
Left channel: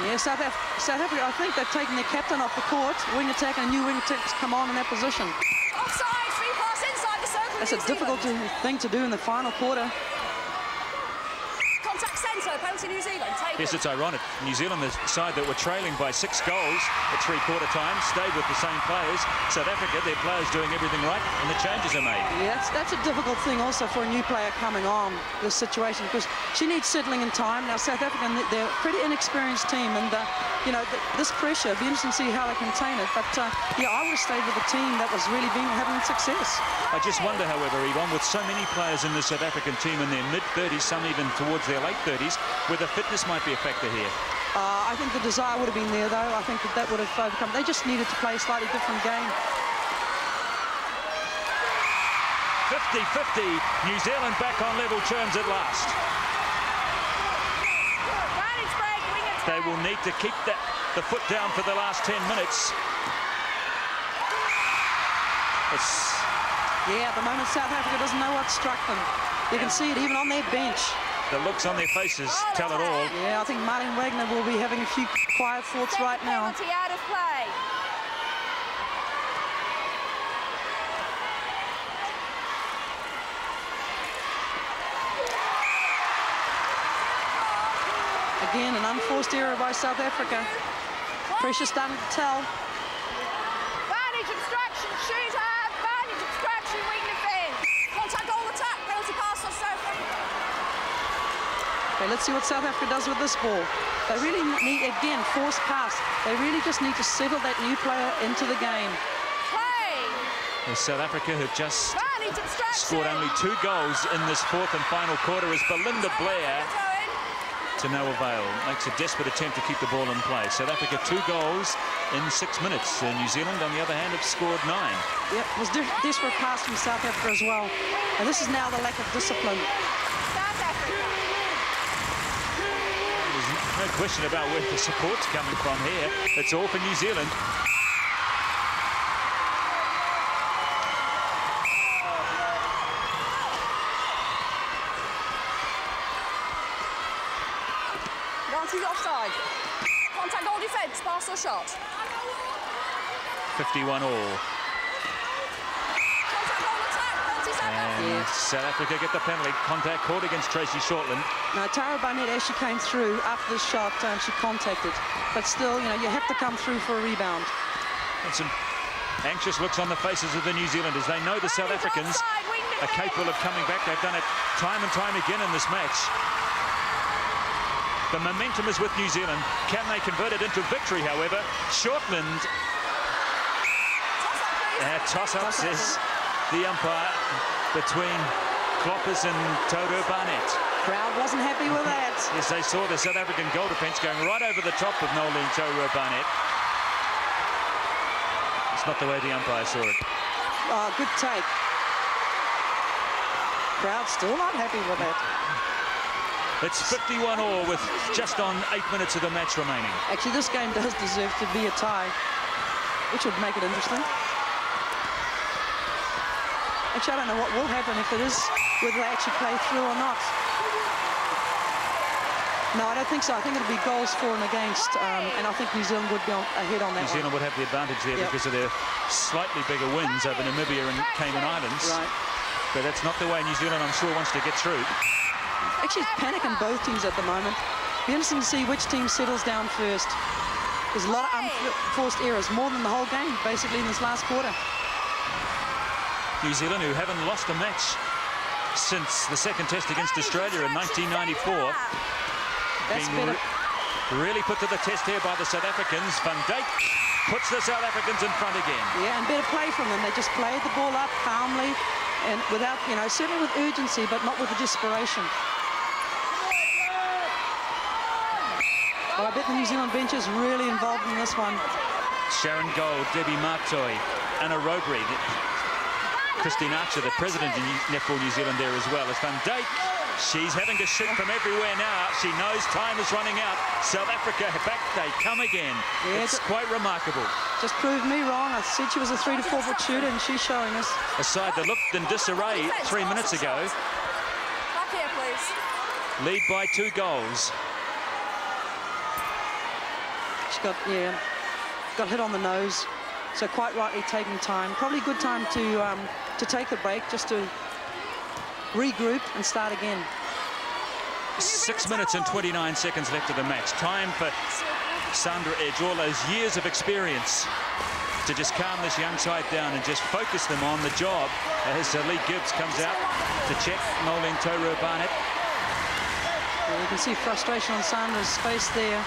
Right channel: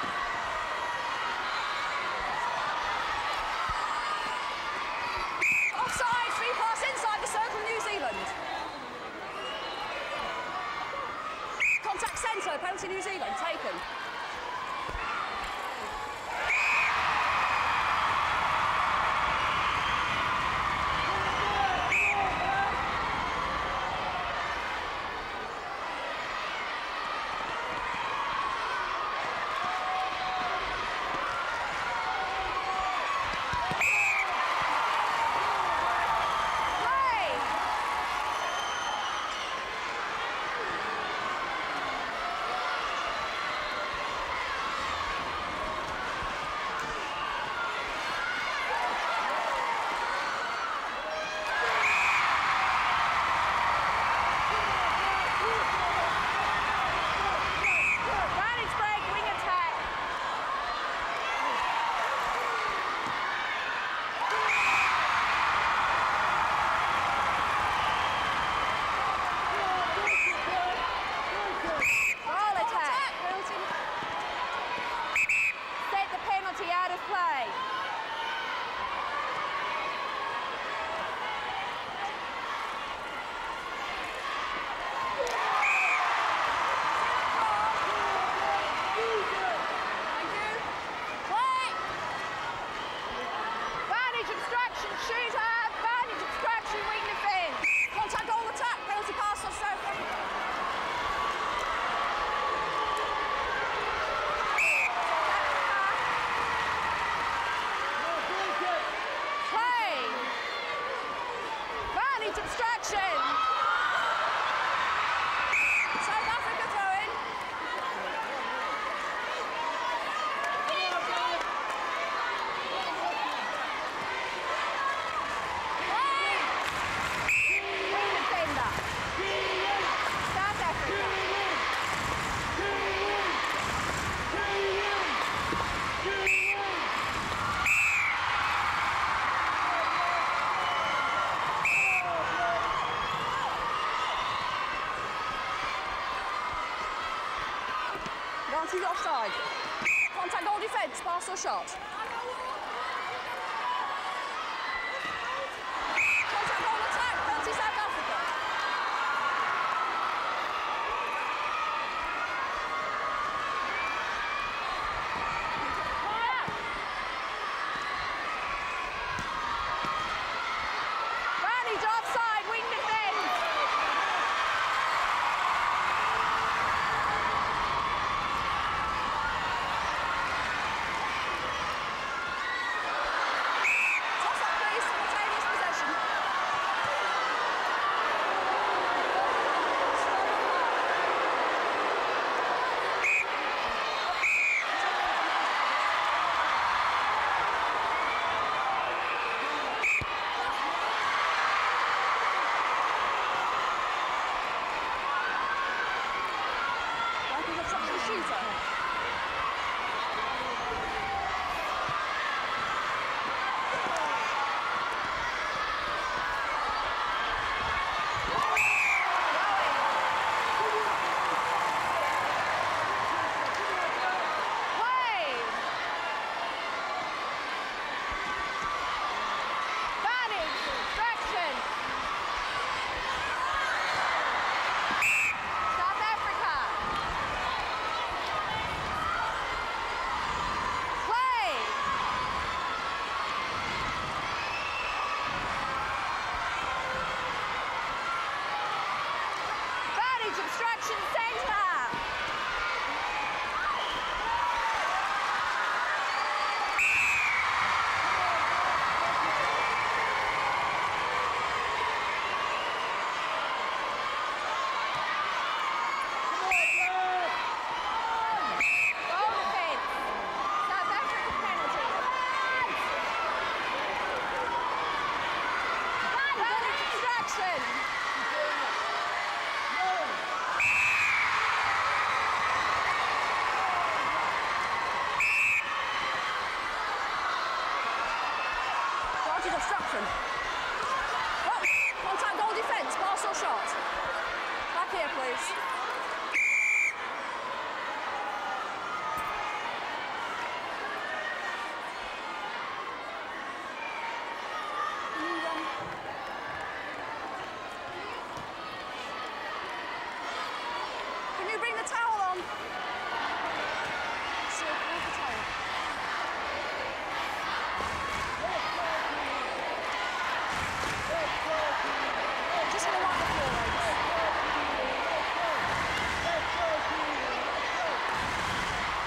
Yeah, South Africa, I think they've taken the captain off the court. Wing attack and new wing attacks come on in that position. Offside, free pass inside the circle. That's a difficult thing to do in the final quarter. Contact centre, penalty New Zealand, taken. Yes, it's ironic. New Zealand, the side that were trailing by 6 goals at three-quarter time, stayed with the same players. South Africa, their players doing everything right, and the changes are made. Yeah, that's a difficult thing also for a new player coming on this situation, because she needs settling in time. Now, South Africa, they're a pretty inexperienced team, and you know, this pressure, it'll be interesting to see how they contain it. But yeah, I would stay with a team that was really having success. I just wonder, however, Yvonne, with so many players in the South African team in their mid-30s, some even towards their late 30s, whether fitness might be a factor here. I think the desire would have been there, though. I think that would have overcome. They just needed to play a slightly different game. 50-50, New Zealand back on level terms at last. They will need to keep the foot down for the last 10 minutes. Yeah, at the moment South Africa doesn't know what struck them. You can see it even on their bench. The looks on their faces tell it all. Yeah, I think Martin Wagner will be having a few quiet thoughts right now. Penalty out of play. Again, an unforced error by South Africa. Pressure starting to tell. Vantage obstruction, shooter. Vantage obstruction, weak defence. Contact goal attack, penalty pass on South Africa. Okay, let's see what South Africa does with this ball. They really need, again, forced pass. They really just need to settle that new player into the game. Play. South Africa have just obstruction. scored only 2 goals in this fourth and final quarter as Belinda Blair to no avail. It's a desperate attempt to keep the ball in play. South Africa 2 goals in 6 minutes. New Zealand, on the other hand, have scored 9. Yeah, it was desperate pass from South Africa as well. And this is now the lack of discipline. South Africa. There's no question about where the support's coming from here. It's all for New Zealand. He's offside. side. Contact goal defence, pass or shot. 51 all. Contact goal attack, penalty South Africa. South Africa get the penalty. Contact caught against Tracy Shortland. Now, Tara Barnett, as she came through after the shot, and she contacted. But still, you know, you have to come through for a rebound. And some anxious looks on the faces of the New Zealanders. They know the South Africans are capable of coming back. They've done it time and time again in this match. The momentum is with New Zealand. Can they convert it into victory, however? Shortland. Toss-up, says the umpire, between Kloppers and Togo Barnett. Crowd wasn't happy with that. As they saw the South African goal defence going right over the top of Nolan Togo Barnett. It's not the way the umpire saw it. Oh, good take. Crowd still not happy with it. It's 51 all with just on 8 minutes of the match remaining. Actually, this game does deserve to be a tie, which would make it interesting. Actually, I don't know what will happen if it is, whether they actually play through or not. No, I don't think so. I think it'll be goals for and against, and I think New Zealand would go ahead on that. New Zealand would have the advantage there because of their slightly bigger wins over Namibia and Cayman Islands. But that's not the way New Zealand, I'm sure, wants to get through. Actually, it's panicking both teams at the moment. Interesting to see which team settles down first. There's a lot of unforced errors, more than the whole game, basically, in this last quarter. New Zealand, who haven't lost a match since the second test against Australia in 1994. Being really put to the test here by the South Africans. Van Dijk puts the South Africans in front again. Yeah, and better play from them. They just play the ball up calmly and without, you know, certainly with urgency, but not with the desperation. I bet the New Zealand bench is really involved in this one. Sharon Gold, Debbie Martoy, Anna Rogrig, Christine Archer, the president of Netball New Zealand there as well. As Van Dijk, she's having to shoot from everywhere now. She knows time is running out. South Africa, back they come again. Yeah, it's quite remarkable. Just proved me wrong. I said she was a 3 to 4 foot shooter, and she's showing us. A side that looked in disarray 3 minutes ago. Back here, please. Lead by 2 goals. She got hit on the nose. So quite rightly taking time. Probably a good time to take a break, just to regroup and start again. 6 minutes and 29 seconds left of the match. Time for Sandra Edge, all those years of experience, to just calm this young side down and just focus them on the job. As Lee Gibbs comes out to check Nolan Toyo Barnett. You can see frustration on Sandra's face there.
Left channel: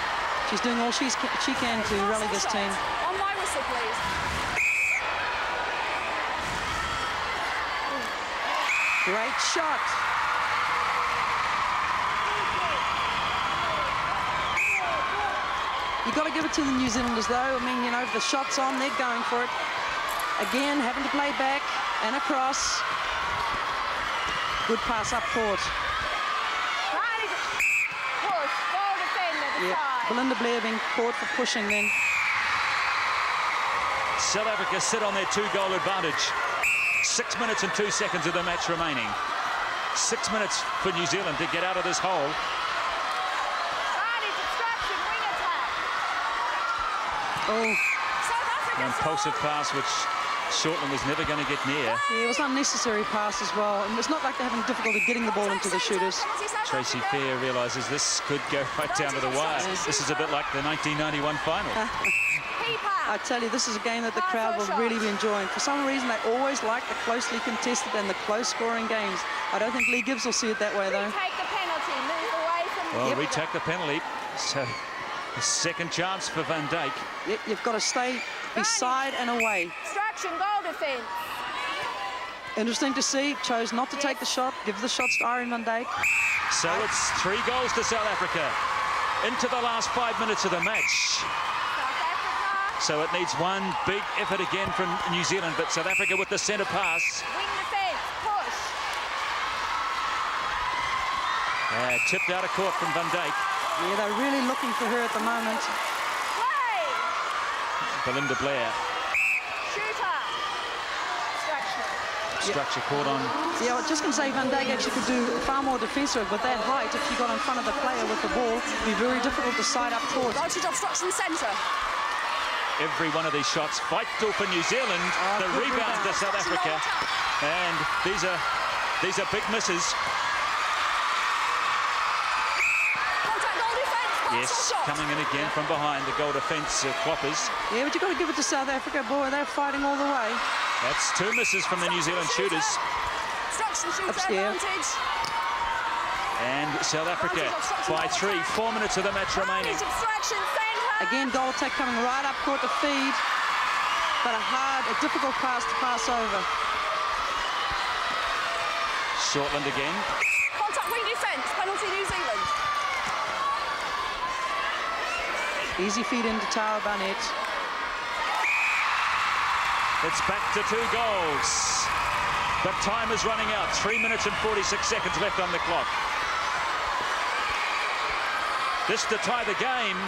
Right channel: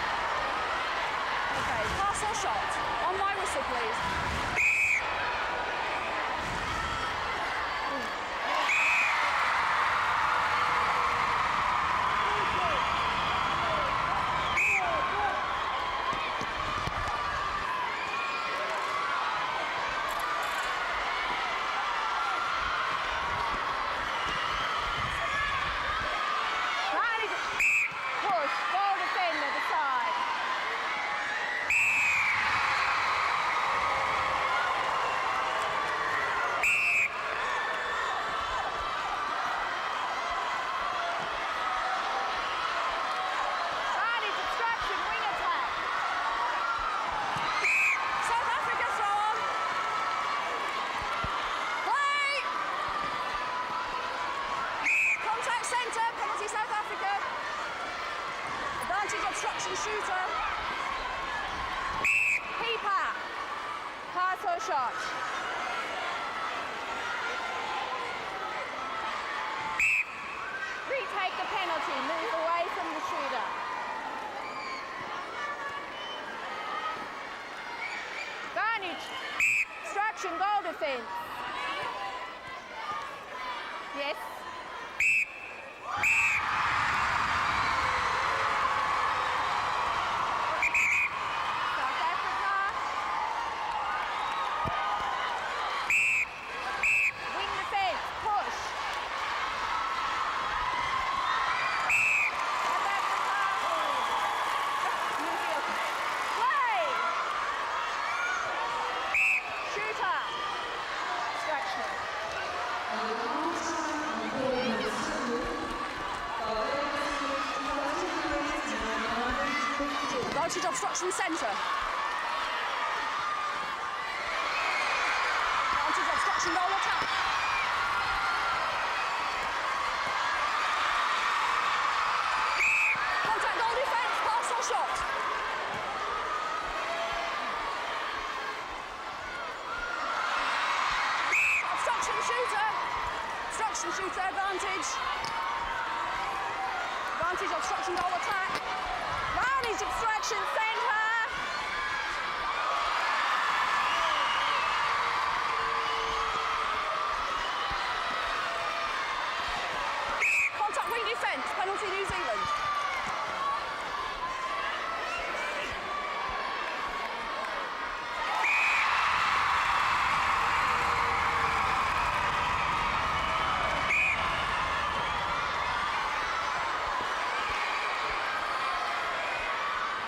She's doing all she can to rally this team. On my whistle, please. Great shot. You've got to give it to the New Zealanders, though. I mean, you know, if the shot's on, they're going for it. Again, having to play back and across. Good pass up court. Push, goal defender, decide. Belinda Blair being caught for pushing then. South Africa sit on their 2-goal advantage. 6 minutes and 2 seconds of the match remaining. 6 minutes for New Zealand to get out of this hole. Distraction, wing attack. Oh. South Africa. An impulsive pass which Shortland is never going to get near. Yeah, it was an unnecessary pass as well. And it's not like they're having difficulty getting the ball into the shooters. Tracy Fair realises this could go right down to the wire. This is a bit like the 1991 final. I tell you, this is a game that the crowd will really be enjoying. For some reason, they always like the closely contested and the close-scoring games. I don't think Lee Gibbs will see it that way, though. We take the penalty, move away from the Well, we take the penalty. So, a second chance for Van Dijk. You've got to stay beside and away. Distraction, goal defence. Interesting to see. Chose not to take the shot. Give the shots to Irene Van Dijk. So it's 3 goals to South Africa. Into the last 5 minutes of the match. So it needs one big effort again from New Zealand, but South Africa with the centre pass. Wing defence, push. Tipped out of court from Van Dijk. Yeah, they're really looking for her at the moment. Play. Belinda Blair. Shooter. Distraction. Structure caught on. Yeah, I was just going to say Van Dijk actually could do far more defensive, but that right, if you got in front of the player with the ball, it would be very difficult to side up towards. Advantage obstruction centre. Every one of these shots vital for New Zealand. The rebound to South Africa. And these are big misses. Contact goal defence, pass or shot. Coming in again from behind the goal defence Cloppers. Yeah, but you've got to give it to South Africa. Boy, they're fighting all the way. That's 2 misses from the New Zealand shooters. Obstruction shooter advantage. And South Africa by 3, 4 minutes of the match remaining. Advantage obstruction centre. Again, goal attack coming right up court to feed. But a difficult pass to pass over. Shortland again. Contact wing defence, penalty New Zealand. Easy feed into Tara Barnett. It's back to 2 goals. But time is running out. 3 minutes and 46 seconds left on the clock. Just to tie the game.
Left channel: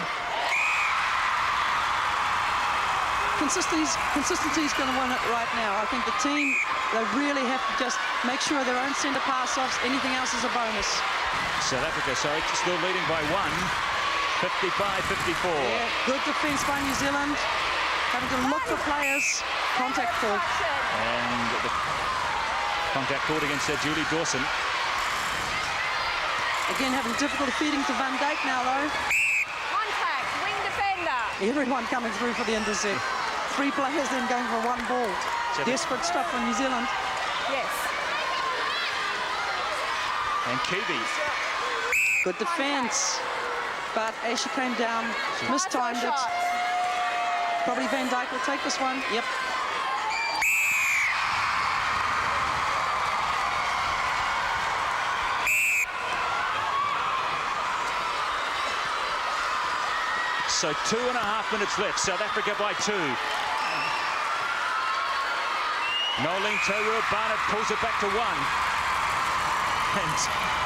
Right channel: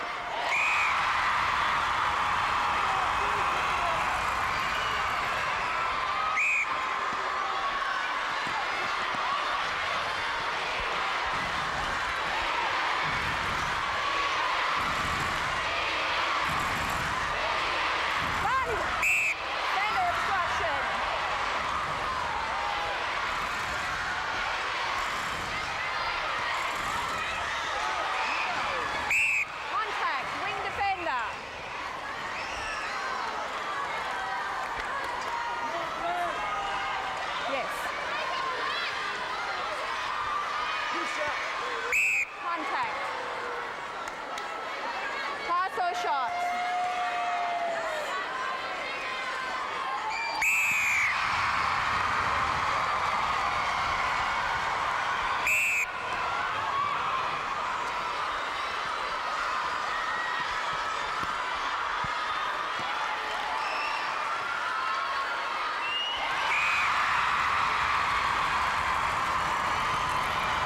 Consistency is going to win it right now. I think the team, they really have to just make sure their own centre pass-offs, anything else is a bonus. South Africa still leading by 1. 55-54. Good defence by New Zealand. Having to look for players. Contact call. And contact called against Julie Dawson. Again, having difficulty feeding to Van Dijk now, though. Contact, wing defender. Everyone coming through for the intercept. 3 players then going for 1 ball. Desperate stuff from New Zealand. Yes. And Kiwi. Good defence. But as she came down, mistimed it. Probably Van Dijk will take this one. Yep. So 2.5 minutes left. South Africa by 2. Nolan Taylor Barnett pulls it back to 1. And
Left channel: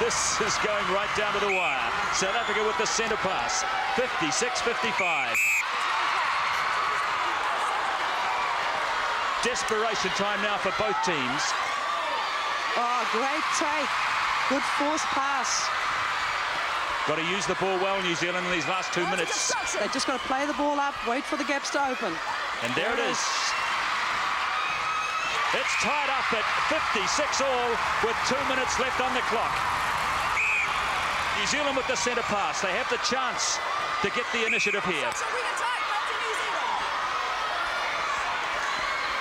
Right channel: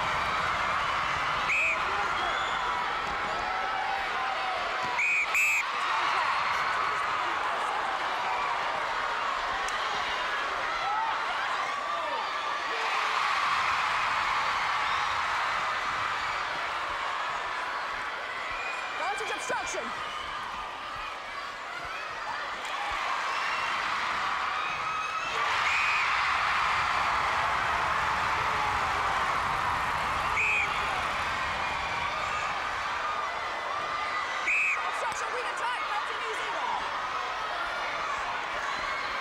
this is going right down to the wire. South Africa with the centre pass. 56-55. Desperation time now for both teams. Oh, great take. Good force pass. Got to use the ball well, New Zealand, in these last 2 minutes. They just got to play the ball up, wait for the gaps to open. And there it is. It's tied up at 56 all with 2 minutes left on the clock. New Zealand with the centre pass. They have the chance to get the initiative here.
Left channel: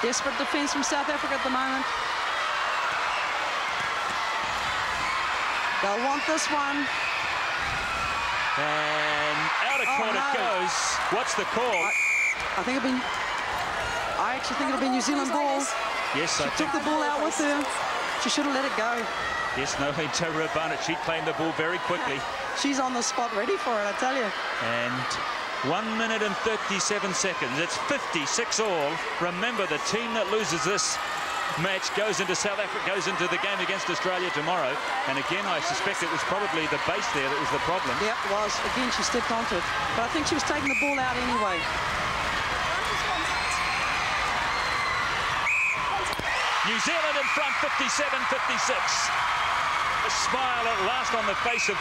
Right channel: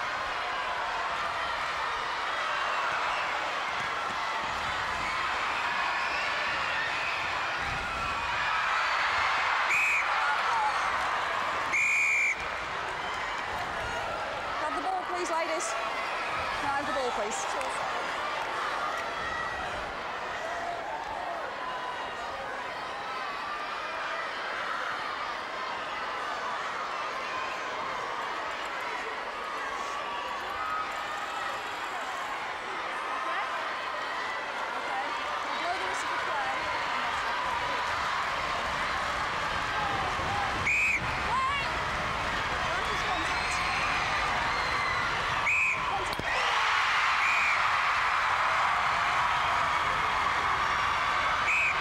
Desperate defence from South Africa at the moment. They'll want this one. Out of court it goes. What's the call? I actually think it'll be New Zealand ball. Yes, she took the ball out with her. She should have let it go. Yes, no, Taylor Barnett, she claimed the ball very quickly. She's on the spot ready for it, I tell you. And 1 minute and 37 seconds. It's 56 all. Remember, the team that loses this match goes into the game against Australia tomorrow. And again, I suspect it was probably the base there that was the problem. Yeah, it was. Again, she still contact. But I think she was taking the ball out anyway. New Zealand in front, 57-56. A smile at last on the face of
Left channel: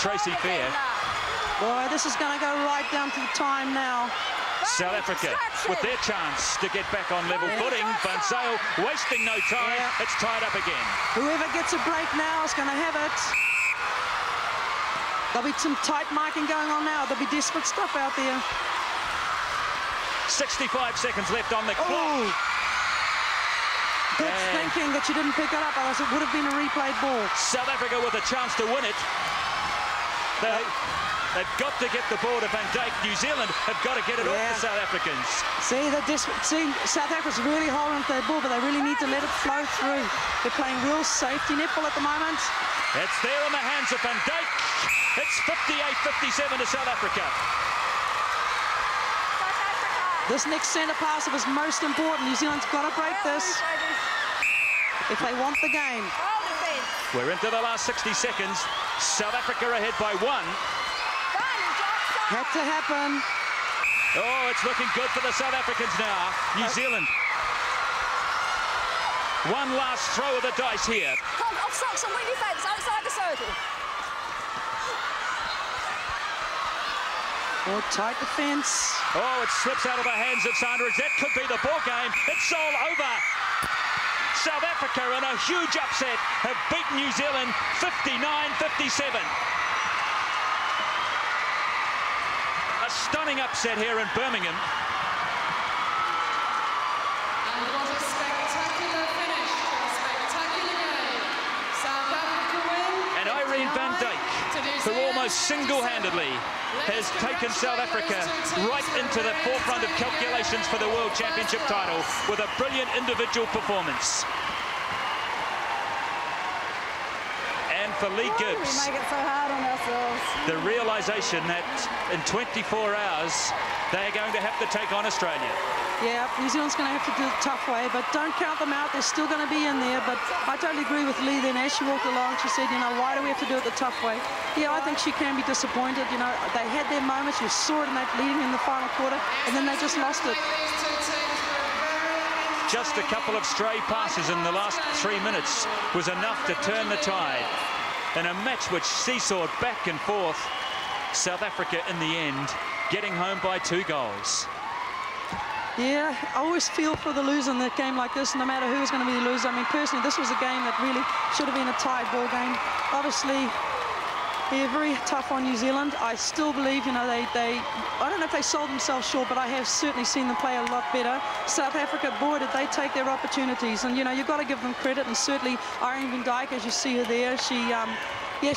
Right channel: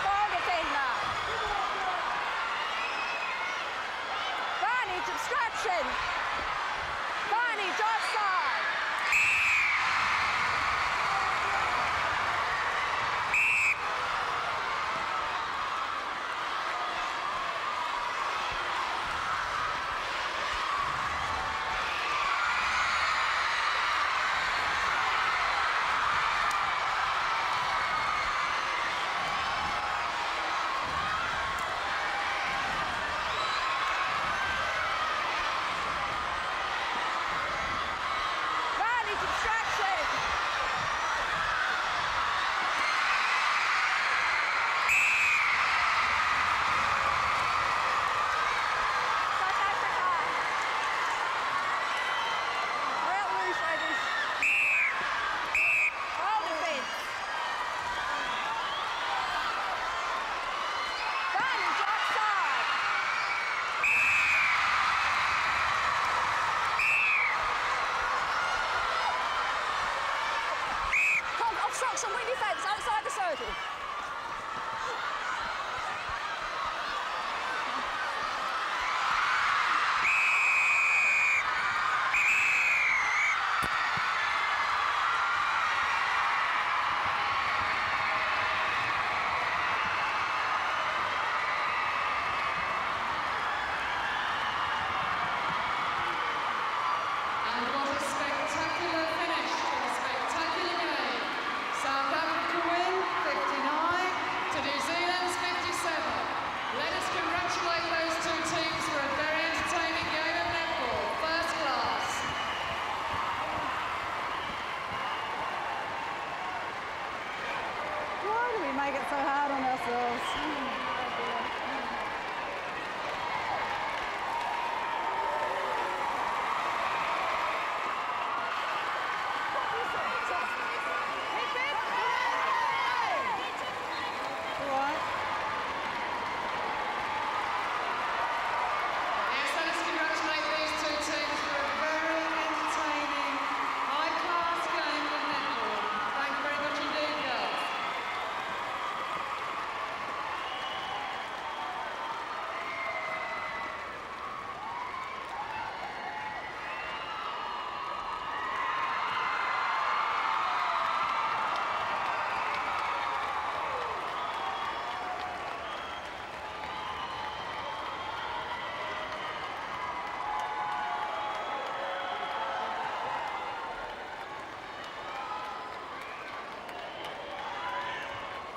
Tracy Fair. Boy, this is going to go right down to the time now. South Africa with their chance to get back on level footing, but so wasting no time. It's tied up again. Whoever gets a break now is going to have it. There'll be some tight marking going on now. There'll be desperate stuff out there. 65 seconds left on the clock. Good thinking that she didn't pick it up, else it would have been a replayed ball. South Africa with a chance to win it. They've got to get the ball to Van Dijk. New Zealand have got to get it off the South Africans. South Africa's really holding their ball, but they really need to let it flow through. They're playing real safety netball at the moment. It's there in the hands of Van Dijk. It's 58-57 to South Africa. This next centre pass is most important. New Zealand's got to break this if they want the game. We're into the last 60 seconds. South Africa ahead by 1. Had to happen. Oh, it's looking good for the South Africans now. New Zealand. One last throw of the dice here. Obstruction, wing defence, outside the circle. Oh, tight defence. Oh, it slips out of the hands of Sandridge. That could be the ball game. It's all over. South Africa, in a huge upset, have beaten New Zealand 59-57. A stunning upset here in Birmingham. And what a spectacular finish to a spectacular game. South Africa win. And Irene van Dijk, who almost single-handedly has taken South Africa right into the forefront of calculations for the World Championship title with a brilliant individual performance. And for Lee Gibbs, we make it so hard on ourselves. the realisation that in 24 hours they're going to have to take on Australia. Yeah, New Zealand's going to have to do it the tough way, but don't count them out. They're still going to be in there. But I totally agree with Lee then. As she walked along, she said, you know, why do we have to do it the tough way? Yeah, I think she can be disappointed. You know, they had their moments. You saw it in that lead in the final quarter, and then they just lost it. Just a couple of stray passes in the last 3 minutes was enough to turn the tide. In a match which seesawed back and forth, South Africa in the end getting home by 2 goals. Yeah, I always feel for the loser in a game like this, no matter who's going to be the loser. I mean, personally, this was a game that really should have been a tied ball game. Obviously, they're very tough on New Zealand. I still believe, you know, I don't know if they sold themselves short, but I have certainly seen them play a lot better. South Africa, boy, did they take their opportunities. And, you know, you've got to give them credit. And certainly, Irene van Dijk, as you see her there,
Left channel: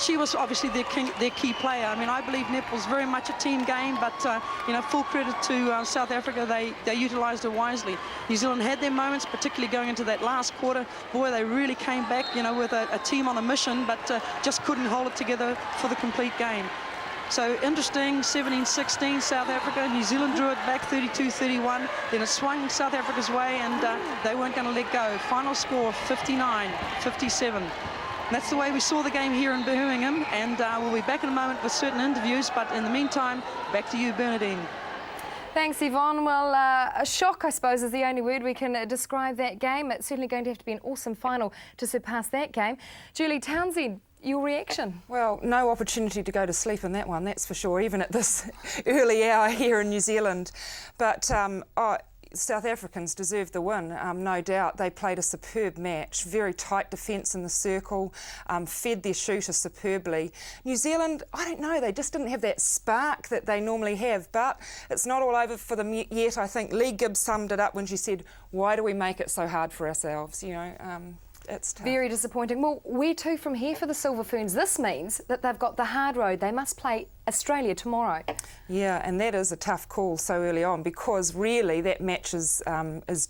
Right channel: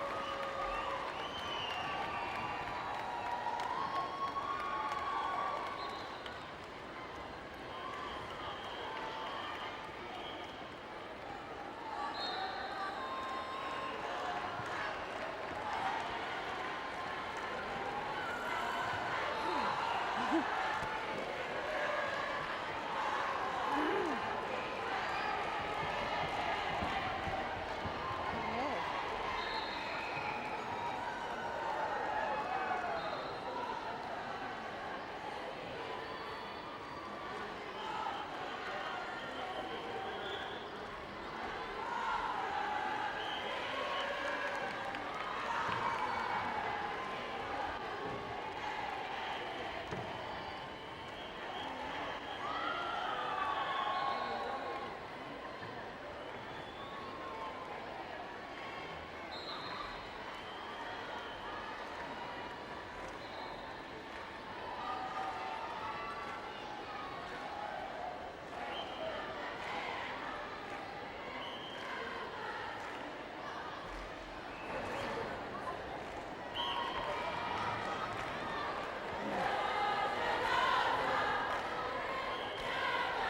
she was obviously their key player. I mean, I believe netball's very much a team game, but, you know, full credit to South Africa. They utilised it wisely. New Zealand had their moments, particularly going into that last quarter. Boy, they really came back, you know, with a team on a mission, but just couldn't hold it together for the complete game. So interesting, 17-16, South Africa. New Zealand drew it back 32-31. Then it swung South Africa's way, and they weren't going to let go. Final score, 59-57. That's the way we saw the game here in Birmingham, and we'll be back in a moment with certain interviews, but in the meantime, back to you, Bernadine. Thanks, Yvonne. Well, a shock, I suppose, is the only word we can describe that game. It's certainly going to have to be an awesome final to surpass that game. Julie Townsend, your reaction? Well, no opportunity to go to sleep in that one, that's for sure, even at this early hour here in New Zealand. But South Africans deserved the win, no doubt. They played a superb match, very tight defence in the circle, fed their shooter superbly. New Zealand, I don't know, they just didn't have that spark that they normally have, but it's not all over for them yet. I think Lee Gibbs summed it up when she said, why do we make it so hard for ourselves, you know? It's tough. Very disappointing. Well, where to from here for the Silver Ferns? This means that they've got the hard road. They must play Australia tomorrow. Yeah, and that is a tough call so early on, because really that match is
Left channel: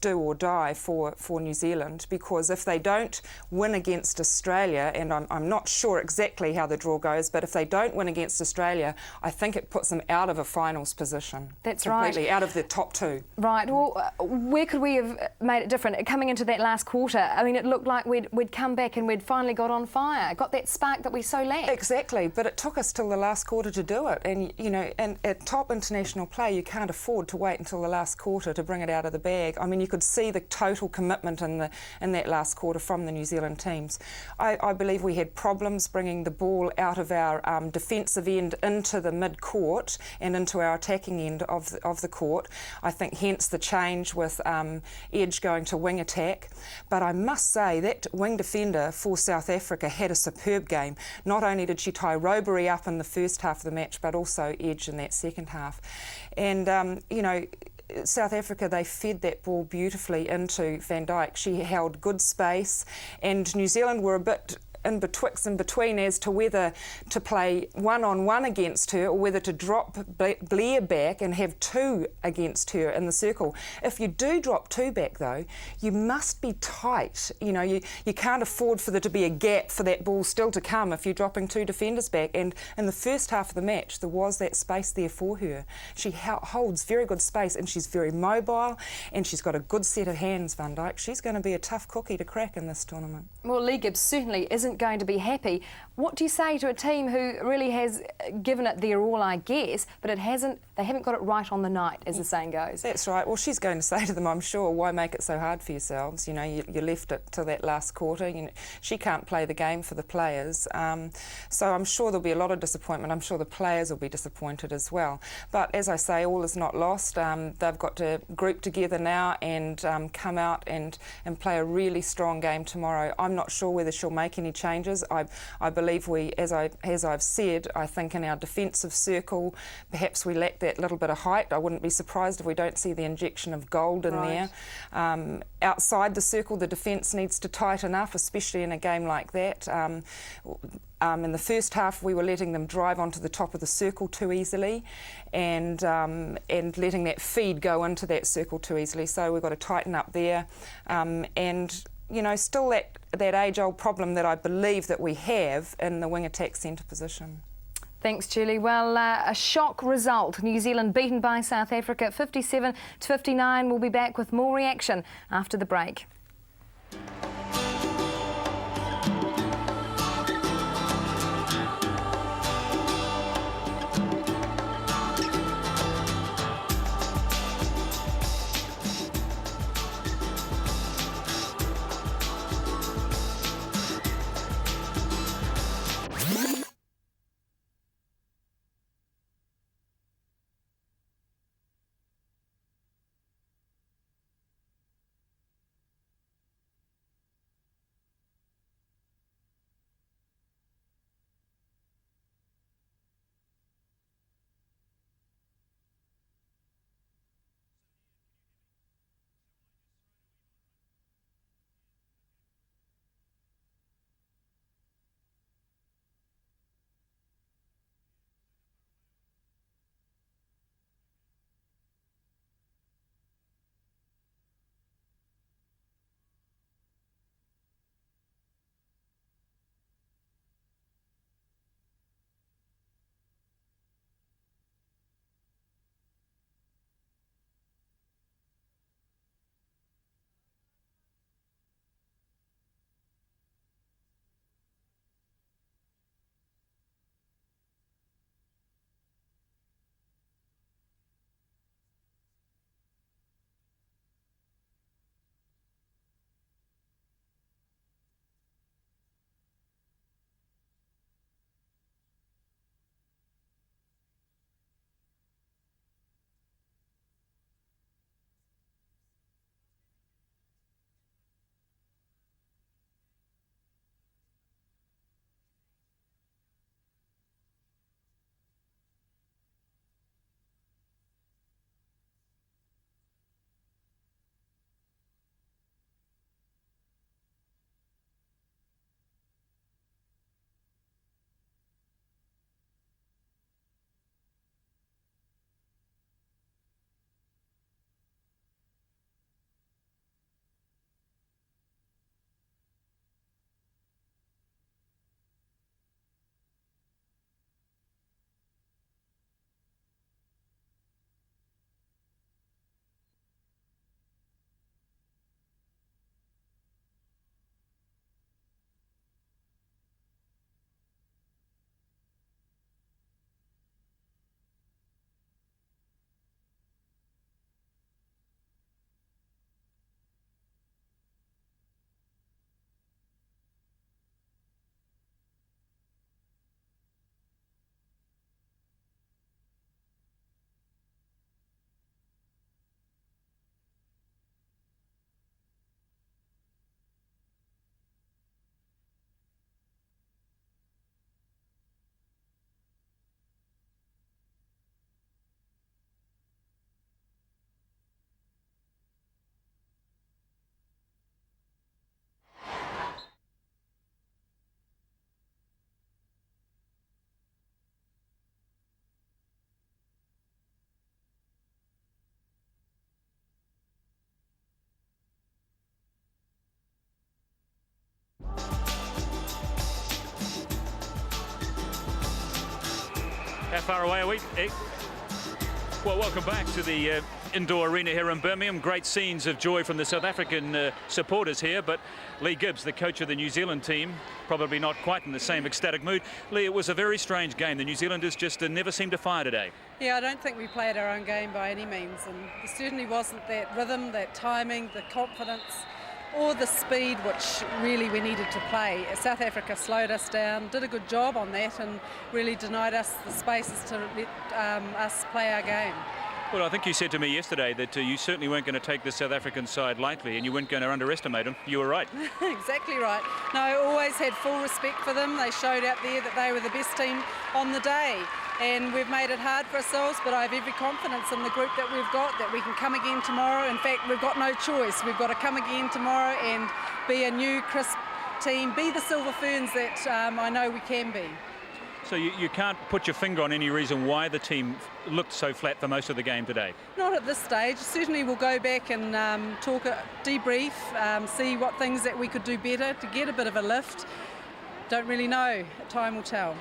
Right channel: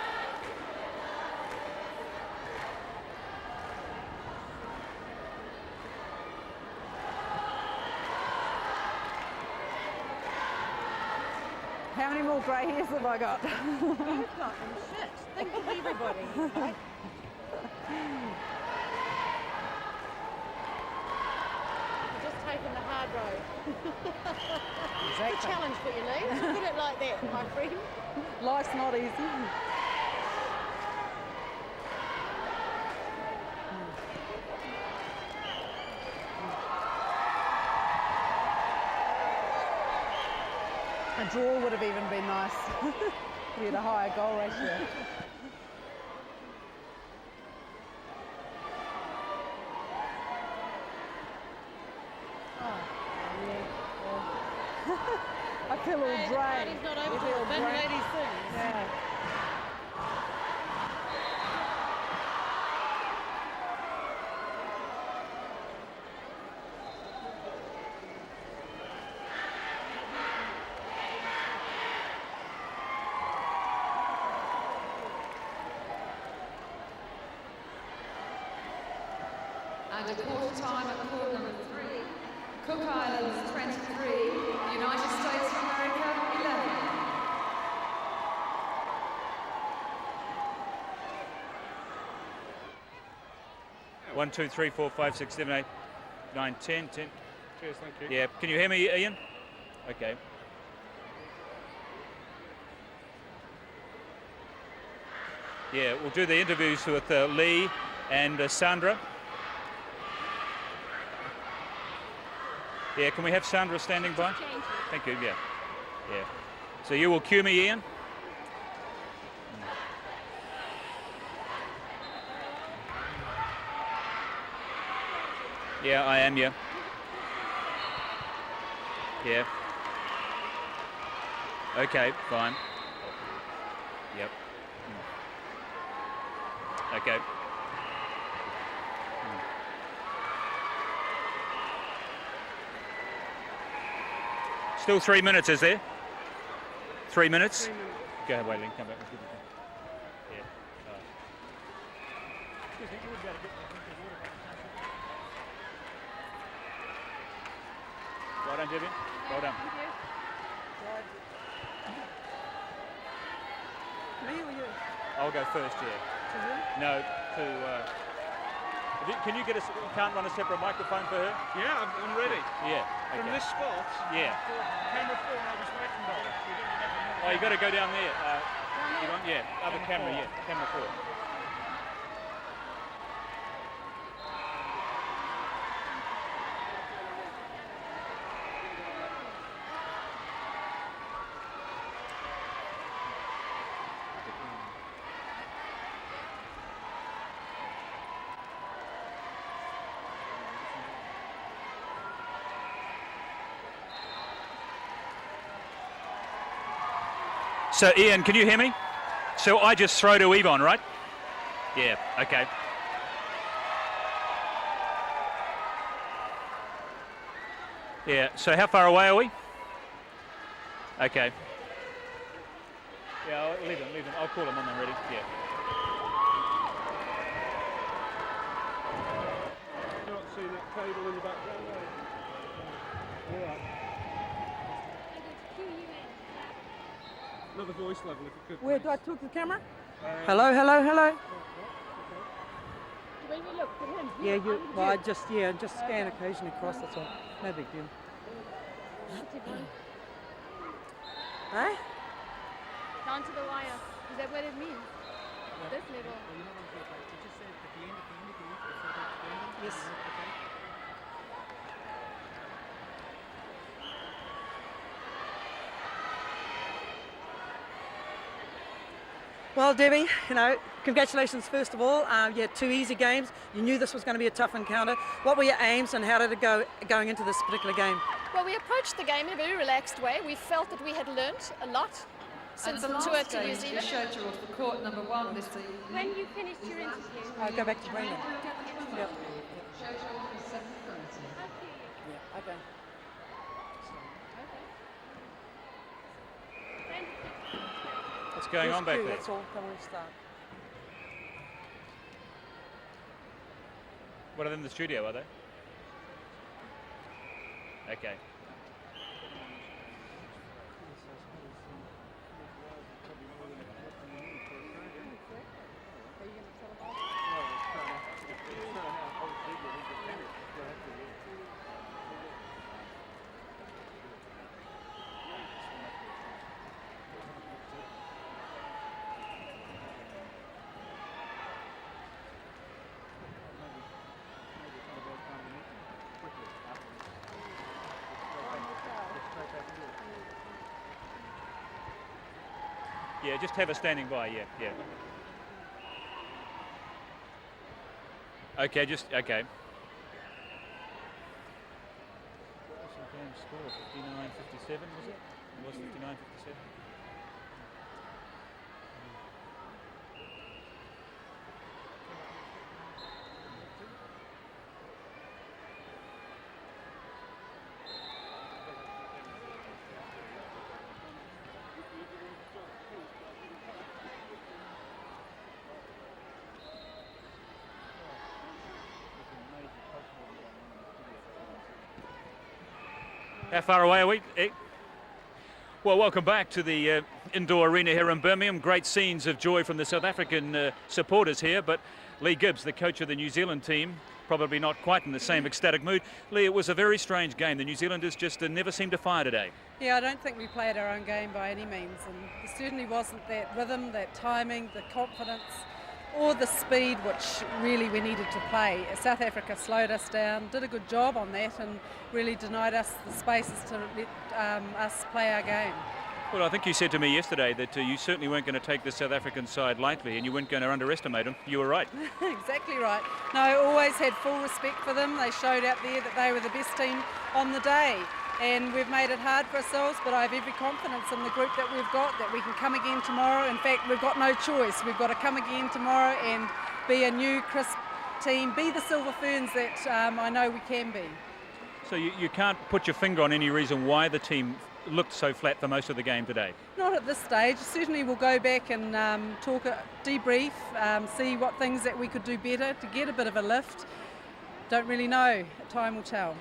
do or die for New Zealand, because if they don't win against Australia, and I'm not sure exactly how the draw goes, but if they don't win against Australia, I think it puts them out of a finals position. That's right. Out of the top 2. Right. Well, where could we have made it different? Coming into that last quarter, I mean, it looked like we'd come back and we'd finally got on fire, got that spark that we so lacked. Exactly, but it took us till the last quarter to do it, and you know, and at top international play, you can't afford to wait until the last quarter to bring it out of the bag. I mean, you could see the total commitment in that last quarter from the New Zealand teams. I believe we had problems bringing the ball out of our defensive end into the mid-court and into our attacking end of the court. I think hence the change with Edge going to wing attack. But I must say that wing defender for South Africa had a superb game. Not only did she tie Robery up in the first half of the match, but also Edge in that second half. And, you know, South Africa, they fed that ball beautifully into Van Dijk. She held good space, and New Zealand were a bit in between as to whether to play one-on-one against her or whether to drop Blair back and have 2 against her in the circle. If you do drop 2 back, though, you must be tight. You know, you can't afford for there to be a gap for that ball still to come if you're dropping 2 defenders back. And in the first half of the match, there was that space there for her. She holds very good space, and she's very mobile, and she's got a good set of hands, Van Dijk. She's going to be a tough cookie to crack in this tournament. Well, Lee Gibbs certainly isn't going to be happy What do you say to a team who really has given it their all, I guess, but they haven't got it right on the night, as the saying goes? That's right. Well, she's going to say to them, I'm sure, why make it so hard for yourselves? We'll do the interviews with Lee and Sandra. She can't play the game for the players. So I'm sure there'll be a lot of disappointment. I'm sure the players will be disappointed as well. But as I say, all is not lost. So you will cue me, They've got to group together now and come out and play a really strong game tomorrow. I'm not sure whether she'll make any changes. I believe, as I've said, I think in our defensive circle, perhaps we lack that little bit of height. I wouldn't be surprised if we don't see the injection of gold in there. Outside the circle, the defence needs to tighten up, especially in a game like that. In the first half, we were letting them drive onto the top of the circle too easily. Still 3 minutes, is there? And letting that feed go into that circle too easily. So we've got to tighten up there. And, you know, still that age-old problem that I believe that we have in the wing attack centre position. Thanks, Julie. Well, a shock result. New Zealand beaten by South Africa 57-59. We'll be back with more reaction after the break. No. Can you get us down on the microphone for her? Yeah, ready. Yeah. Oh, you got to go down there. Another camera. So, Ian, can you hear me? So I just throw to Yvonne, right? Yeah, okay. Yeah, so how far away are we? Okay. Yeah, leave them. I'll call them when they're ready. Yeah. You not see that cable in the background? All right. Another voice level, if you could. Where do I talk to the camera? Hello. Do we look for him? Yeah, well, I just scan occasionally across. That's all. No big deal. Huh? Down to the wire. Is that what it means? This level. Yes. Well, Debbie, you know, congratulations first of all. You had 2 easy games. You knew this was going to be a tough encounter. What were your aims and how did it go going into this particular game? Well, we approached the game in a very relaxed way. We felt that we had learnt a lot since the tour to New Zealand. Scheduled for court number 1 this evening. When you finished your interview? I'll go back to Brendan. Yep. Scheduled for 7:30. Yeah, okay. What's going on back there? That's all. Come on, start. What are they in the studio, are they? Okay. Yeah, just have her standing by, yeah. Okay, okay. What was the game score? 59-57, was it? It was 59-57. How far away are we? Well, welcome back to the Indoor Arena here in Birmingham. Great scenes of joy from the South African supporters here, but Lee Gibbs, the coach of the New Zealand team, probably not quite in the same ecstatic mood. Lee, it was a very strange game. The New Zealanders just never seemed to fire today. Yeah, I don't think we played our own game by any means, and there certainly wasn't that rhythm, that timing, the confidence, or the speed which really we needed to play. South Africa slowed us down, did a good job on that, and really denied us the spaces to let us play our game. Well, I think you said to me yesterday that you certainly weren't going to take the South African side lightly and you weren't going to underestimate them. You were right. Exactly right. No, I always had full respect for them. They showed out there that they were the best team on the day. And we've made it hard for ourselves, but I have every confidence in the group that we've got, that we can come again tomorrow. In fact, we've got no choice. We've got to come again tomorrow and be a new, crisp team, be the Silver Ferns that I know we can be. So you can't put your finger on any reason why the team looked so flat for most of the game today? Not at this stage. Certainly we'll go back and debrief, see what things that we could do better to get a bit of a lift. Don't really know. Time will tell.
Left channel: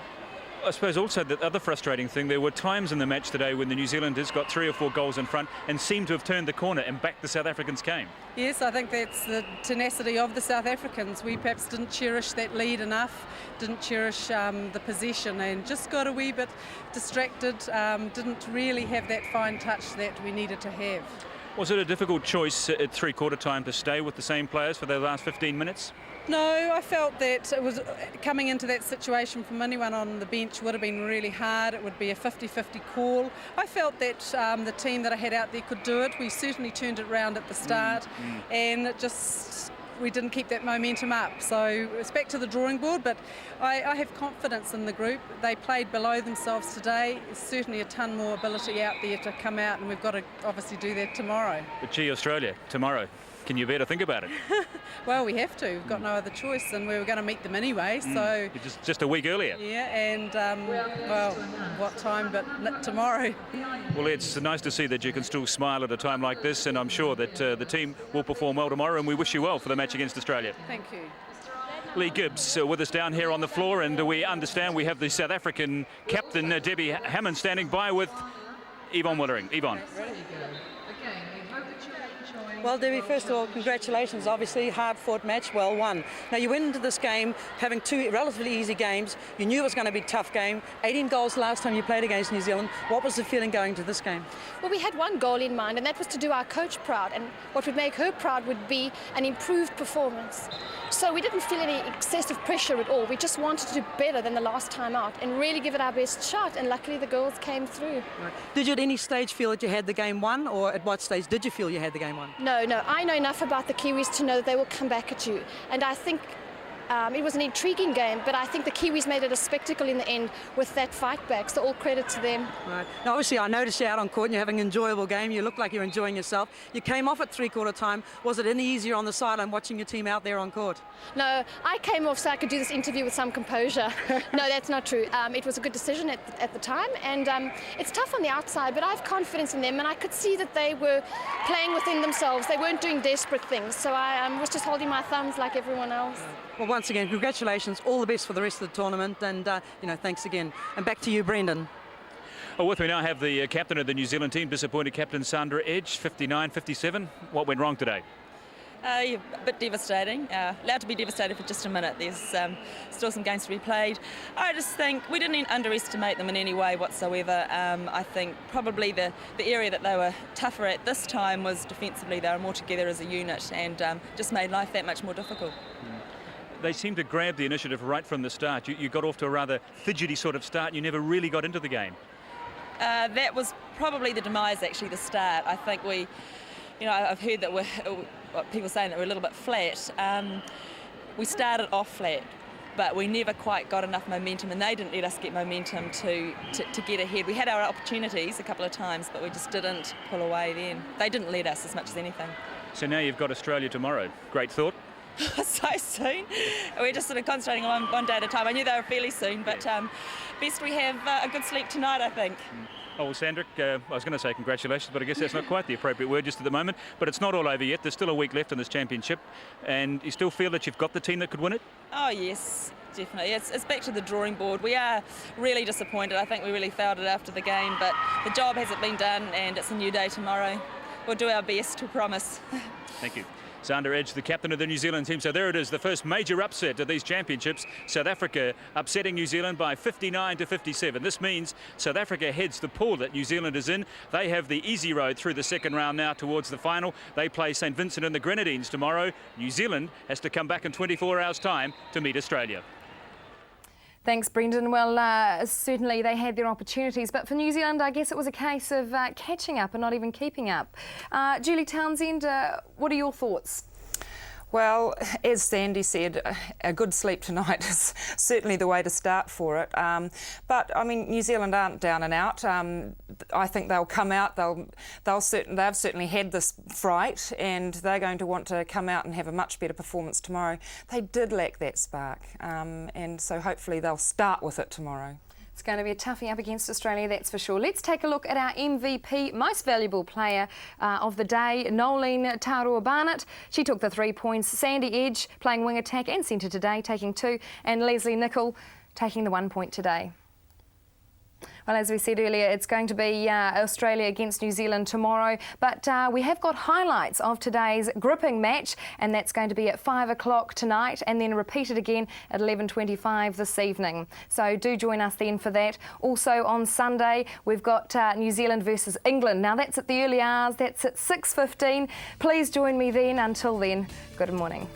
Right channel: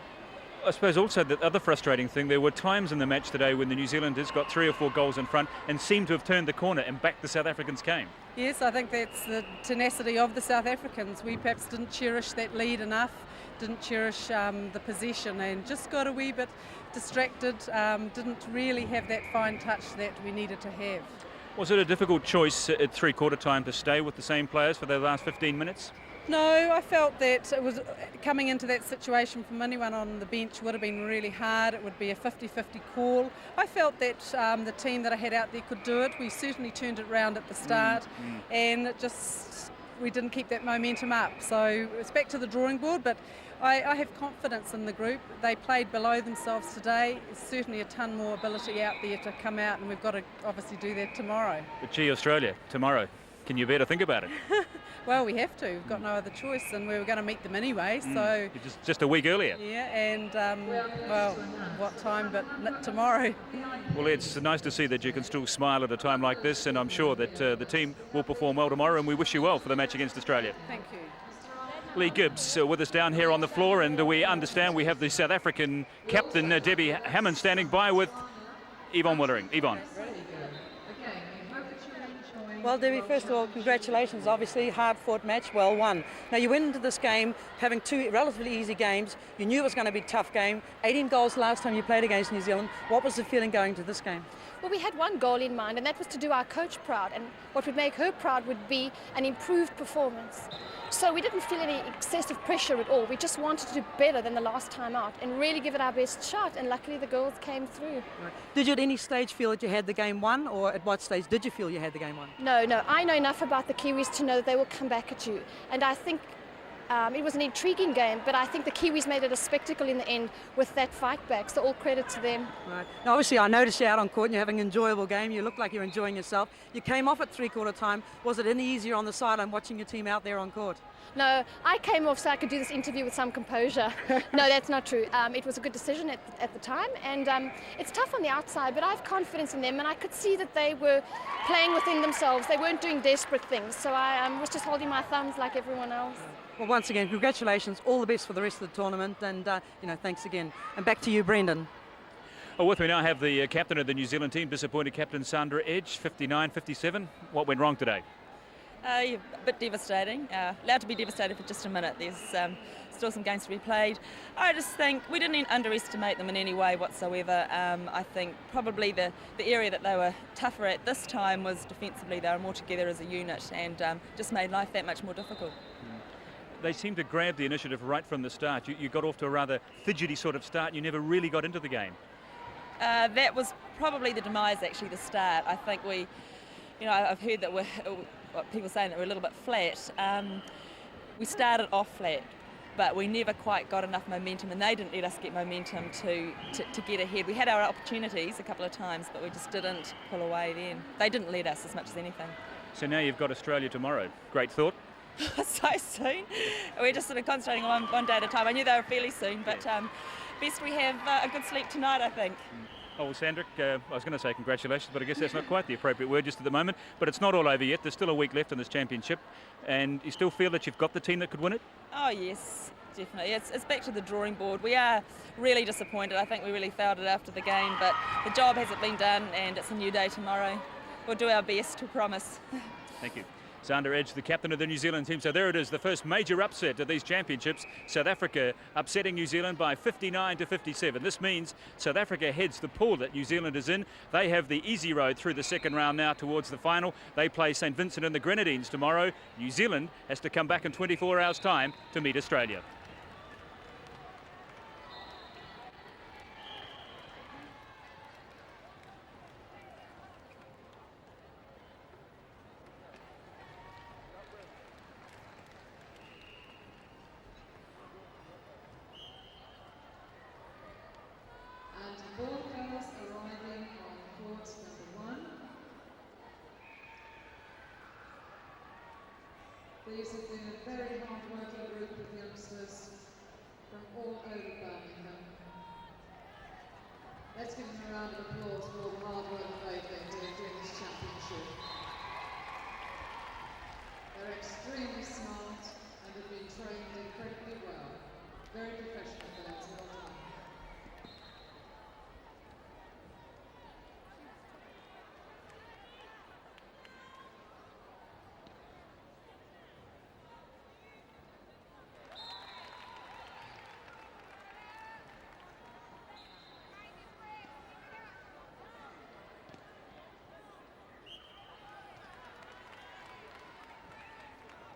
I suppose also the other frustrating thing, there were times in the match today when the New Zealanders got 3 or 4 goals in front and seemed to have turned the corner and back the South Africans came. Yes, I think that's the tenacity of the South Africans. We perhaps didn't cherish that lead enough, didn't cherish the possession, and just got a wee bit distracted, didn't really have that fine touch that we needed to have. Was it a difficult choice at three-quarter time to stay with the same players for the last 15 minutes? No, I felt that it was coming into that situation from anyone on the bench would have been really hard. It would be a 50-50 call. I felt that the team that I had out there could do it. We certainly turned it round at the start, and it just we didn't keep that momentum up. So it's back to the drawing board, but I have confidence in the group. They played below themselves today. There's certainly a ton more ability out there to come out, and we've got to obviously do that tomorrow. But gee, Australia, tomorrow. Can you bear to think about it? Well, we have to. We've got no other choice, and we were going to meet them anyway. So just a week earlier. Yeah, and well, what time? But tomorrow. Well, it's nice to see that you can still smile at a time like this, and I'm sure that the team will perform well tomorrow, and we wish you well for the match against Australia. Thank you. Lee Gibbs with us down here on the floor, and we understand we have the South African captain Debbie Hammond standing by with Yvonne Willering. Yvonne. Well, Debbie, first of all, congratulations. Obviously, hard-fought match, well won. Now, you went into this game having 2 relatively easy games. You knew it was going to be a tough game. 18 goals last time you played against New Zealand. What was the feeling going to this game? Well, we had one goal in mind, and that was to do our coach proud. And what would make her proud would be an improved performance. So we didn't feel any excessive pressure at all. We just wanted to do better than the last time out and really give it our best shot, and luckily the goals came through. Right. Did you at any stage feel that you had the game won, or at what stage did you feel you had the game won? No. I know enough about the Kiwis to know that they will come back at you. And I think it was an intriguing game, but I think the Kiwis made it a spectacle in the end with that fight back, so all credit to them. Right. Now, obviously, I noticed you out on court and you're having an enjoyable game. You look like you're enjoying yourself. You came off at three-quarter time. Was it any easier on the sideline watching your team out there on court? No, I came off so I could do this interview with some composure. No, that's not true. It was a good decision at the time, and it's tough on the outside, but I have confidence in them, and I could see that they were playing within themselves. They weren't doing desperate things, so I was just holding my thumbs like everyone else. Well, once again, congratulations. All the best for the rest of the tournament, and thanks again. And back to you, Brendan. Well, with me now I have the captain of the New Zealand team, disappointed captain Sandra Edge, 59-57. What went wrong today? A bit devastating. Allowed to be devastated for just a minute. There's still some games to be played. I just think we didn't underestimate them in any way whatsoever. I think probably the area that they were tougher at this time was defensively. They were more together as a unit, and just made life that much more difficult. They seemed to grab the initiative right from the start. You got off to a rather fidgety sort of start and you never really got into the game. That was probably the demise, actually, the start. I think I've heard that people saying that we're a little bit flat. We started off flat, but we never quite got enough momentum, and they didn't let us get momentum to get ahead. We had our opportunities a couple of times, but we just didn't pull away then. They didn't let us as much as anything. So now you've got Australia tomorrow. Great thought. So soon. We're just sort of concentrating on one day at a time. I knew they were fairly soon, but best we have a good sleep tonight, I think. Oh, well, Sandrick, I was going to say congratulations, but I guess that's not quite the appropriate word just at the moment. But it's not all over yet. There's still a week left in this championship, and you still feel that you've got the team that could win it? Oh, yes, definitely. It's back to the drawing board. We are really disappointed. I think we really failed it after the game, but the job hasn't been done, and it's a new day tomorrow. we'll do our best, to promise. Thank you. Sandra Edge, the captain of the New Zealand team. So there it is, the first major upset of these championships. South Africa upsetting New Zealand by 59-57. This means South Africa heads the pool that New Zealand is in. They have the easy road through the second round now towards the final. They play St Vincent and the Grenadines tomorrow. New Zealand has to come back in 24 hours' time to meet Australia. Thanks, Brendan. Well, certainly they had their opportunities, but for New Zealand, I guess it was a case of catching up and not even keeping up. Julie Townsend, what are your thoughts? Well, as Sandy said, a good sleep tonight is certainly the way to start for it. But I mean, New Zealand aren't down and out. I think they'll come out. They've certainly had this fright, and they're going to want to come out and have a much better performance tomorrow. They did lack that spark, and so hopefully they'll start with it tomorrow. It's going to be a toughie up against Australia, that's for sure. Let's take a look at our MVP, most valuable player of the day, Nolene Taurua-Barnett. She took the 3 points. Sandy Edge playing wing attack and centre today, taking 2, and Leslie Nicol taking the 1 point today. Well, as we said earlier, it's going to be Australia against New Zealand tomorrow, but we have got highlights of today's gripping match, and that's going to be at 5 o'clock tonight and then repeated again at 11:25 this evening. So do join us then for that. Also on Sunday, we've got New Zealand versus England. Now that's at the early hours, that's at 6:15. Please join me then. Until then, good morning.